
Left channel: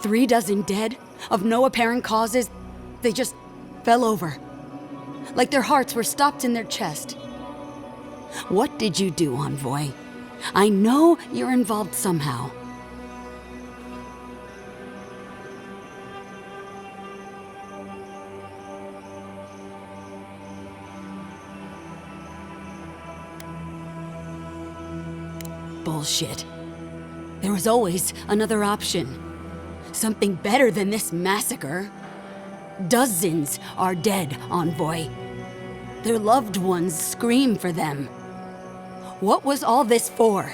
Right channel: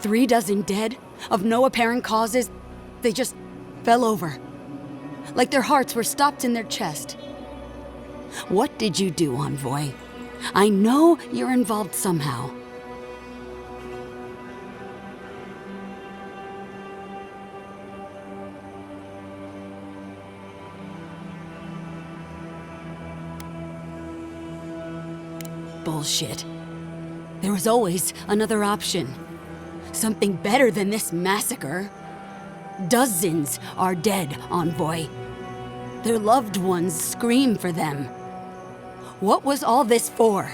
Three dozen dead, of no apparent causes. They just fell over. Like their hearts were stopped in their chest. What did you do, Envoy? I know you're involved somehow. Bullshit. There was always another option. Something better than this massacre. Dozens are dead, Envoy. Their loved ones scream for them. What was all this for?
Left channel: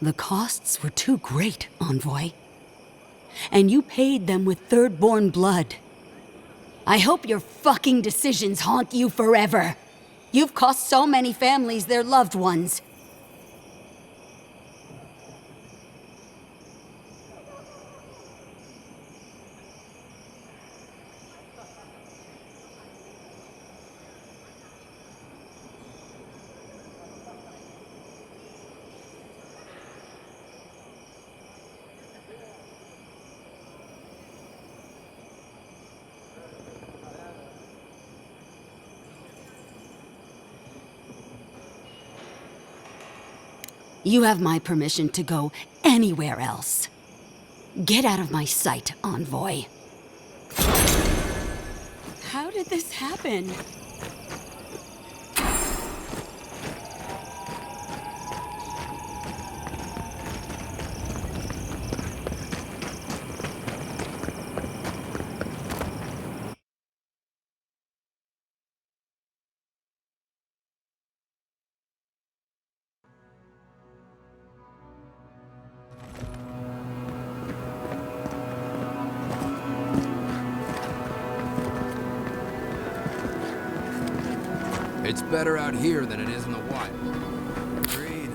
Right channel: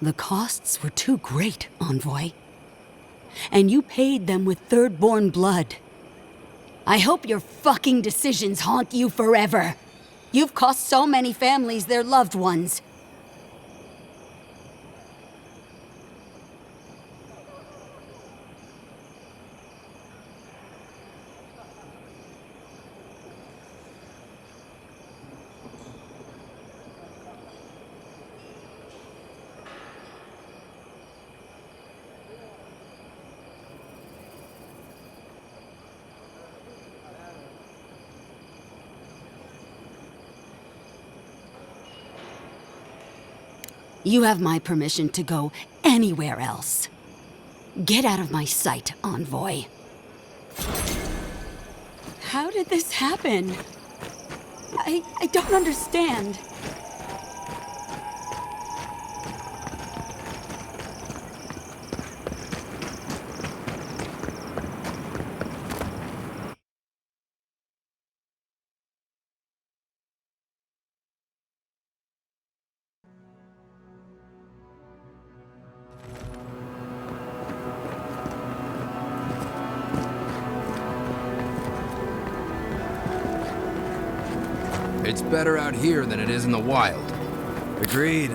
The costs were too great, Envoy. And you paid them with third-born blood. I hope your fucking decisions haunt you forever. You've cost so many families their loved ones. You have my permission to go anywhere else. Get out of my sight, Envoy. How did this happen? I don't understand. It's better out here than it is in the wild. Agreed.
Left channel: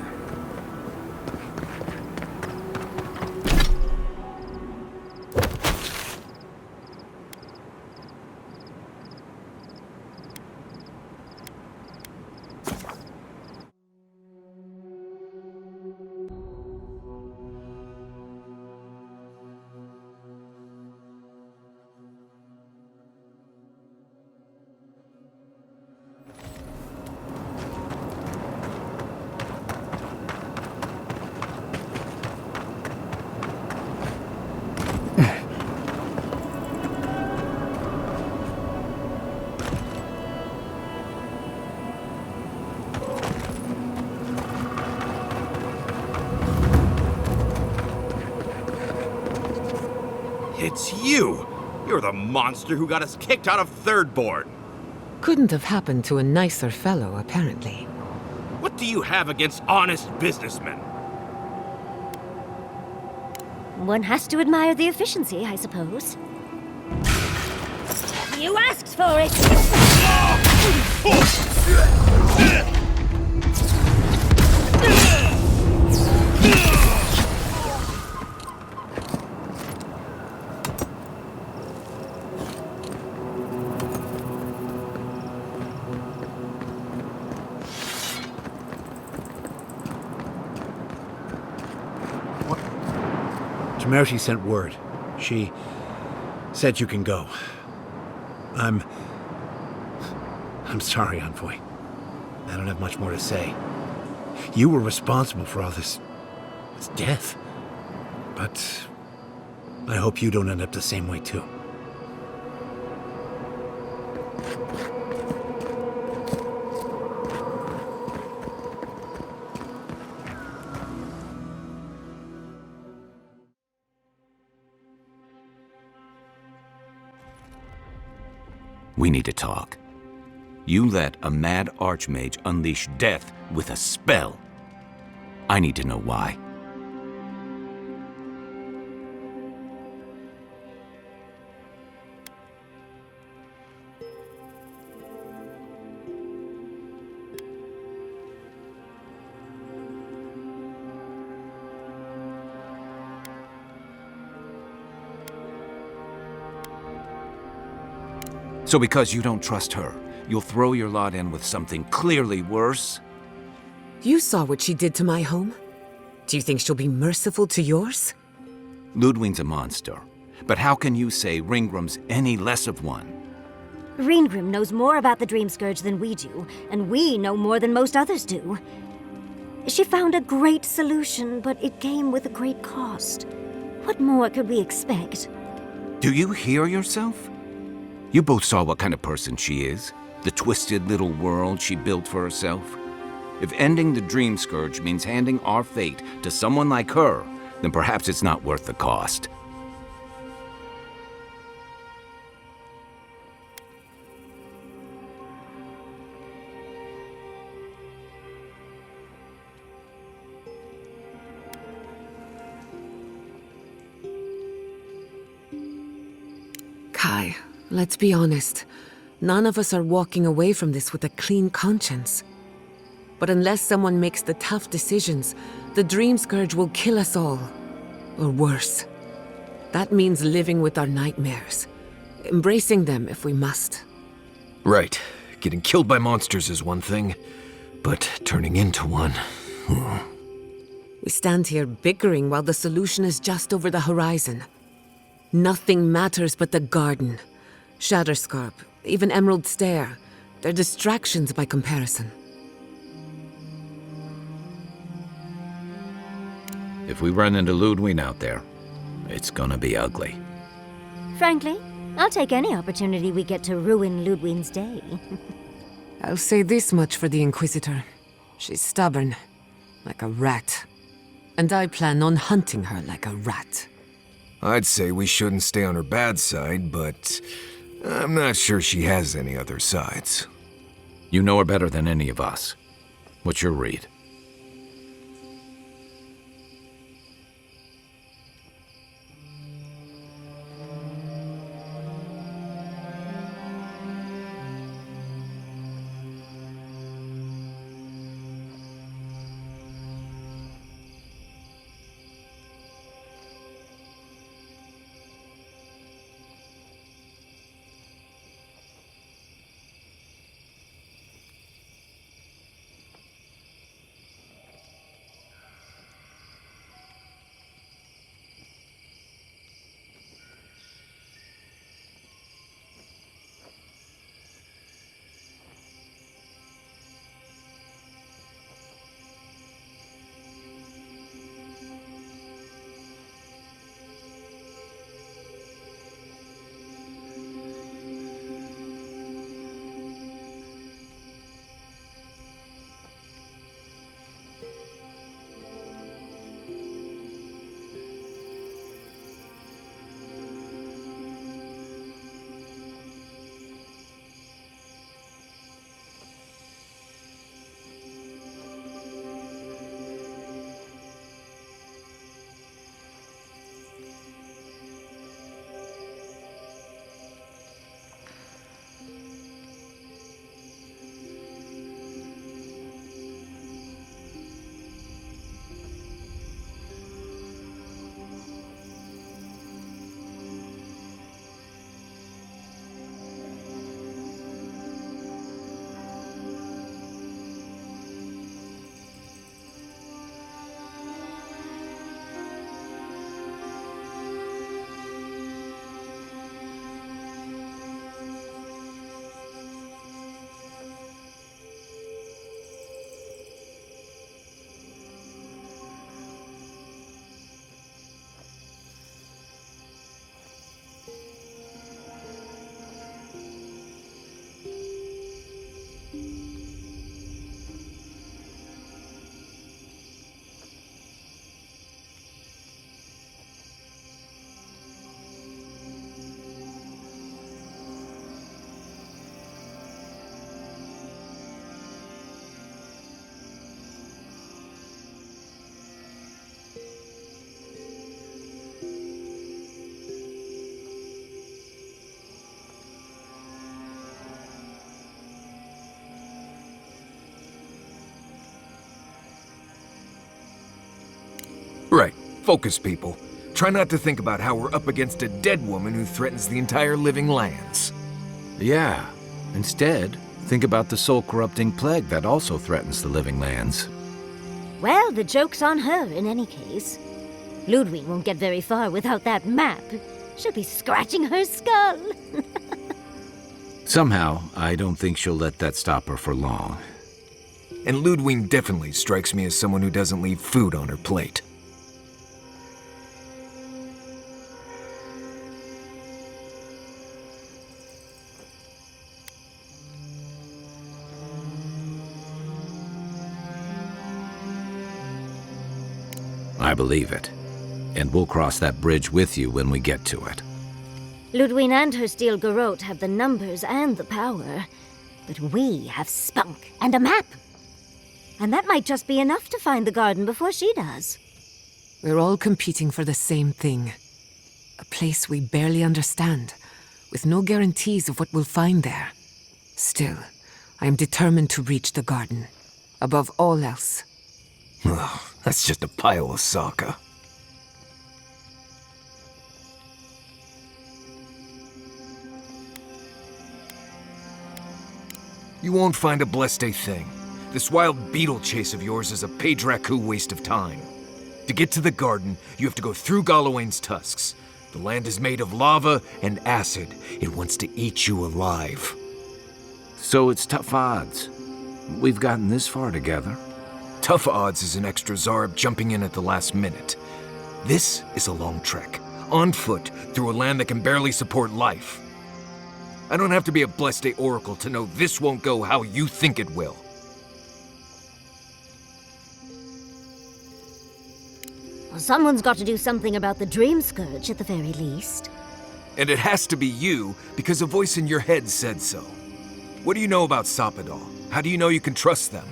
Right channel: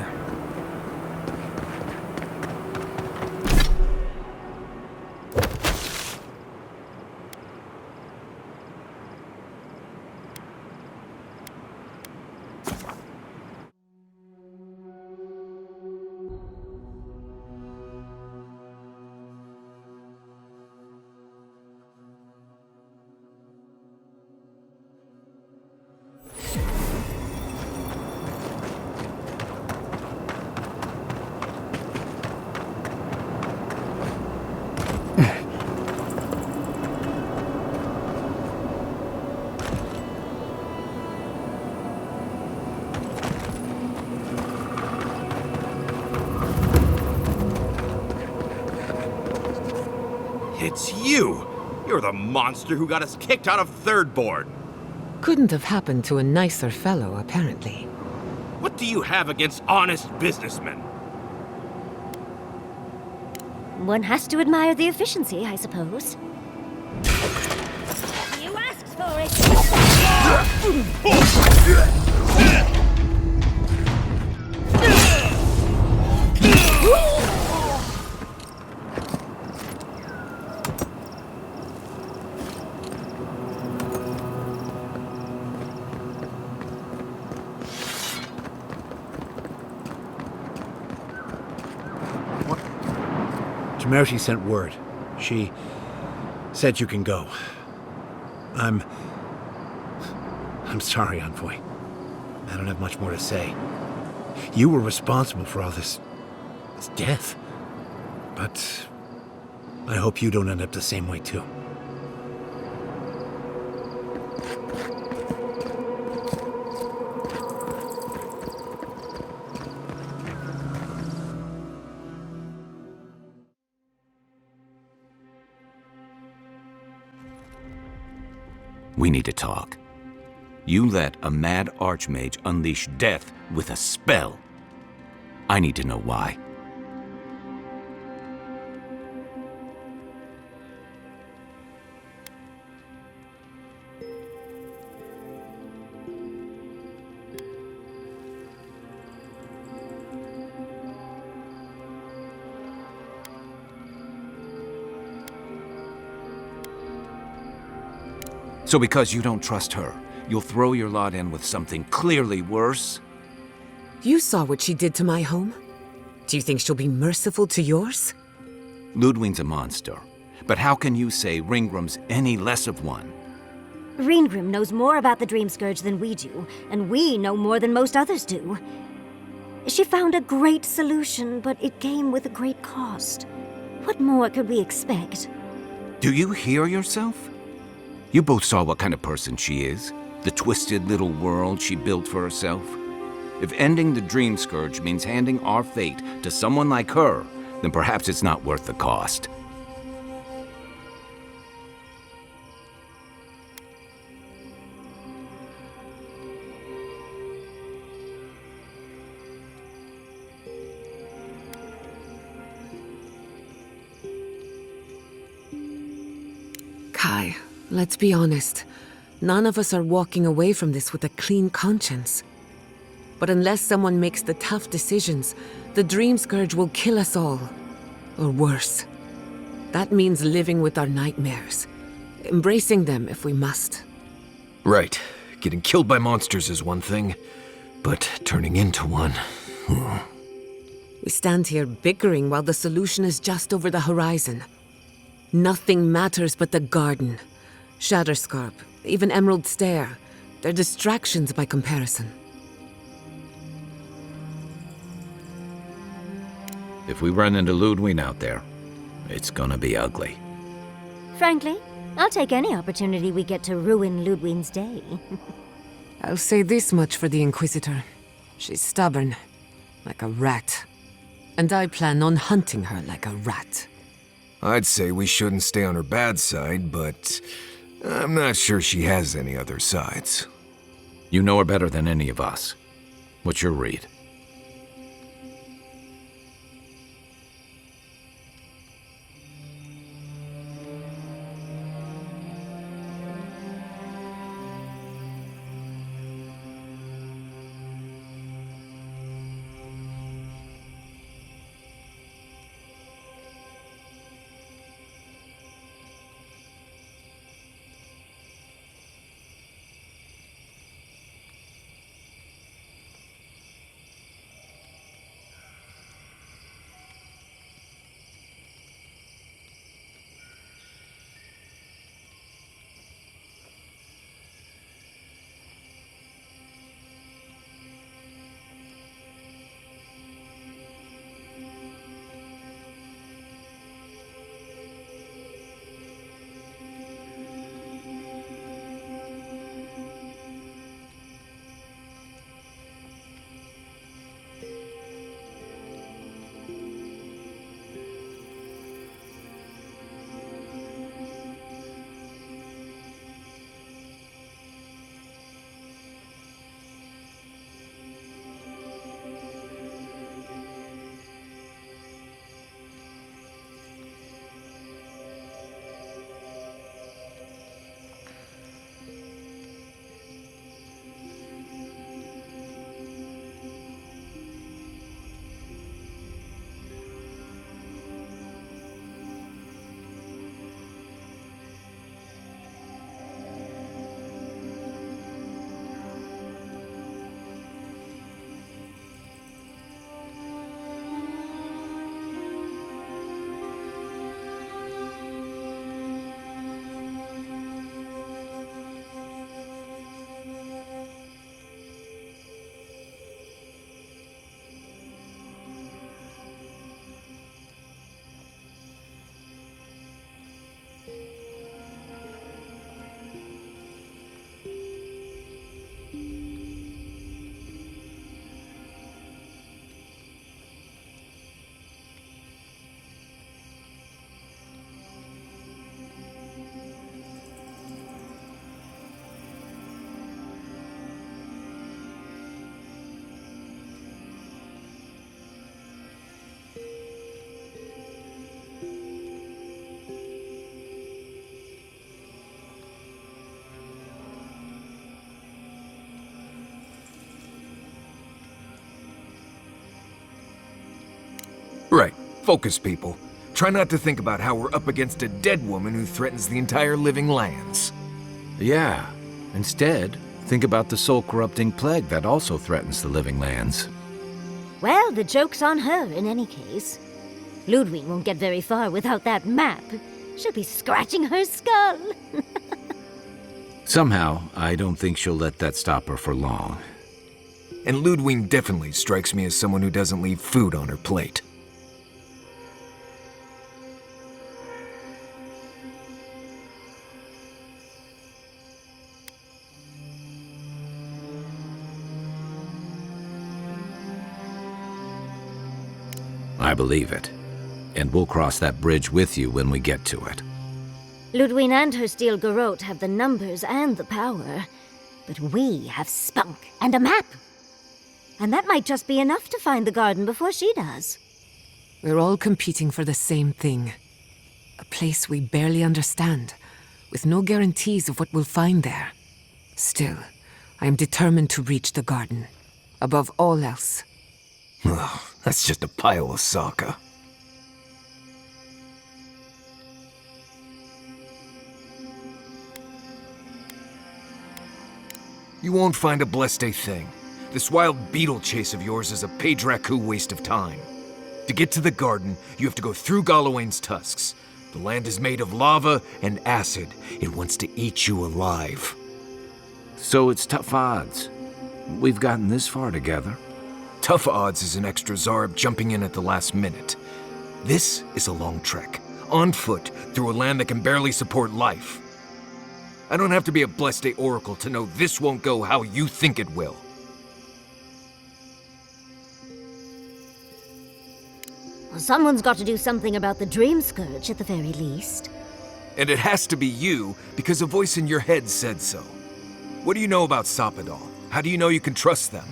It's you! You're the monster who got us kicked out of Third Board! Couldn't have happened to a nicer fellow, apparently. What do you have against honest businessmen? One has to admire the efficiency, I suppose. You asked for it! Temerity sent word. She said you can go. I'm sorry, Envoy. I don't have much more to say. You were responsible for all this death. But I hope you don't end up the same way, too. We need to talk. You let a mad archmage unleash death with a spell. I need to know why. So because you don't trust her, you'll throw your lot in with something clearly worse? You saw what she did to my home. Do you think she'll be merciful to yours? Ludwig's a monster. But how can you say Ringram's any less of one? Ringrim knows more about the Dream Scourge than we do, and we know more than most others do. She found a great solution, but it came with a great cost. What more could we expect? Do you hear yourself? You both saw what kind of person she is. The twisted little world she built for herself. If ending the Dream Scourge means handing our fate to someone like her, then perhaps it's not worth the cost. Kai, let's be honest. None of us are walking away from this with a clean conscience. But unless someone makes the tough decisions, the Dream Scourge will kill us all. Or worse. That means living with our nightmares. Embracing them if we must. Right. Getting killed by monsters is one thing, but turning into one... We stand here bickering while the solution is just over the horizon. Nothing matters but the garden. Shatterscarp, even Emerald Stair. They're distractions by comparison. If we run into Ludwig out there, it's gonna be ugly. Frankly, I'll take any opportunity we get to ruin Ludwig's day. I'll say this much for the Inquisitor. She's stubborn, like a rat. And I plan on hunting her like a rat. I'd say we shouldn't stay on her bad side, but I'm not sure she has any other sides. You know her better than any of us. What's your read? Focus, people. Try not to think about how we're up against a dead woman who threatens the entire living lands. Yeah. Instead, think about the soul-corrupting plague that also threatens the living lands. Well, the joke's on her in any case. Ludwig won't get very far without that map. She'll be scratching her skull. Somehow, I don't think she'll let that stop her for long. And Ludwig definitely strikes me as someone who doesn't leave food on her plate. I believe it. And we'll cross that bridge with you when we get to it. Ludwig and her steel garrote have the numbers and the power. But we have spunk and a map. And that might just be enough to find the garden before she does. We're all competing for the same thing. A place we barely understand, with no guarantees of what we'll find there. Still, I am determined to reach the garden, above all else. Ugh, that's just a pile of Sokka. You won't find a blessed thing. This wild beetle chase of yours is a Page-Raku waste of time. To get to the garden, you have to go through Galawain's tusks. The land is made of lava and acid. It wants to eat you alive. So it's tough odds. We've gotten this far together. Tough odds is an extra Zarb jumping in at the last minute. This is a long trek, on foot, through a land that can barely support life. I don't have to be a Blessed Oracle to know this won't go how you think it will. Well, someone's got to do something about the Dream Scourge at the very least. And it has to be you, because a voice in your head said so. What do you know about Soppadal? How do you know you can trust them?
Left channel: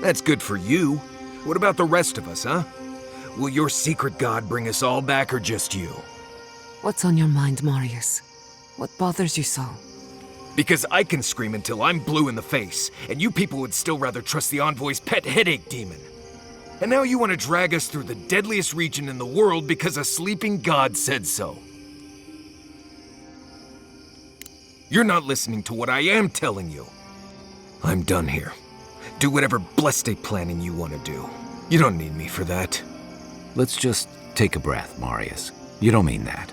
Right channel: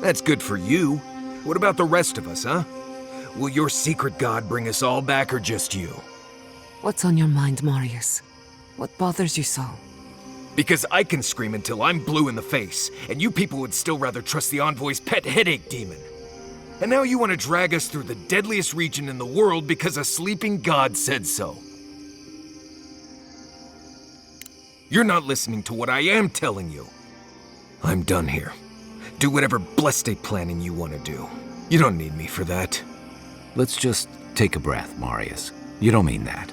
That's good for you. What about the rest of us, huh? Will your secret god bring us all back, or just you? What's on your mind, Marius? What bothers you so? Because I can scream until I'm blue in the face, and you people would still rather trust the Envoy's pet headache demon. And now you want to drag us through the deadliest region in the world because a sleeping god said so. You're not listening to what I am telling you. I'm done here. Do whatever blessed planning you want to do. You don't need me for that. Let's just take a breath, Marius. You don't mean that.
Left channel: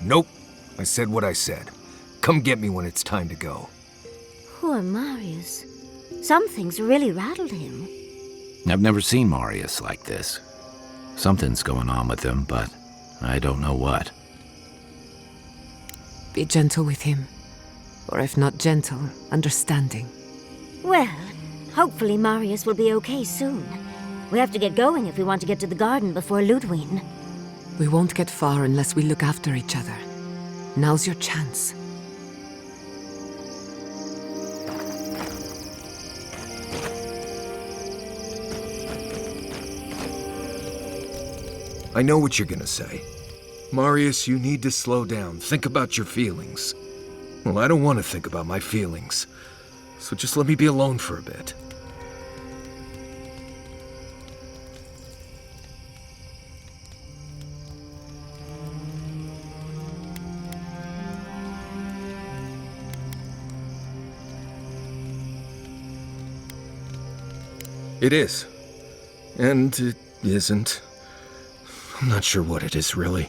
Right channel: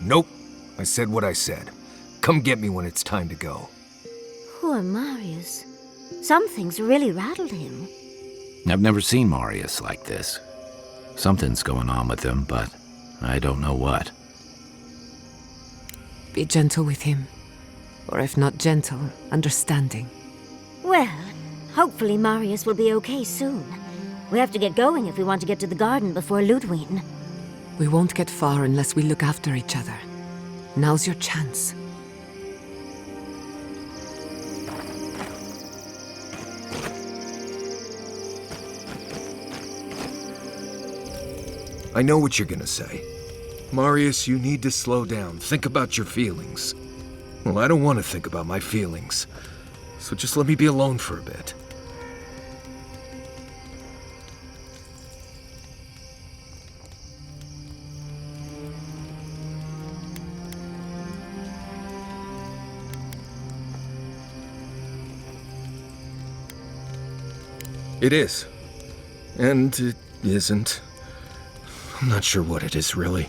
Nope. I said what I said. Come get me when it's time to go. Poor Marius. Something's really rattled him. I've never seen Marius like this. Something's going on with him, but I don't know what. Be gentle with him. Or if not gentle, understanding. Well, hopefully Marius will be okay soon. We have to get going if we want to get to the garden before Ludwig. We won't get far unless we look after each other. Now's your chance. I know what you're gonna say. Marius, you need to slow down. Think about your feelings. Well, I don't want to think about my feelings. So just let me be alone for a bit. It is. And it isn't. I'm not sure what it is, really.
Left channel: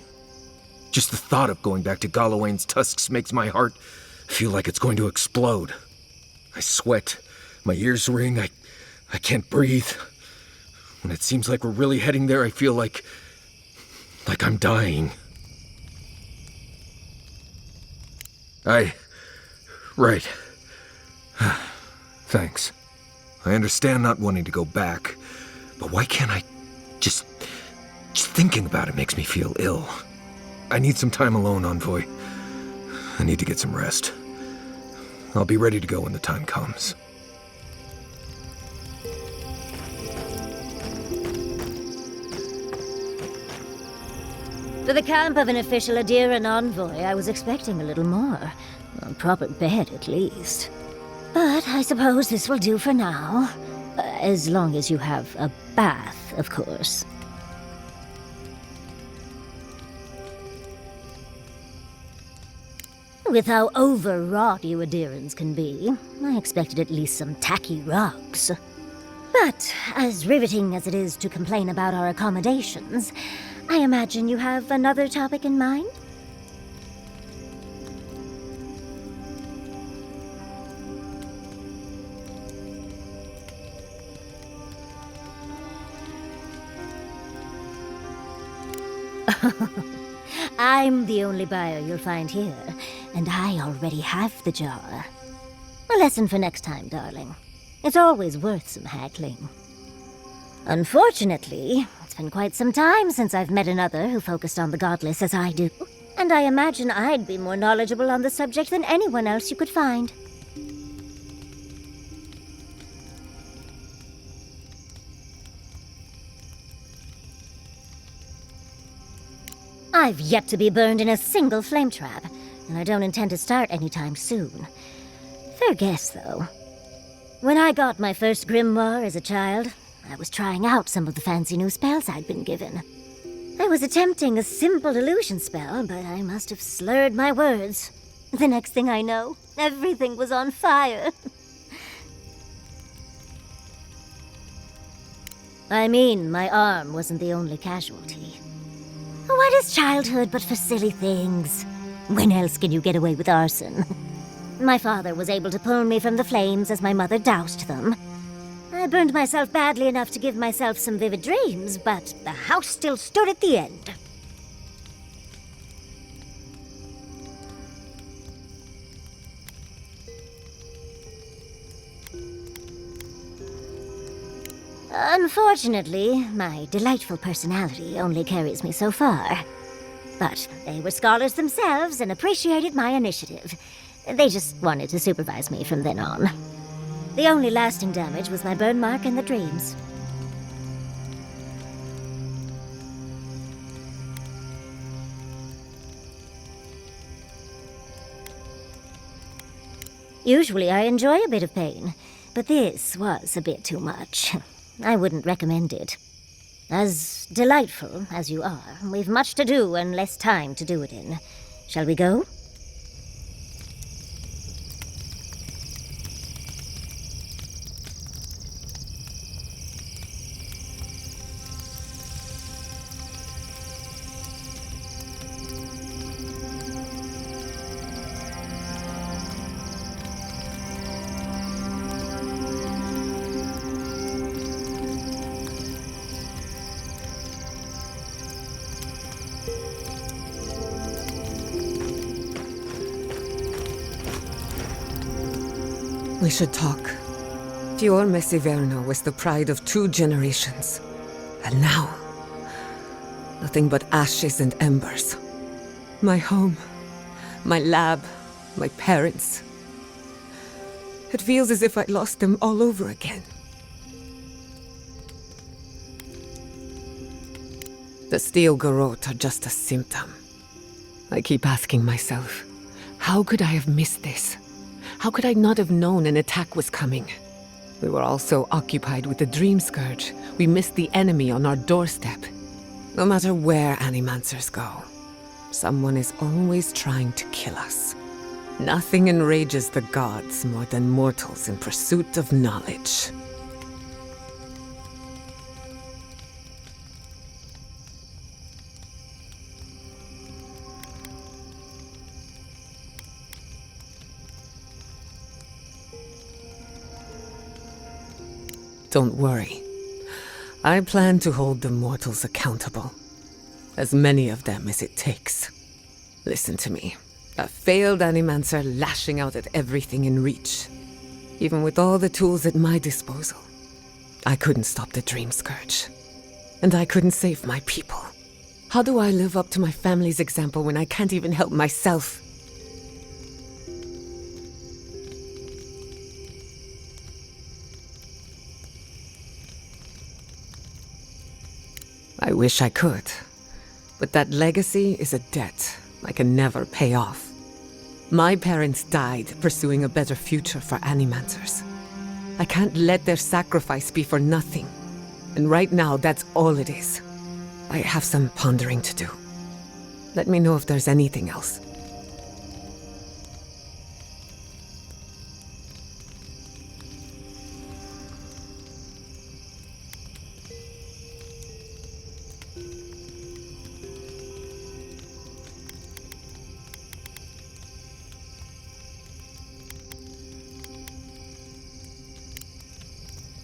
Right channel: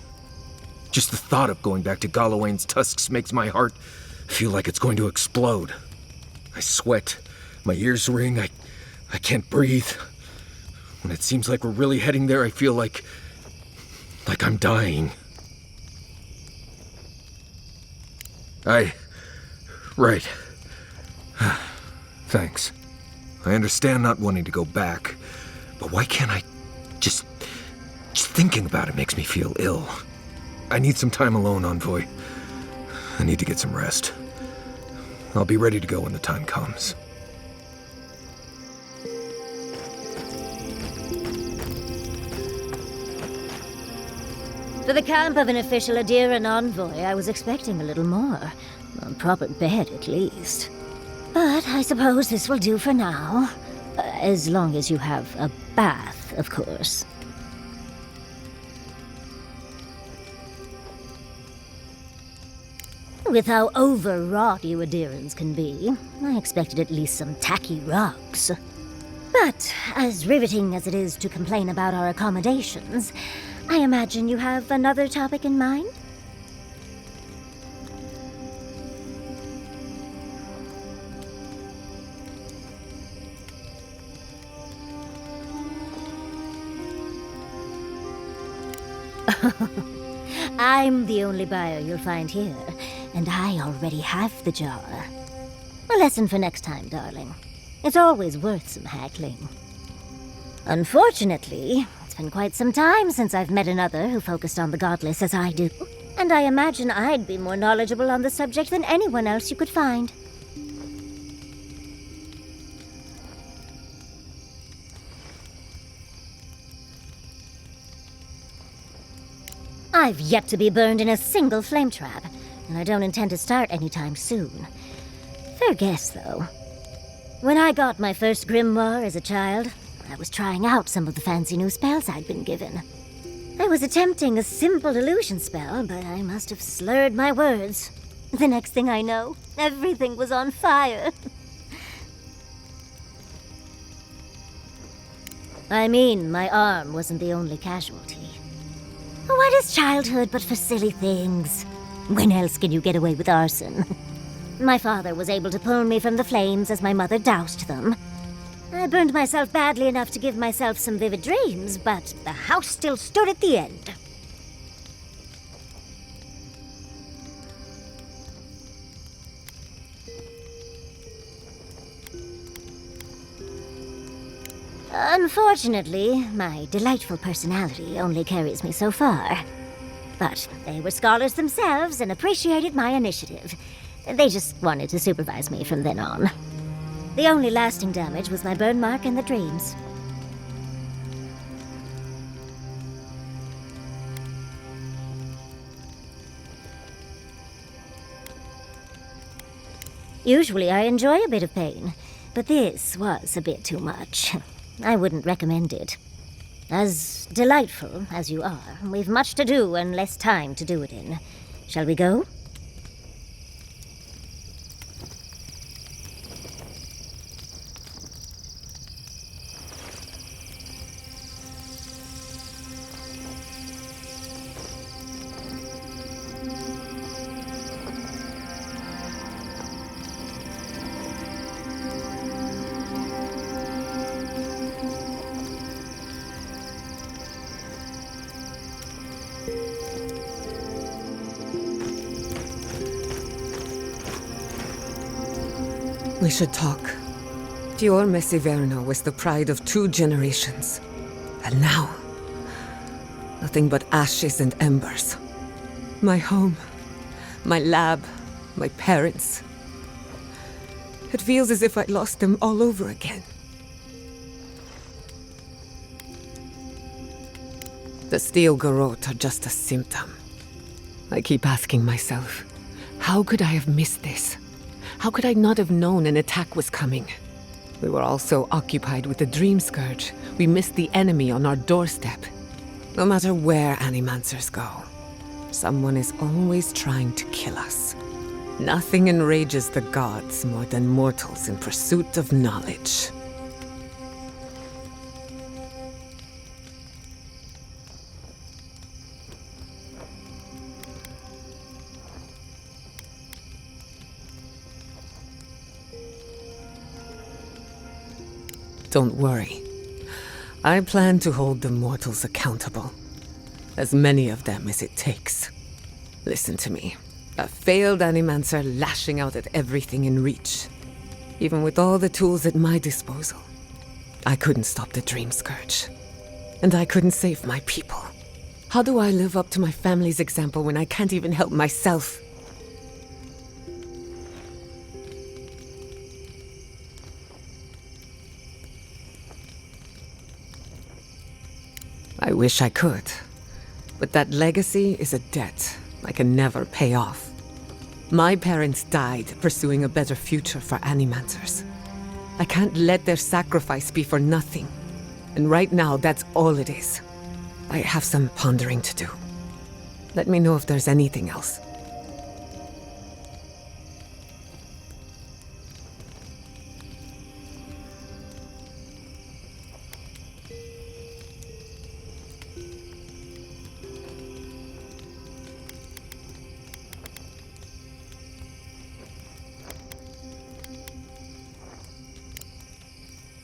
Just the thought of going back to Galawain's tusks makes my heart feel like it's going to explode. I sweat, my ears ring, I can't breathe. When it seems like we're really heading there, I feel like I'm dying. Right. Thanks. I understand not wanting to go back, but why can't I just thinking about it makes me feel ill. I need some time alone, Envoy. I need to get some rest. I'll be ready to go when the time comes. For the camp of an official Adiran envoy, I was expecting a little more. A proper bed, at least. But I suppose this will do for now. As long as you have a bath, of course. With how overwrought you Adirans can be, I expected at least some tacky rugs. But as riveting as it is to complain about our accommodations, I imagine you have another topic in mind? I'm the only buyer you'll find here, and I already have the jar. A lesson for next time, darling. It's always worth some haggling. Unfortunately, it's been quite some time since I've met another who focused on the godless as I do, and I imagine I'd be more knowledgeable on the subject than anyone else you could find. I've yet to be burned in a single flame trap, and I don't intend to start anytime soon. Fair guess, though. When I got my first grimoire as a child, I was trying out some of the fancy new spells I'd been given. I was attempting a simple illusion spell, but I must have slurred my words. The next thing I know, everything was on fire. I mean, my arm wasn't the only casualty. What is childhood but for silly things? When else can you get away with arson? My father was able to pull me from the flames as my mother doused them. I burned myself badly enough to give myself some vivid dreams, but the house still stood at the end. Unfortunately, my delightful personality only carries me so far. But they were scholars themselves and appreciated my initiative. They just wanted to supervise me from then on. The only lasting damage was my burn mark and the dreams. Usually I enjoy a bit of pain, but this was a bit too much. I wouldn't recommend it. As delightful as you are, we've much to do and less time to do it in. Shall we go? We should talk. Fior Messiverno was the pride of 2 generations. And now, nothing but ashes and embers. My home, my lab, my parents. It feels as if I'd lost them all over again. The steel garrote are just a symptom. I keep asking myself, how could I have missed this? How could I not have known an attack was coming? We were all so occupied with the Dream Scourge, we missed the enemy on our doorstep. No matter where Animancers go, someone is always trying to kill us. Nothing enrages the gods more than mortals in pursuit of knowledge. Don't worry. I plan to hold the mortals accountable. As many of them as it takes. Listen to me. A failed Animancer lashing out at everything in reach. Even with all the tools at my disposal, I couldn't stop the Dream Scourge. And I couldn't save my people. How do I live up to my family's example when I can't even help myself? I wish I could, But that legacy is a debt I can never pay off. My parents died pursuing a better future for Animancers. I can't let their sacrifice be for nothing. And right now, that's all it is. I have some pondering to do. Let me know if there's anything else.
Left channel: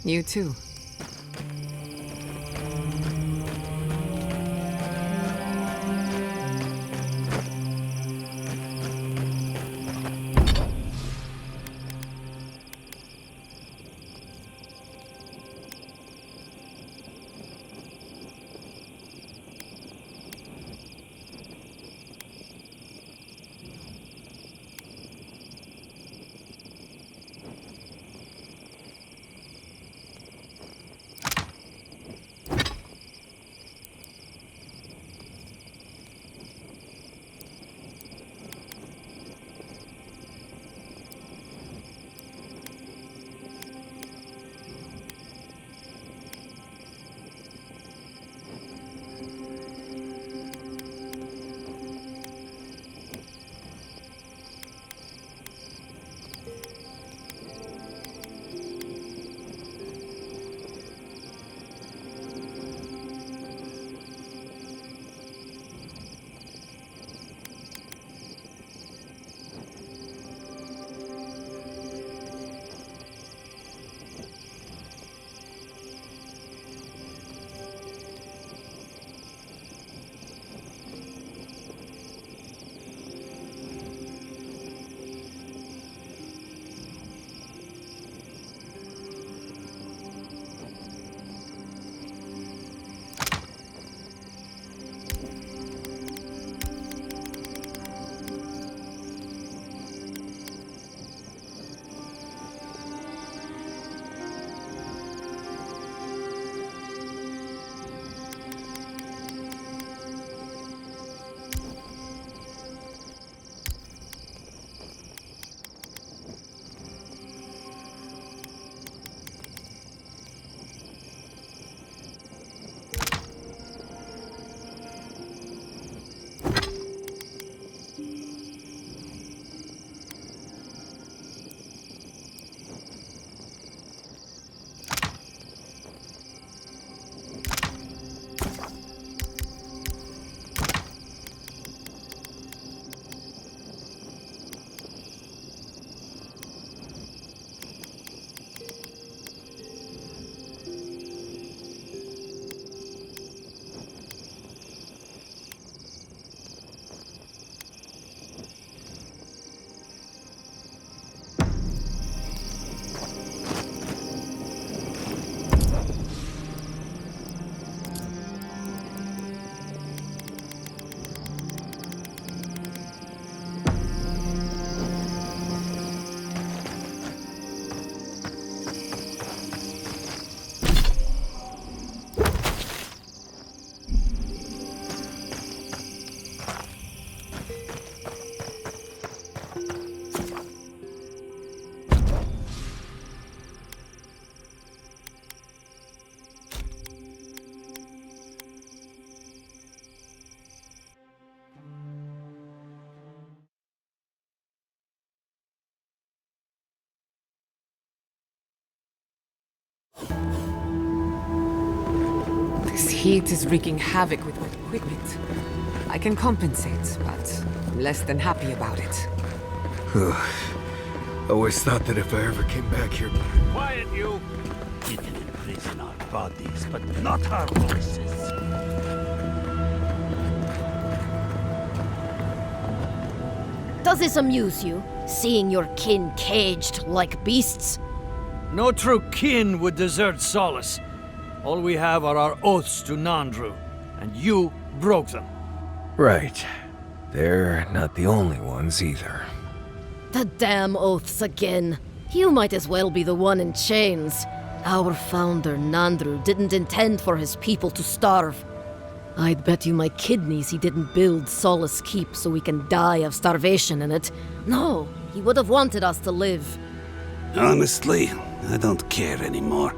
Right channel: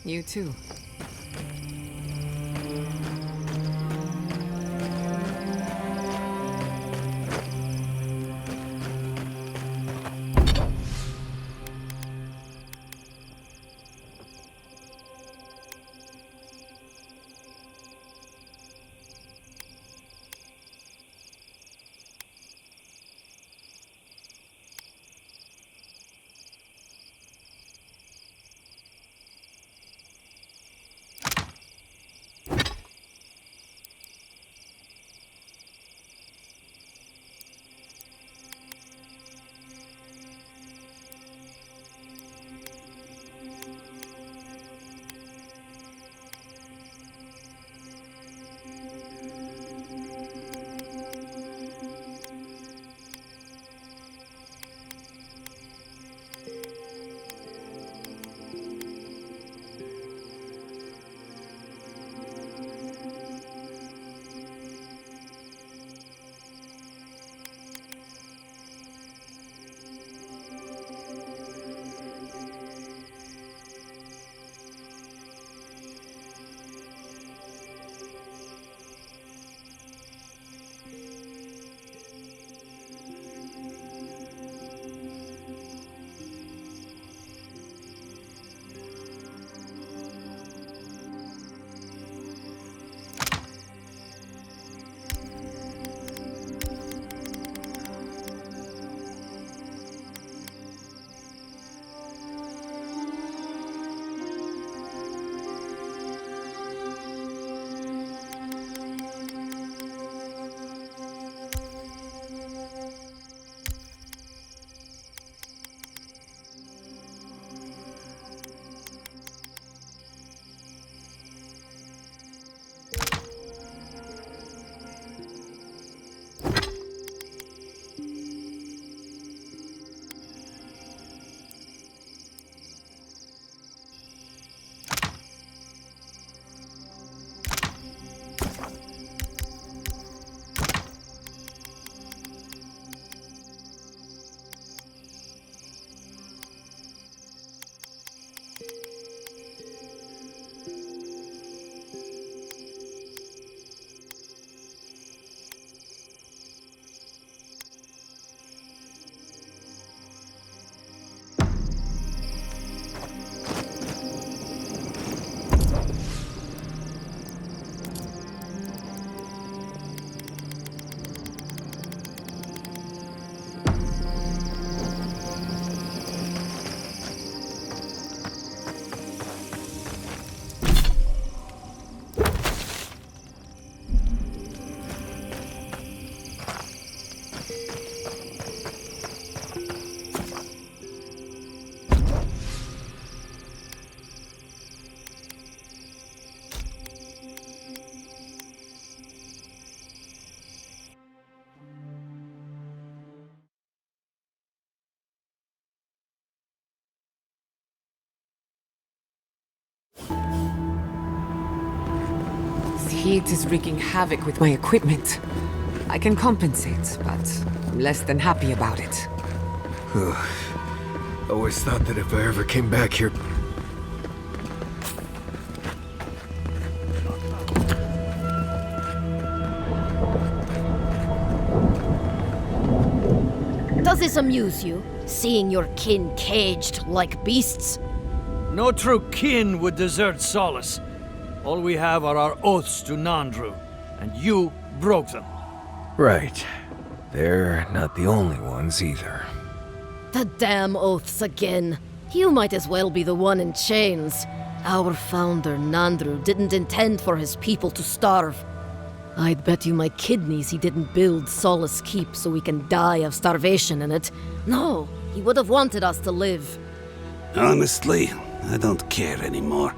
You too. This heat is wreaking havoc with my equipment. I can compensate, but I'm less than happy about it. Always thought that if I ever came back here... Quiet, you! Even imprison our bodies, but not our voices. Does this amuse you, seeing your kin caged like beasts? No true kin would desert Solace. All we have are our oaths to Nandru, and you broke them. Right. They're not the only ones either. The damn oaths again. You might as well be the one in chains. Our founder, Nandru, didn't intend for his people to starve. I'd bet you my kidneys he didn't build Solace Keep so we can die of starvation in it. No, he would have wanted us to live. Honestly, I don't care anymore.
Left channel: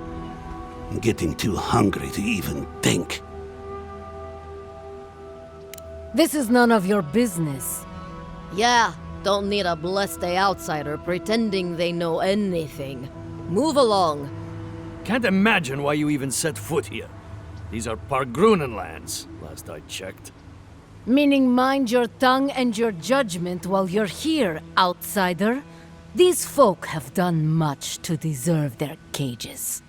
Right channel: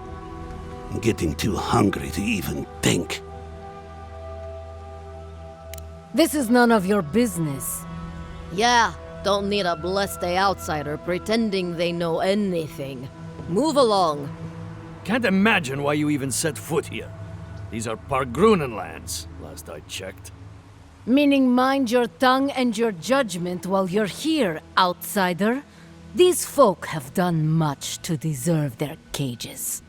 I'm getting too hungry to even think. This is none of your business. Yeah, don't need a blessed outsider pretending they know anything. Move along. Can't imagine why you even set foot here. These are Pargrunen lands, last I checked. Meaning mind your tongue and your judgment while you're here, outsider. These folk have done much to deserve their cages.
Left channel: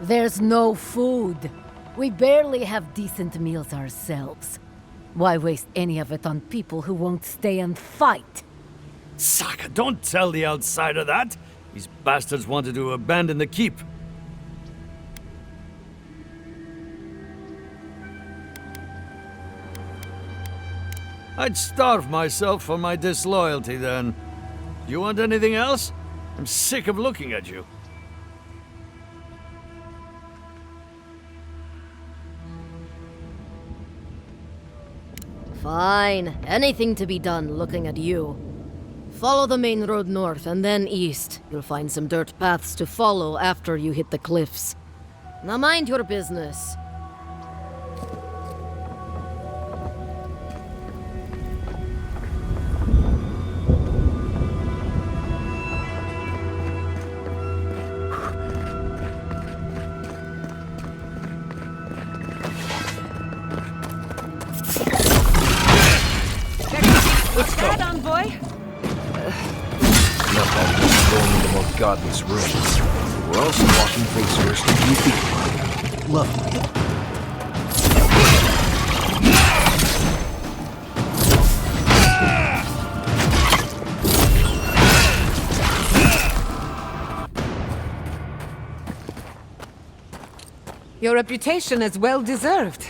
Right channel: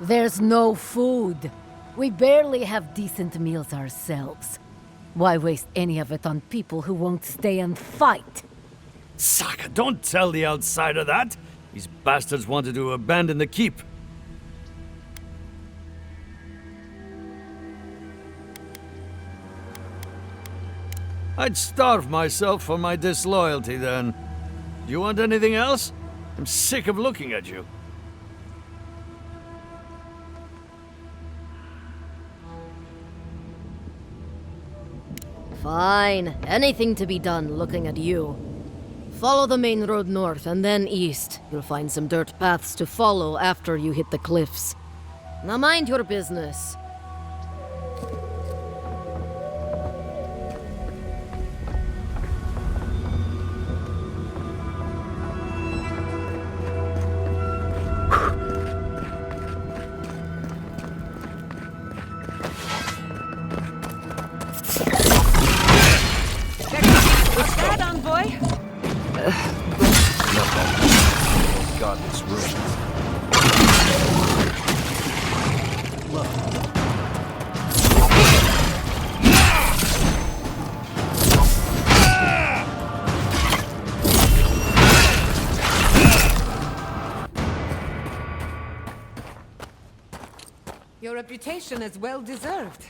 There's no food. We barely have decent meals ourselves. Why waste any of it on people who won't stay and fight? Saka, don't tell the outsider that! These bastards wanted to abandon the keep. I'd starve myself for my disloyalty then. Do you want anything else? I'm sick of looking at you. Fine. Anything to be done looking at you. Follow the main road north and then east. You'll find some dirt paths to follow after you hit the cliffs. Now mind your business. What's that, envoy? Not that the most godless ruins. Well, seriously, look. Your reputation is well deserved.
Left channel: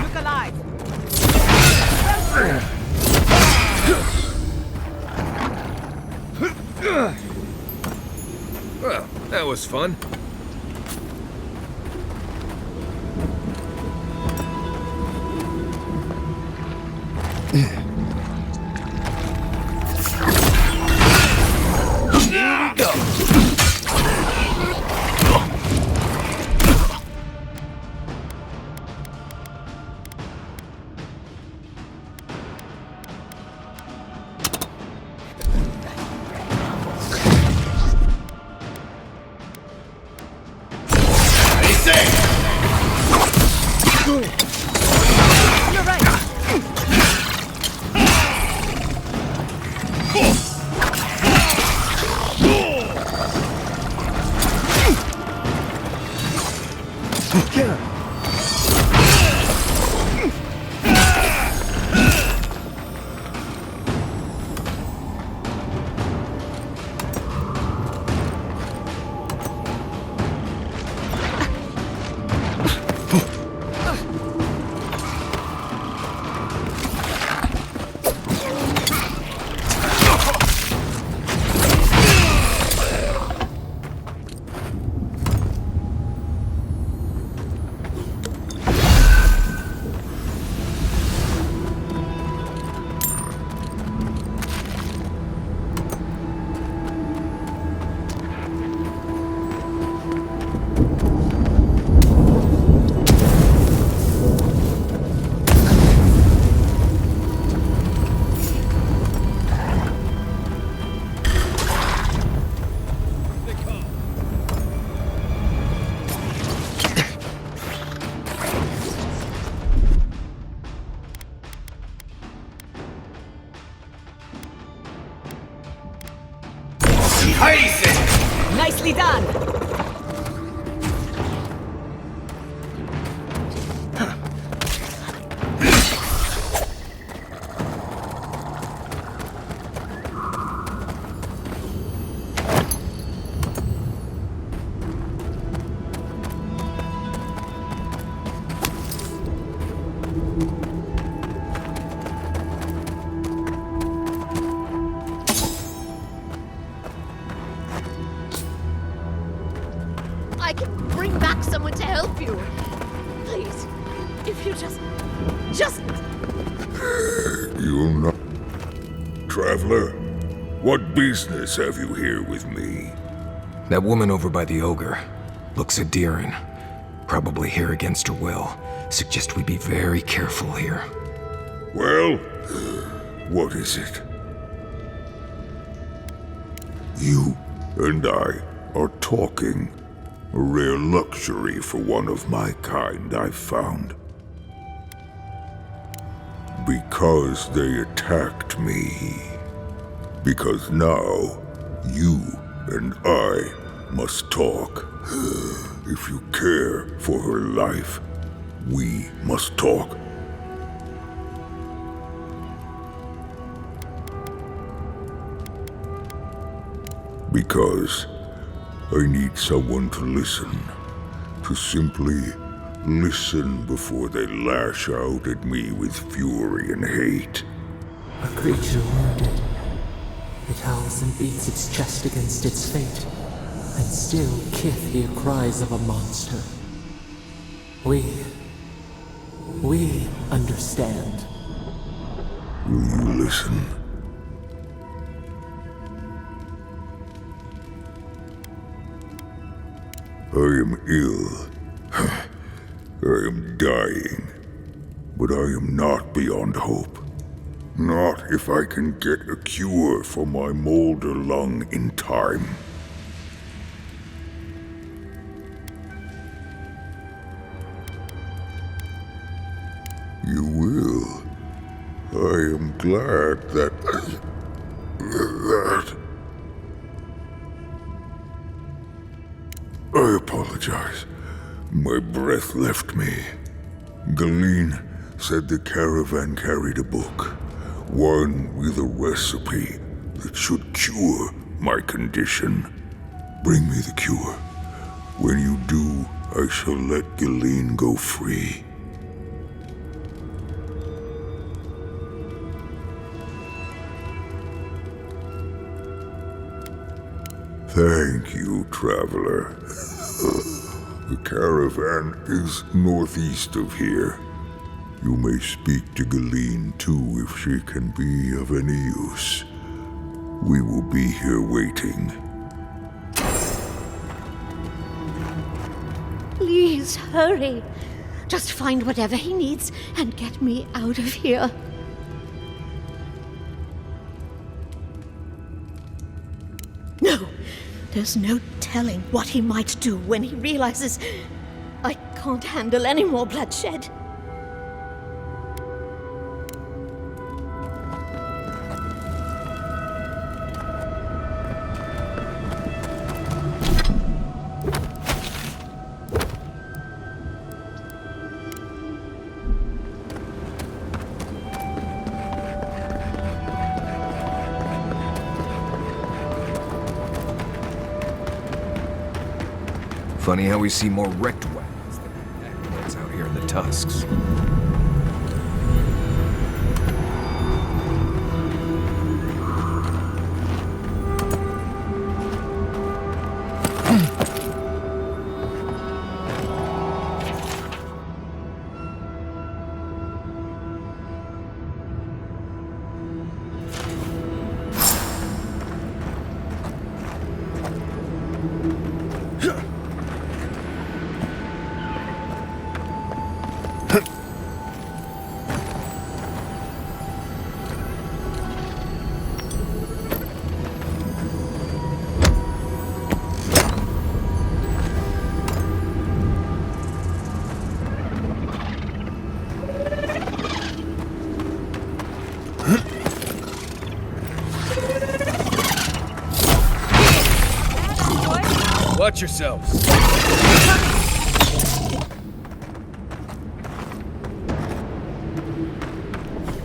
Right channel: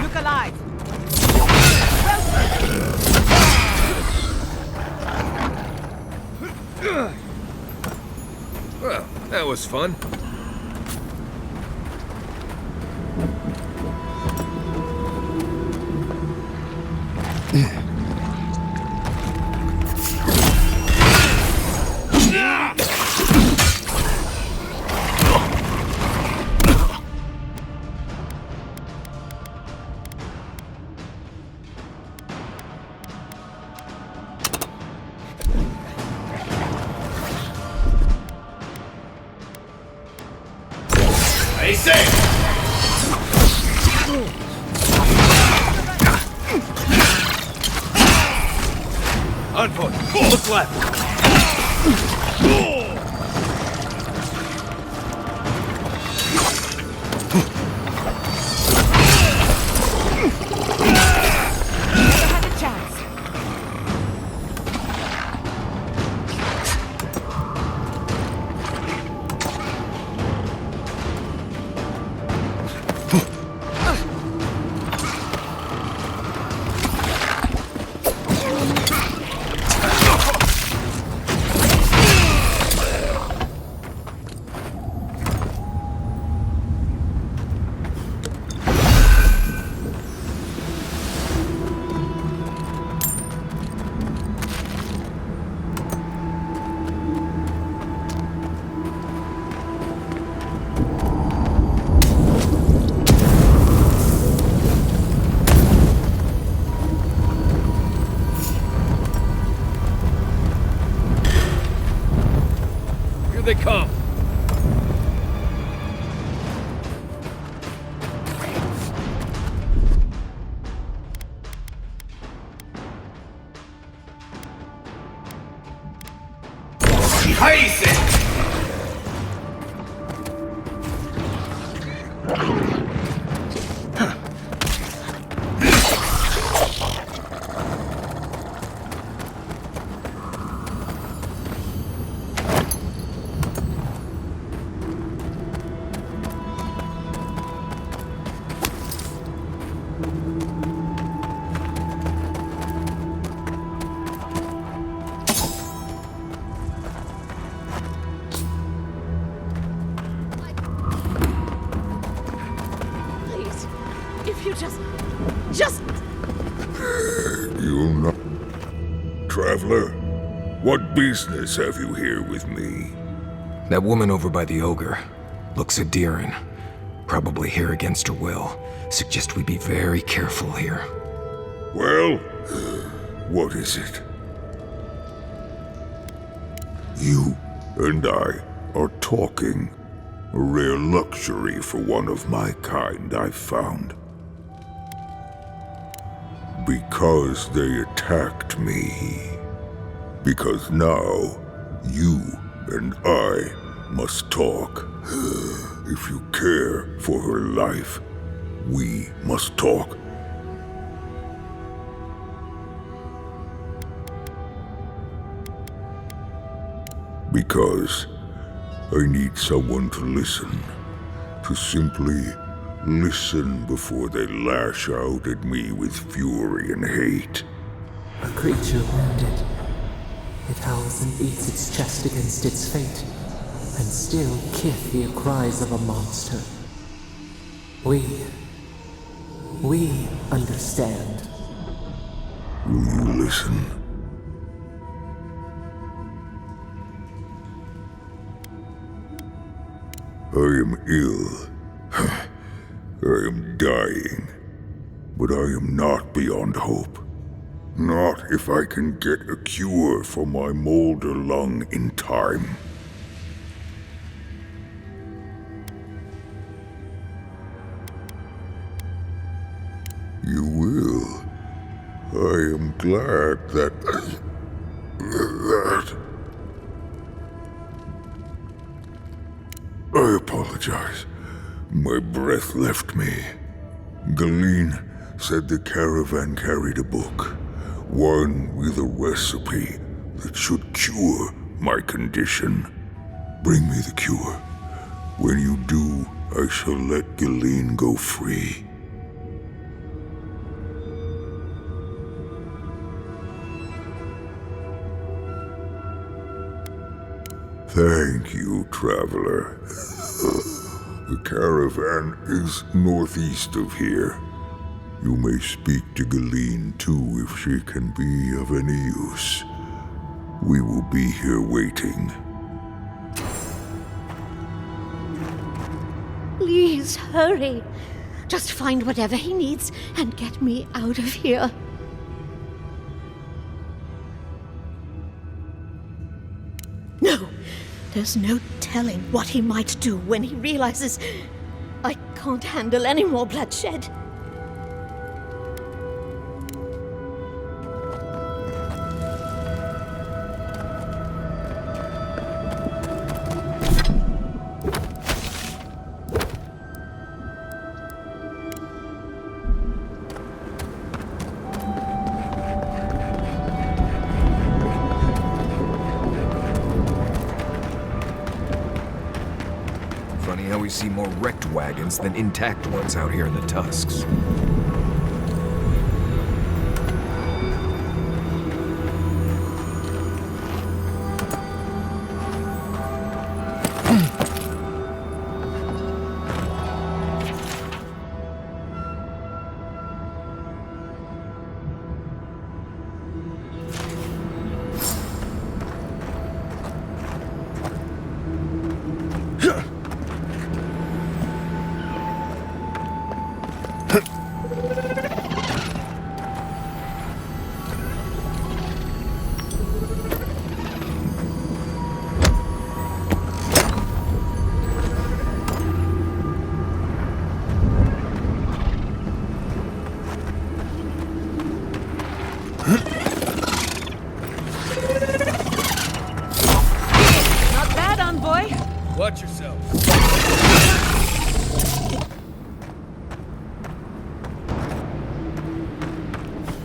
Look alive! Well, that was fun. I can bring back someone to help you. Please, if you just... You'll not... Traveler, what business have you here with me? That woman over by the ogre looks endearing. Probably here against her will. Suggest we be very careful here. Well, what is it? You and I are talking. A rare luxury for one of my kind, I've found. Because they attacked me. Because now, you and I must talk. If you care for her life, we must talk. Because I need someone to listen. To simply listen before they lash out at me with fury and hate. A creature wounded. It howls and beats its chest against its fate, and still Kith hear cries of a monster. We understand. Will you listen? I am ill. I am dying. But I am not beyond hope. Not if I can get a cure for my molder lung in time. You will. I am glad that... I apologize. My breath left me. Galeen said the caravan carried a book. One with a recipe that should cure my condition. Bring me the cure. When you do, I shall let Galeen go free. Thank you, traveler. The caravan is northeast of here. You may speak to Galeen too if she can be of any use. We will be here waiting. Please, hurry. Just find whatever he needs and get me out of here. No! There's no telling what he might do when he realizes I can't handle any more bloodshed. Funny how we see more wrecked wagons than intact ones out here in the Tusks. Watch yourselves.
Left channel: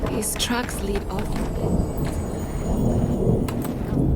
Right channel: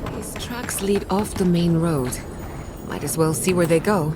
These tracks lead off the main road. Might as well see where they go.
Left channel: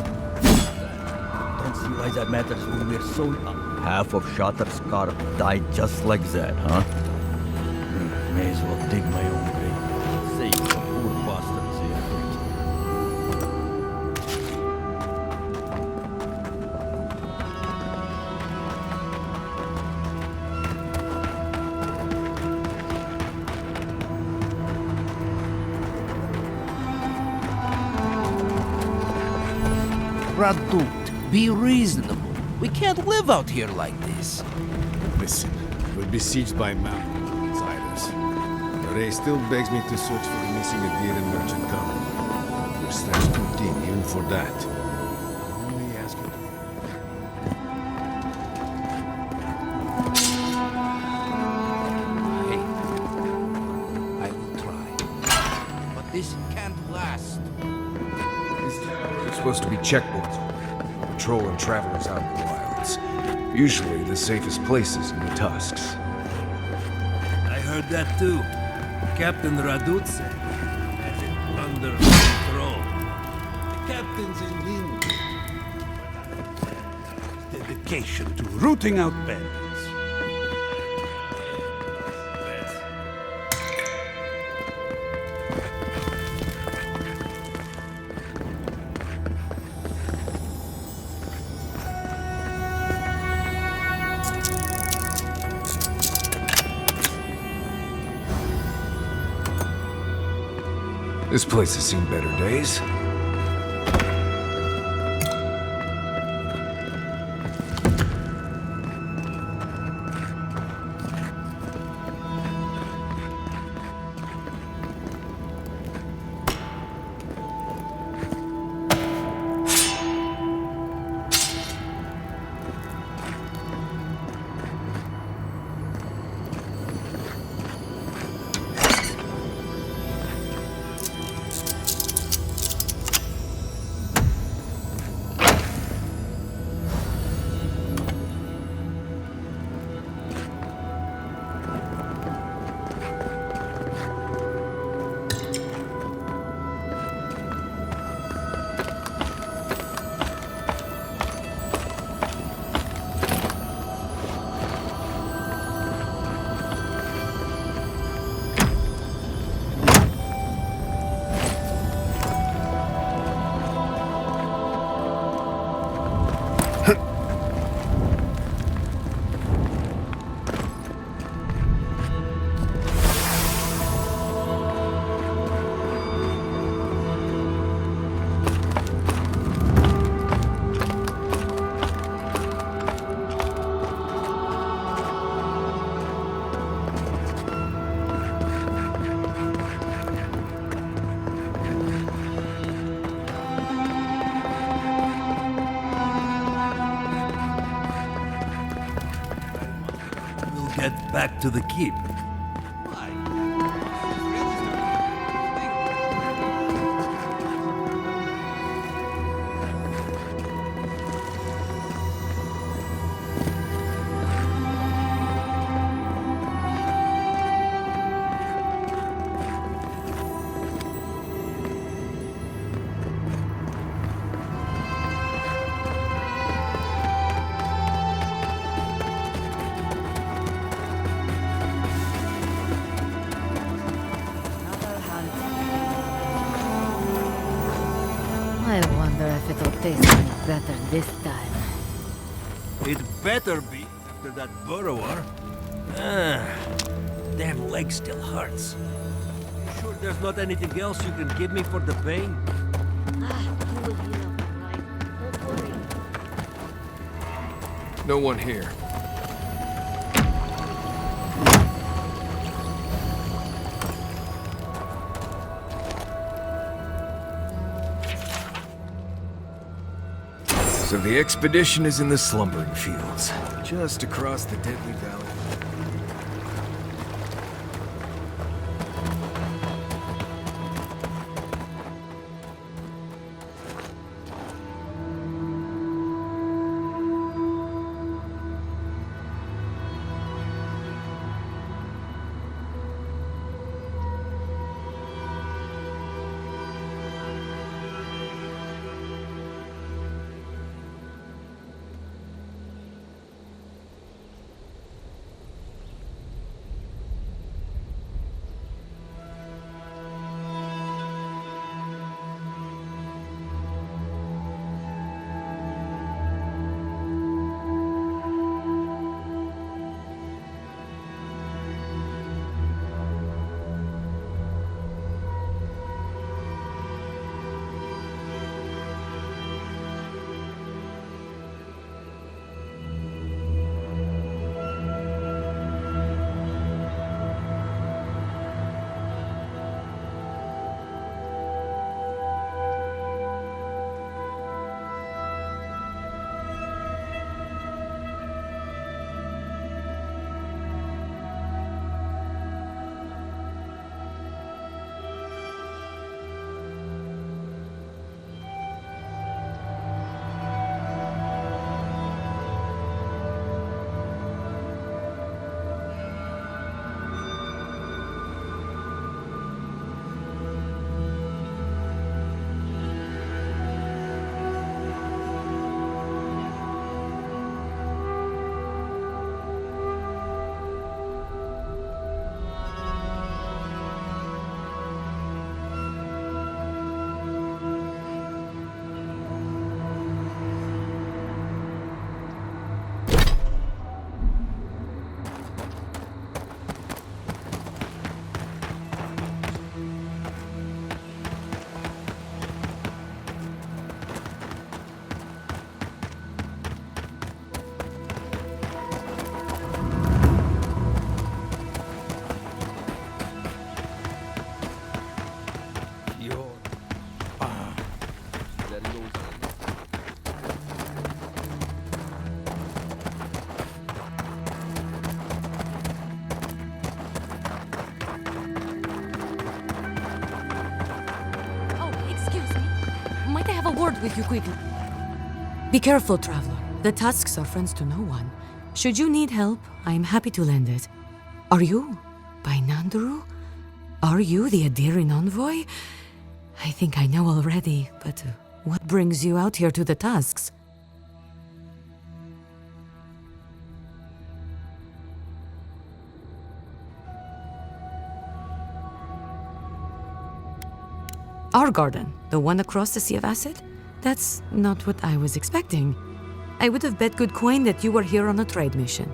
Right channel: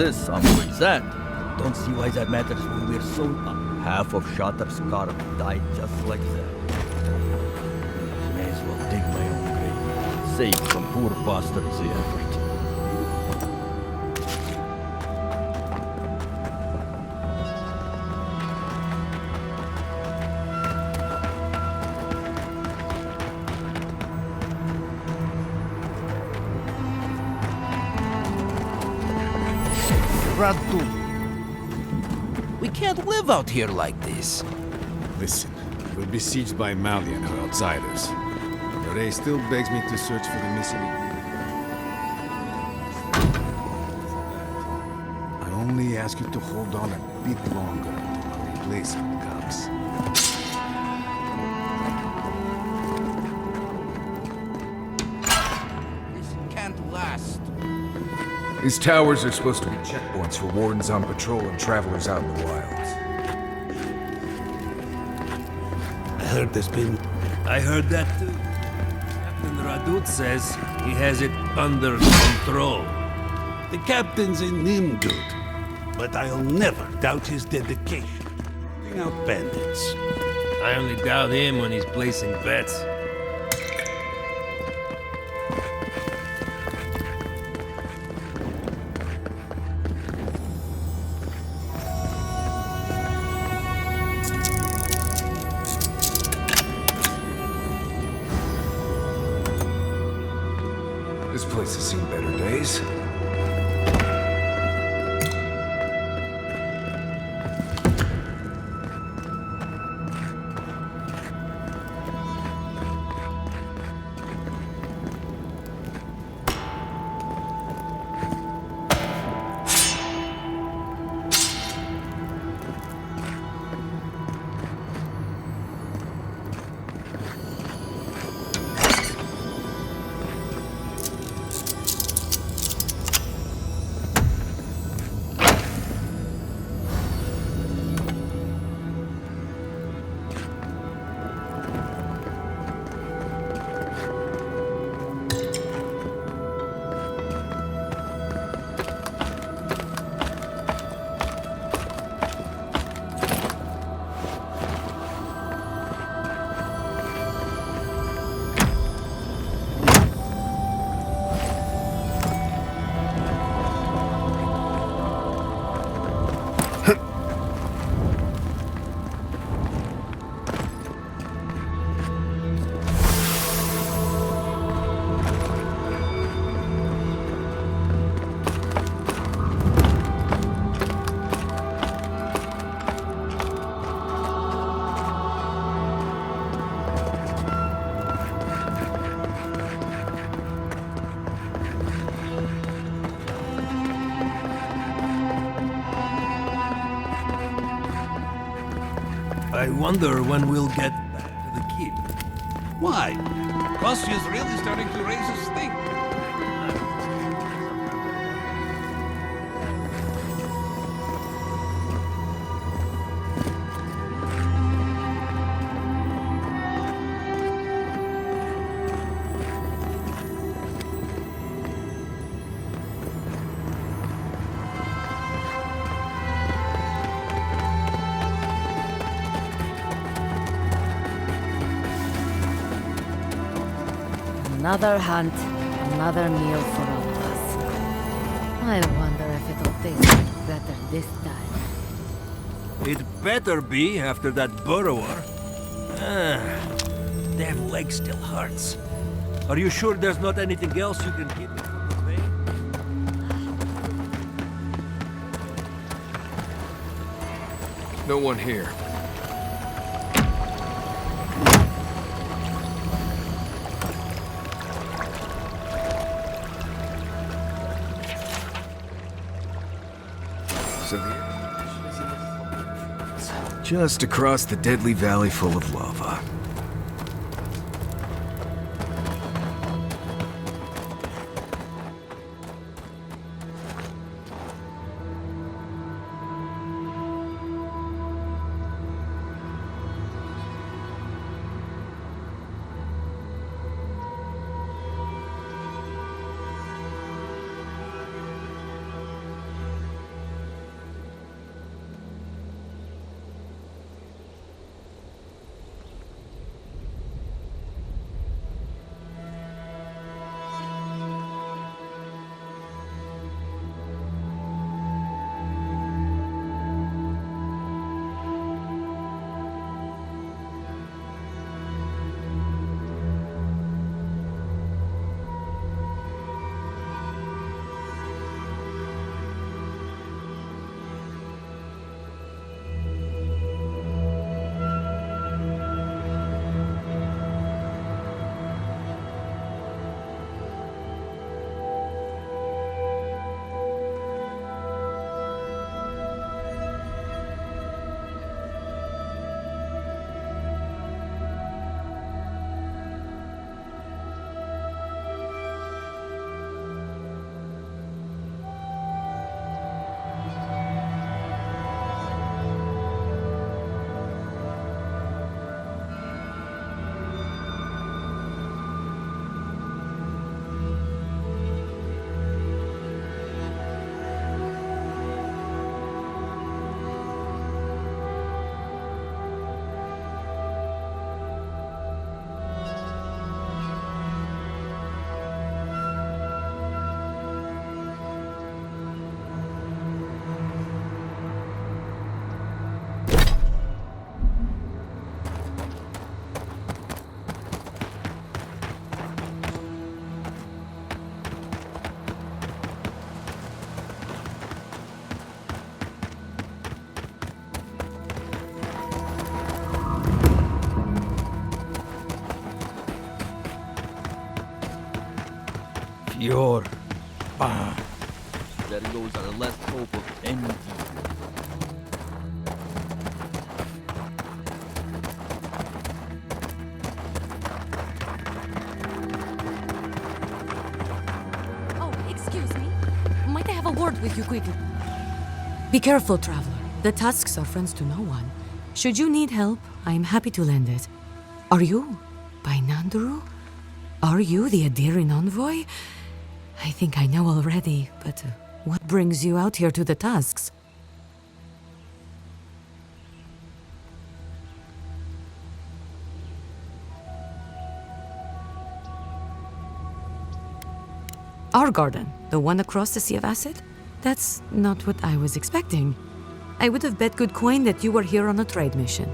this of Zed. Don't see why that matters when we're so... half of Shatter's guard died just like that, huh? May as well dig my own grave. Save some poor bastards the effort. Radut, be reasonable. We can't live out here like this. Listen, we're besieged by Malian and outsiders. Ray still begs me to search for the missing Adiran merchant company. We're standing pretty even for that. I only ask you to hold on a bit longer and place him comes. I will try. But this can't last. These towers are supposed to be checkpoints for wardens on patrol and travelers out in the wilds. Usually the safest places in the Tusks. I heard that too. Captain Radut says he has it under control. The captain's a nimdud, but I'll never doubt his dedication to rooting out bandits. I only doubt him when he's placing bets. This place has seen better days. I wonder when we'll get back to the keep. Why? Rossius really starting to raise his stink. Another hunt, another meal for all of us. I wonder if it'll taste any better this time. It better be after that burrower. Damn leg still hurts. Are you sure there's not anything else you can give me for the pain? No one here. So the expedition is in the slumbering fields, just across the deadly valley full of lava. Your bond. There goes our last hope of anything. Oh, excuse me. Might I have a word with you quickly? Be careful, traveler. The Tusks are friends to no one. Should you need help, I am happy to lend it. Are you by Nanduru? Are you the Adiran envoy? I think I know already, but what brings you out here to the Tusks? Our garden, the one across the Sea of Acid? That's not what I was expecting. I would have bet good coin that you were here on a trade mission.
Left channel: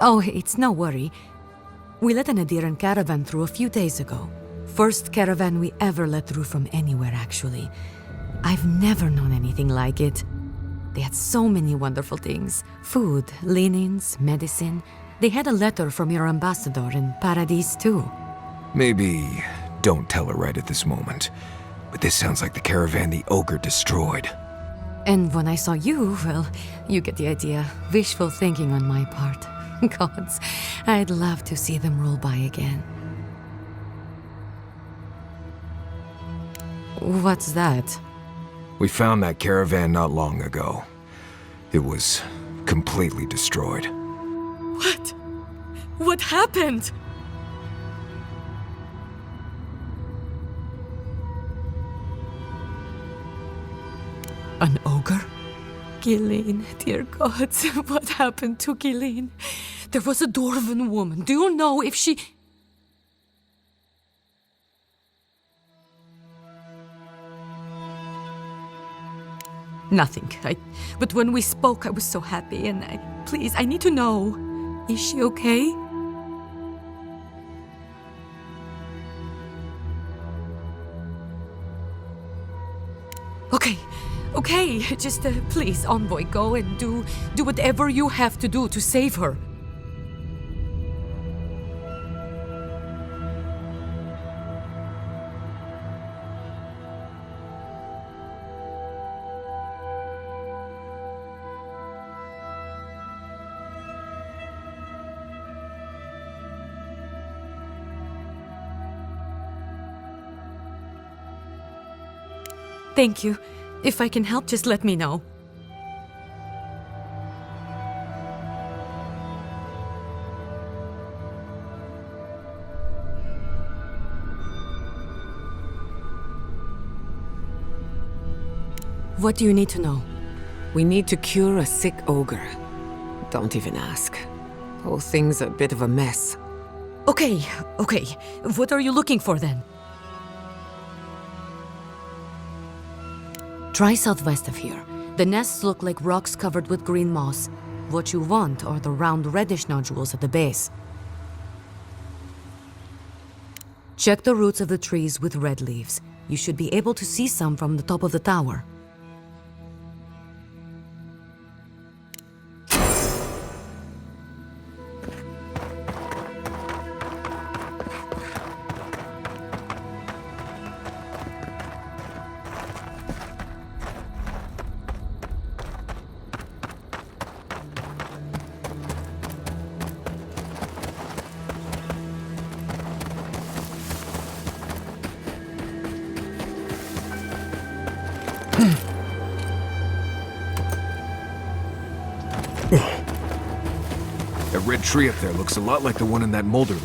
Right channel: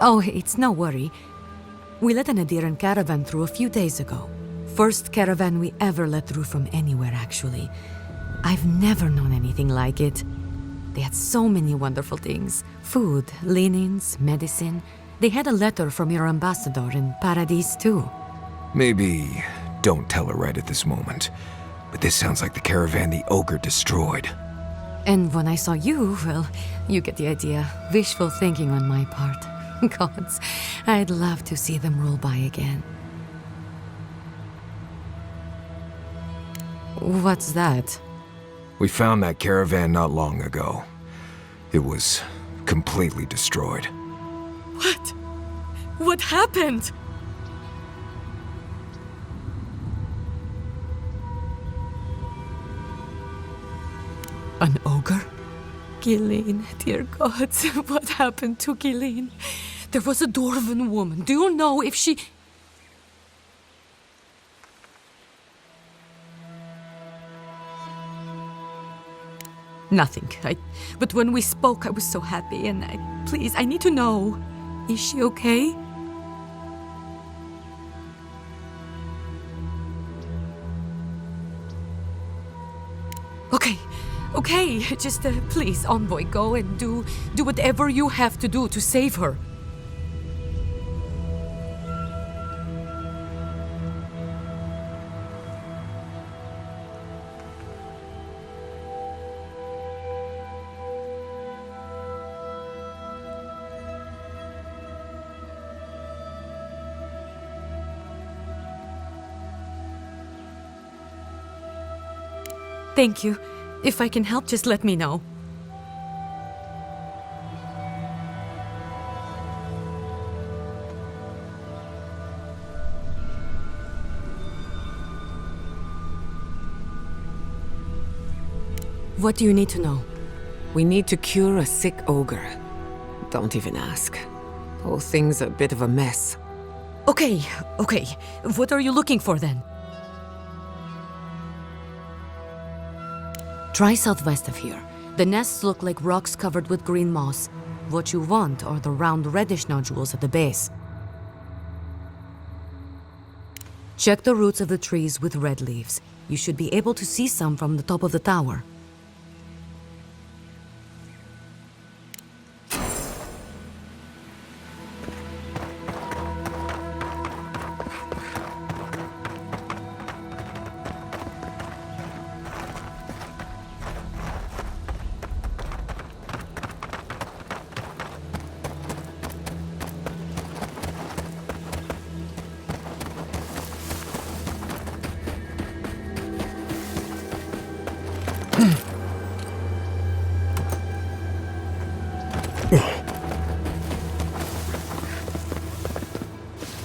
Oh, it's no worry. We let an Adiran caravan through a few days ago. First caravan we ever let through from anywhere, actually. I've never known anything like it. They had so many wonderful things. Food, linens, medicine. They had a letter from your ambassador in Paradise, too. Maybe don't tell her right at this moment. But this sounds like the caravan the ogre destroyed. And when I saw you, well, you get the idea. Wishful thinking on my part. Gods, I'd love to see them roll by again. What's that? We found that caravan not long ago. It was completely destroyed. What? What happened? An ogre? Gilleen, dear gods, what happened to Gilleen? There was a dwarven woman. Do you know if she... Nothing. But when we spoke, I was so happy, and please, I need to know. Is she okay? Okay, just please, Envoy, go and do whatever you have to do to save her. Thank you. If I can help, just let me know. What do you need to know? We need to cure a sick ogre. Don't even ask. The whole thing's a bit of a mess. Okay. What are you looking for then? Try southwest of here. The nests look like rocks covered with green moss. What you want are the round reddish nodules at the base. Check the roots of the trees with red leaves. You should be able to see some from the top of the tower. That red tree up there looks a lot like the one in that Mulder room.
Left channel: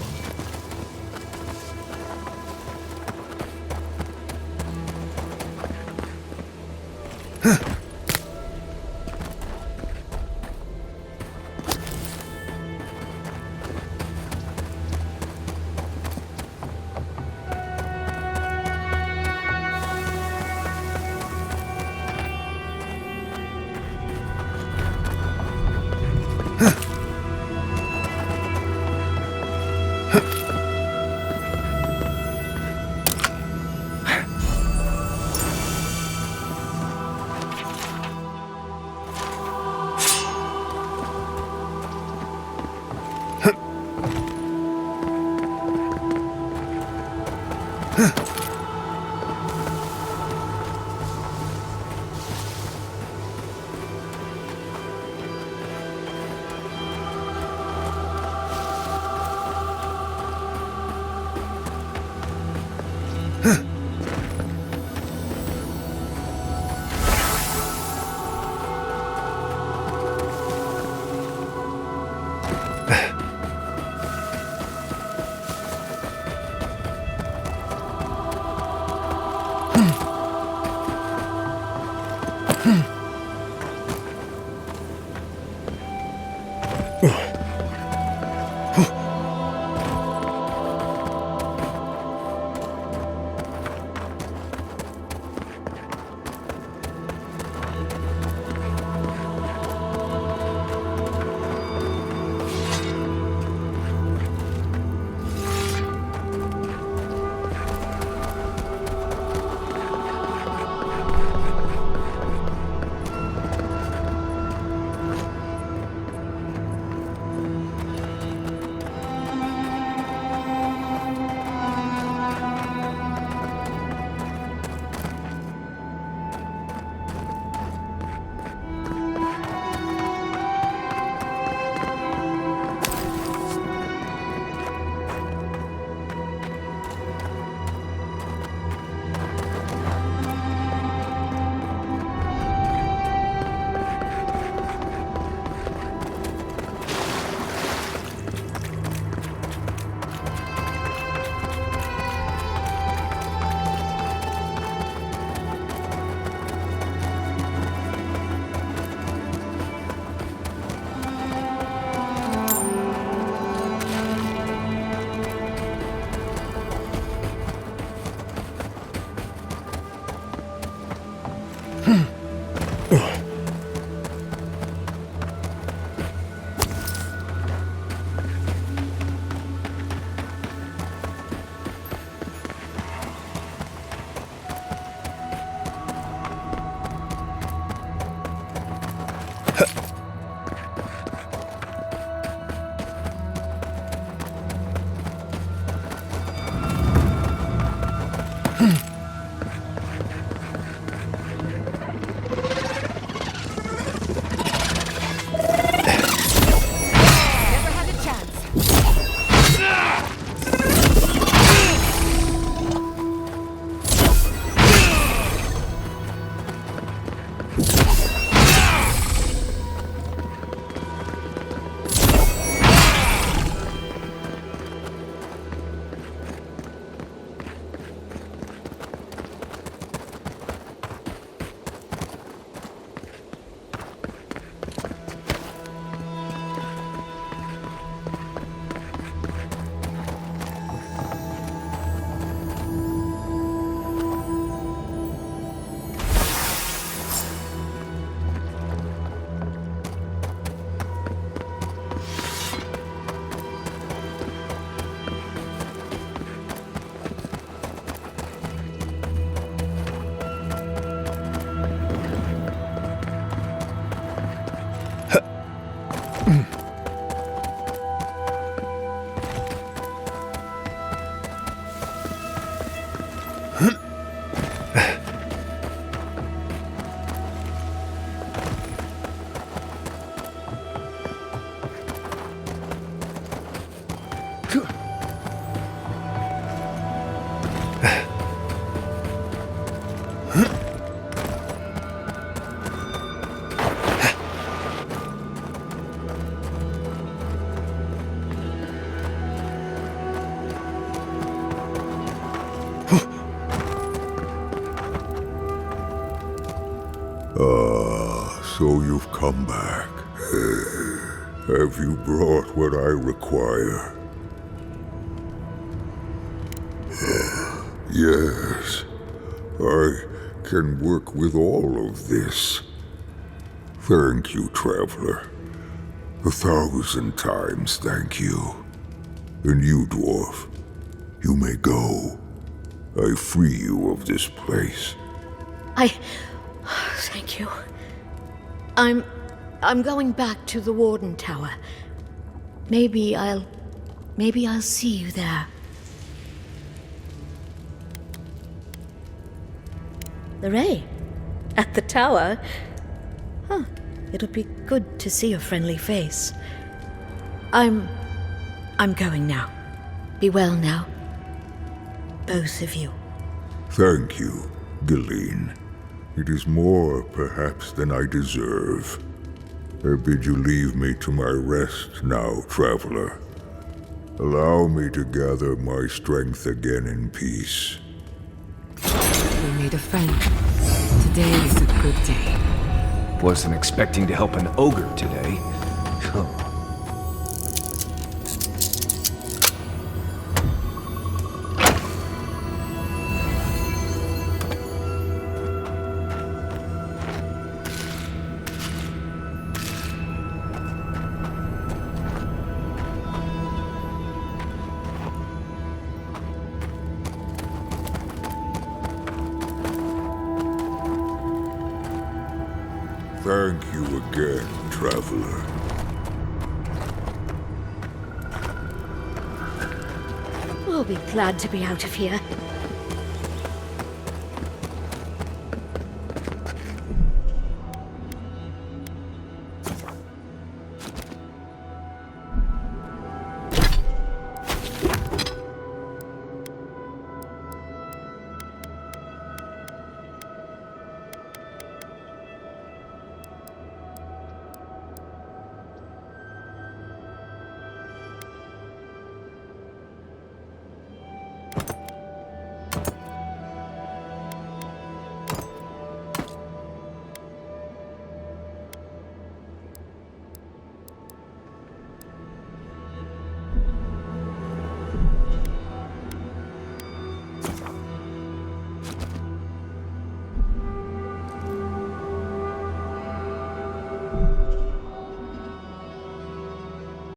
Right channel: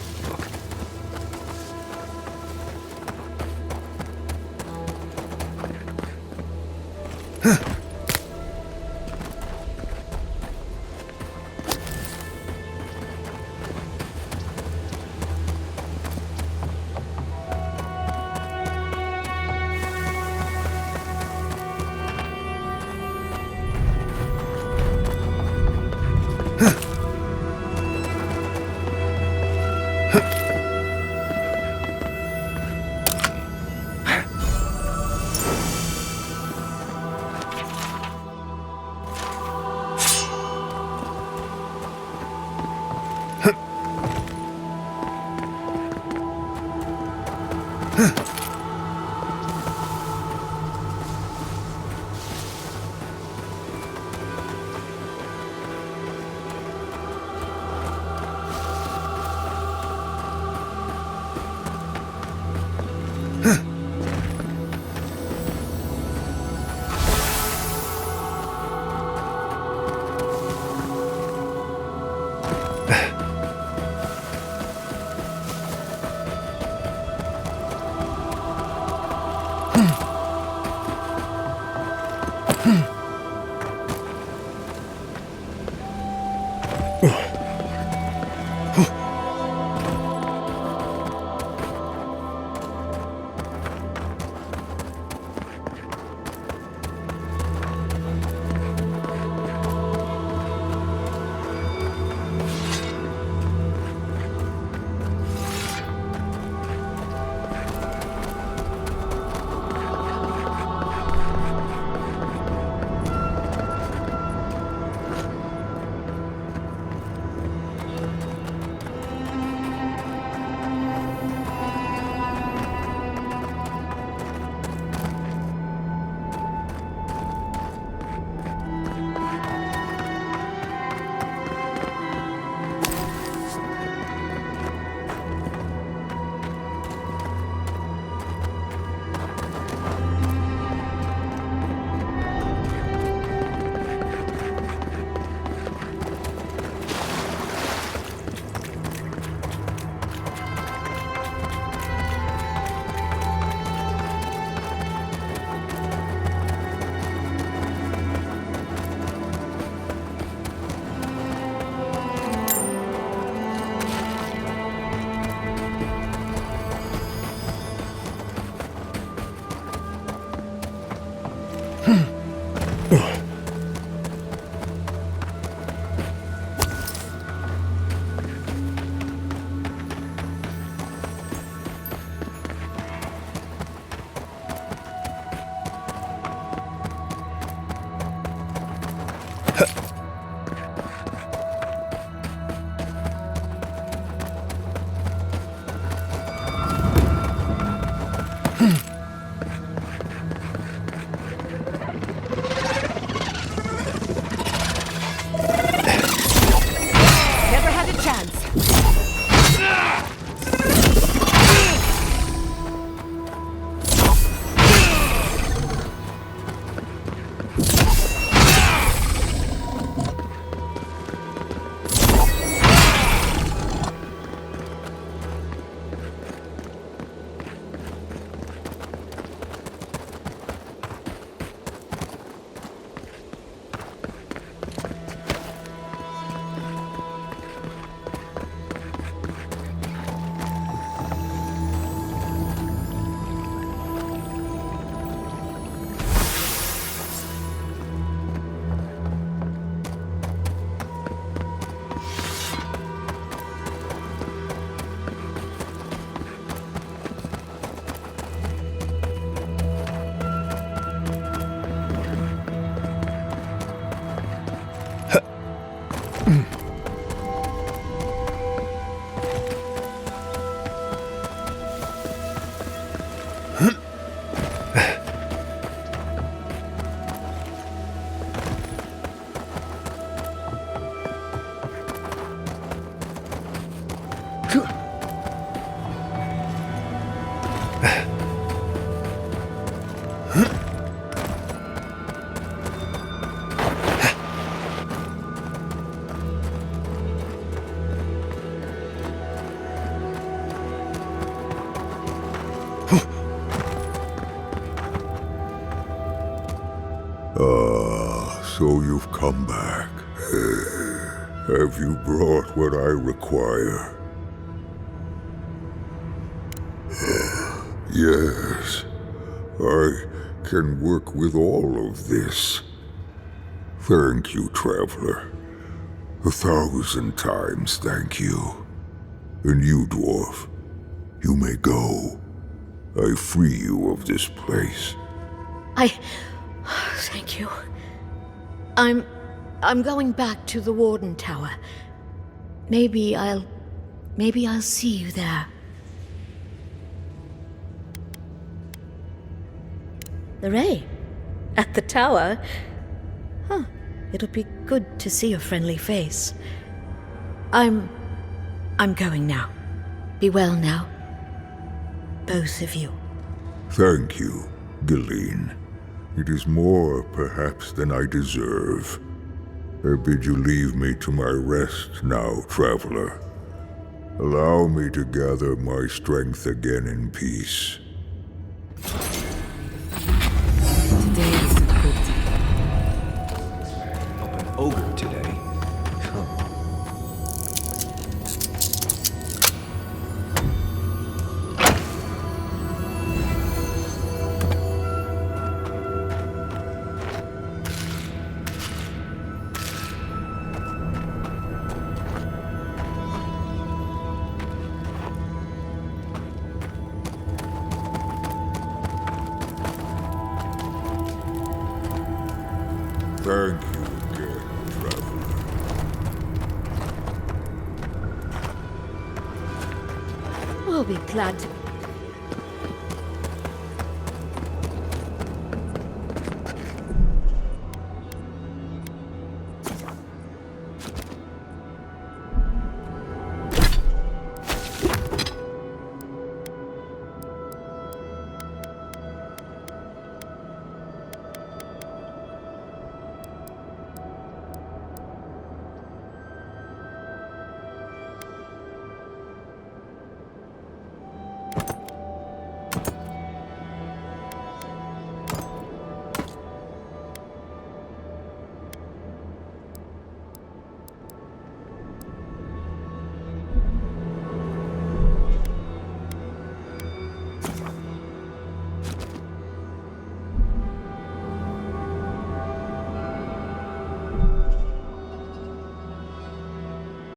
Ah, so you've come back. Have you brought what I require? Yes, I can work with all of this. Thank you, Traveler. 1,000 times thank you. And you, Dwarf, you may go. I free you of this place. Thank you. I'm going back to the Warden Tower. Maybe I'll see you there. The Ray? At the tower? Huh. It'll be good to see a friendly face. I'm going now. Be well now. Both of you. Thank you, Galeen. It is more, perhaps, than I deserve. I bid you leave me to my rest now, Traveler. Allow me to gather my strength again in peace. We made a friend. Today is a good day. Wasn't expecting to help an ogre today. Thank you again, Traveler. We'll be glad to be out of here.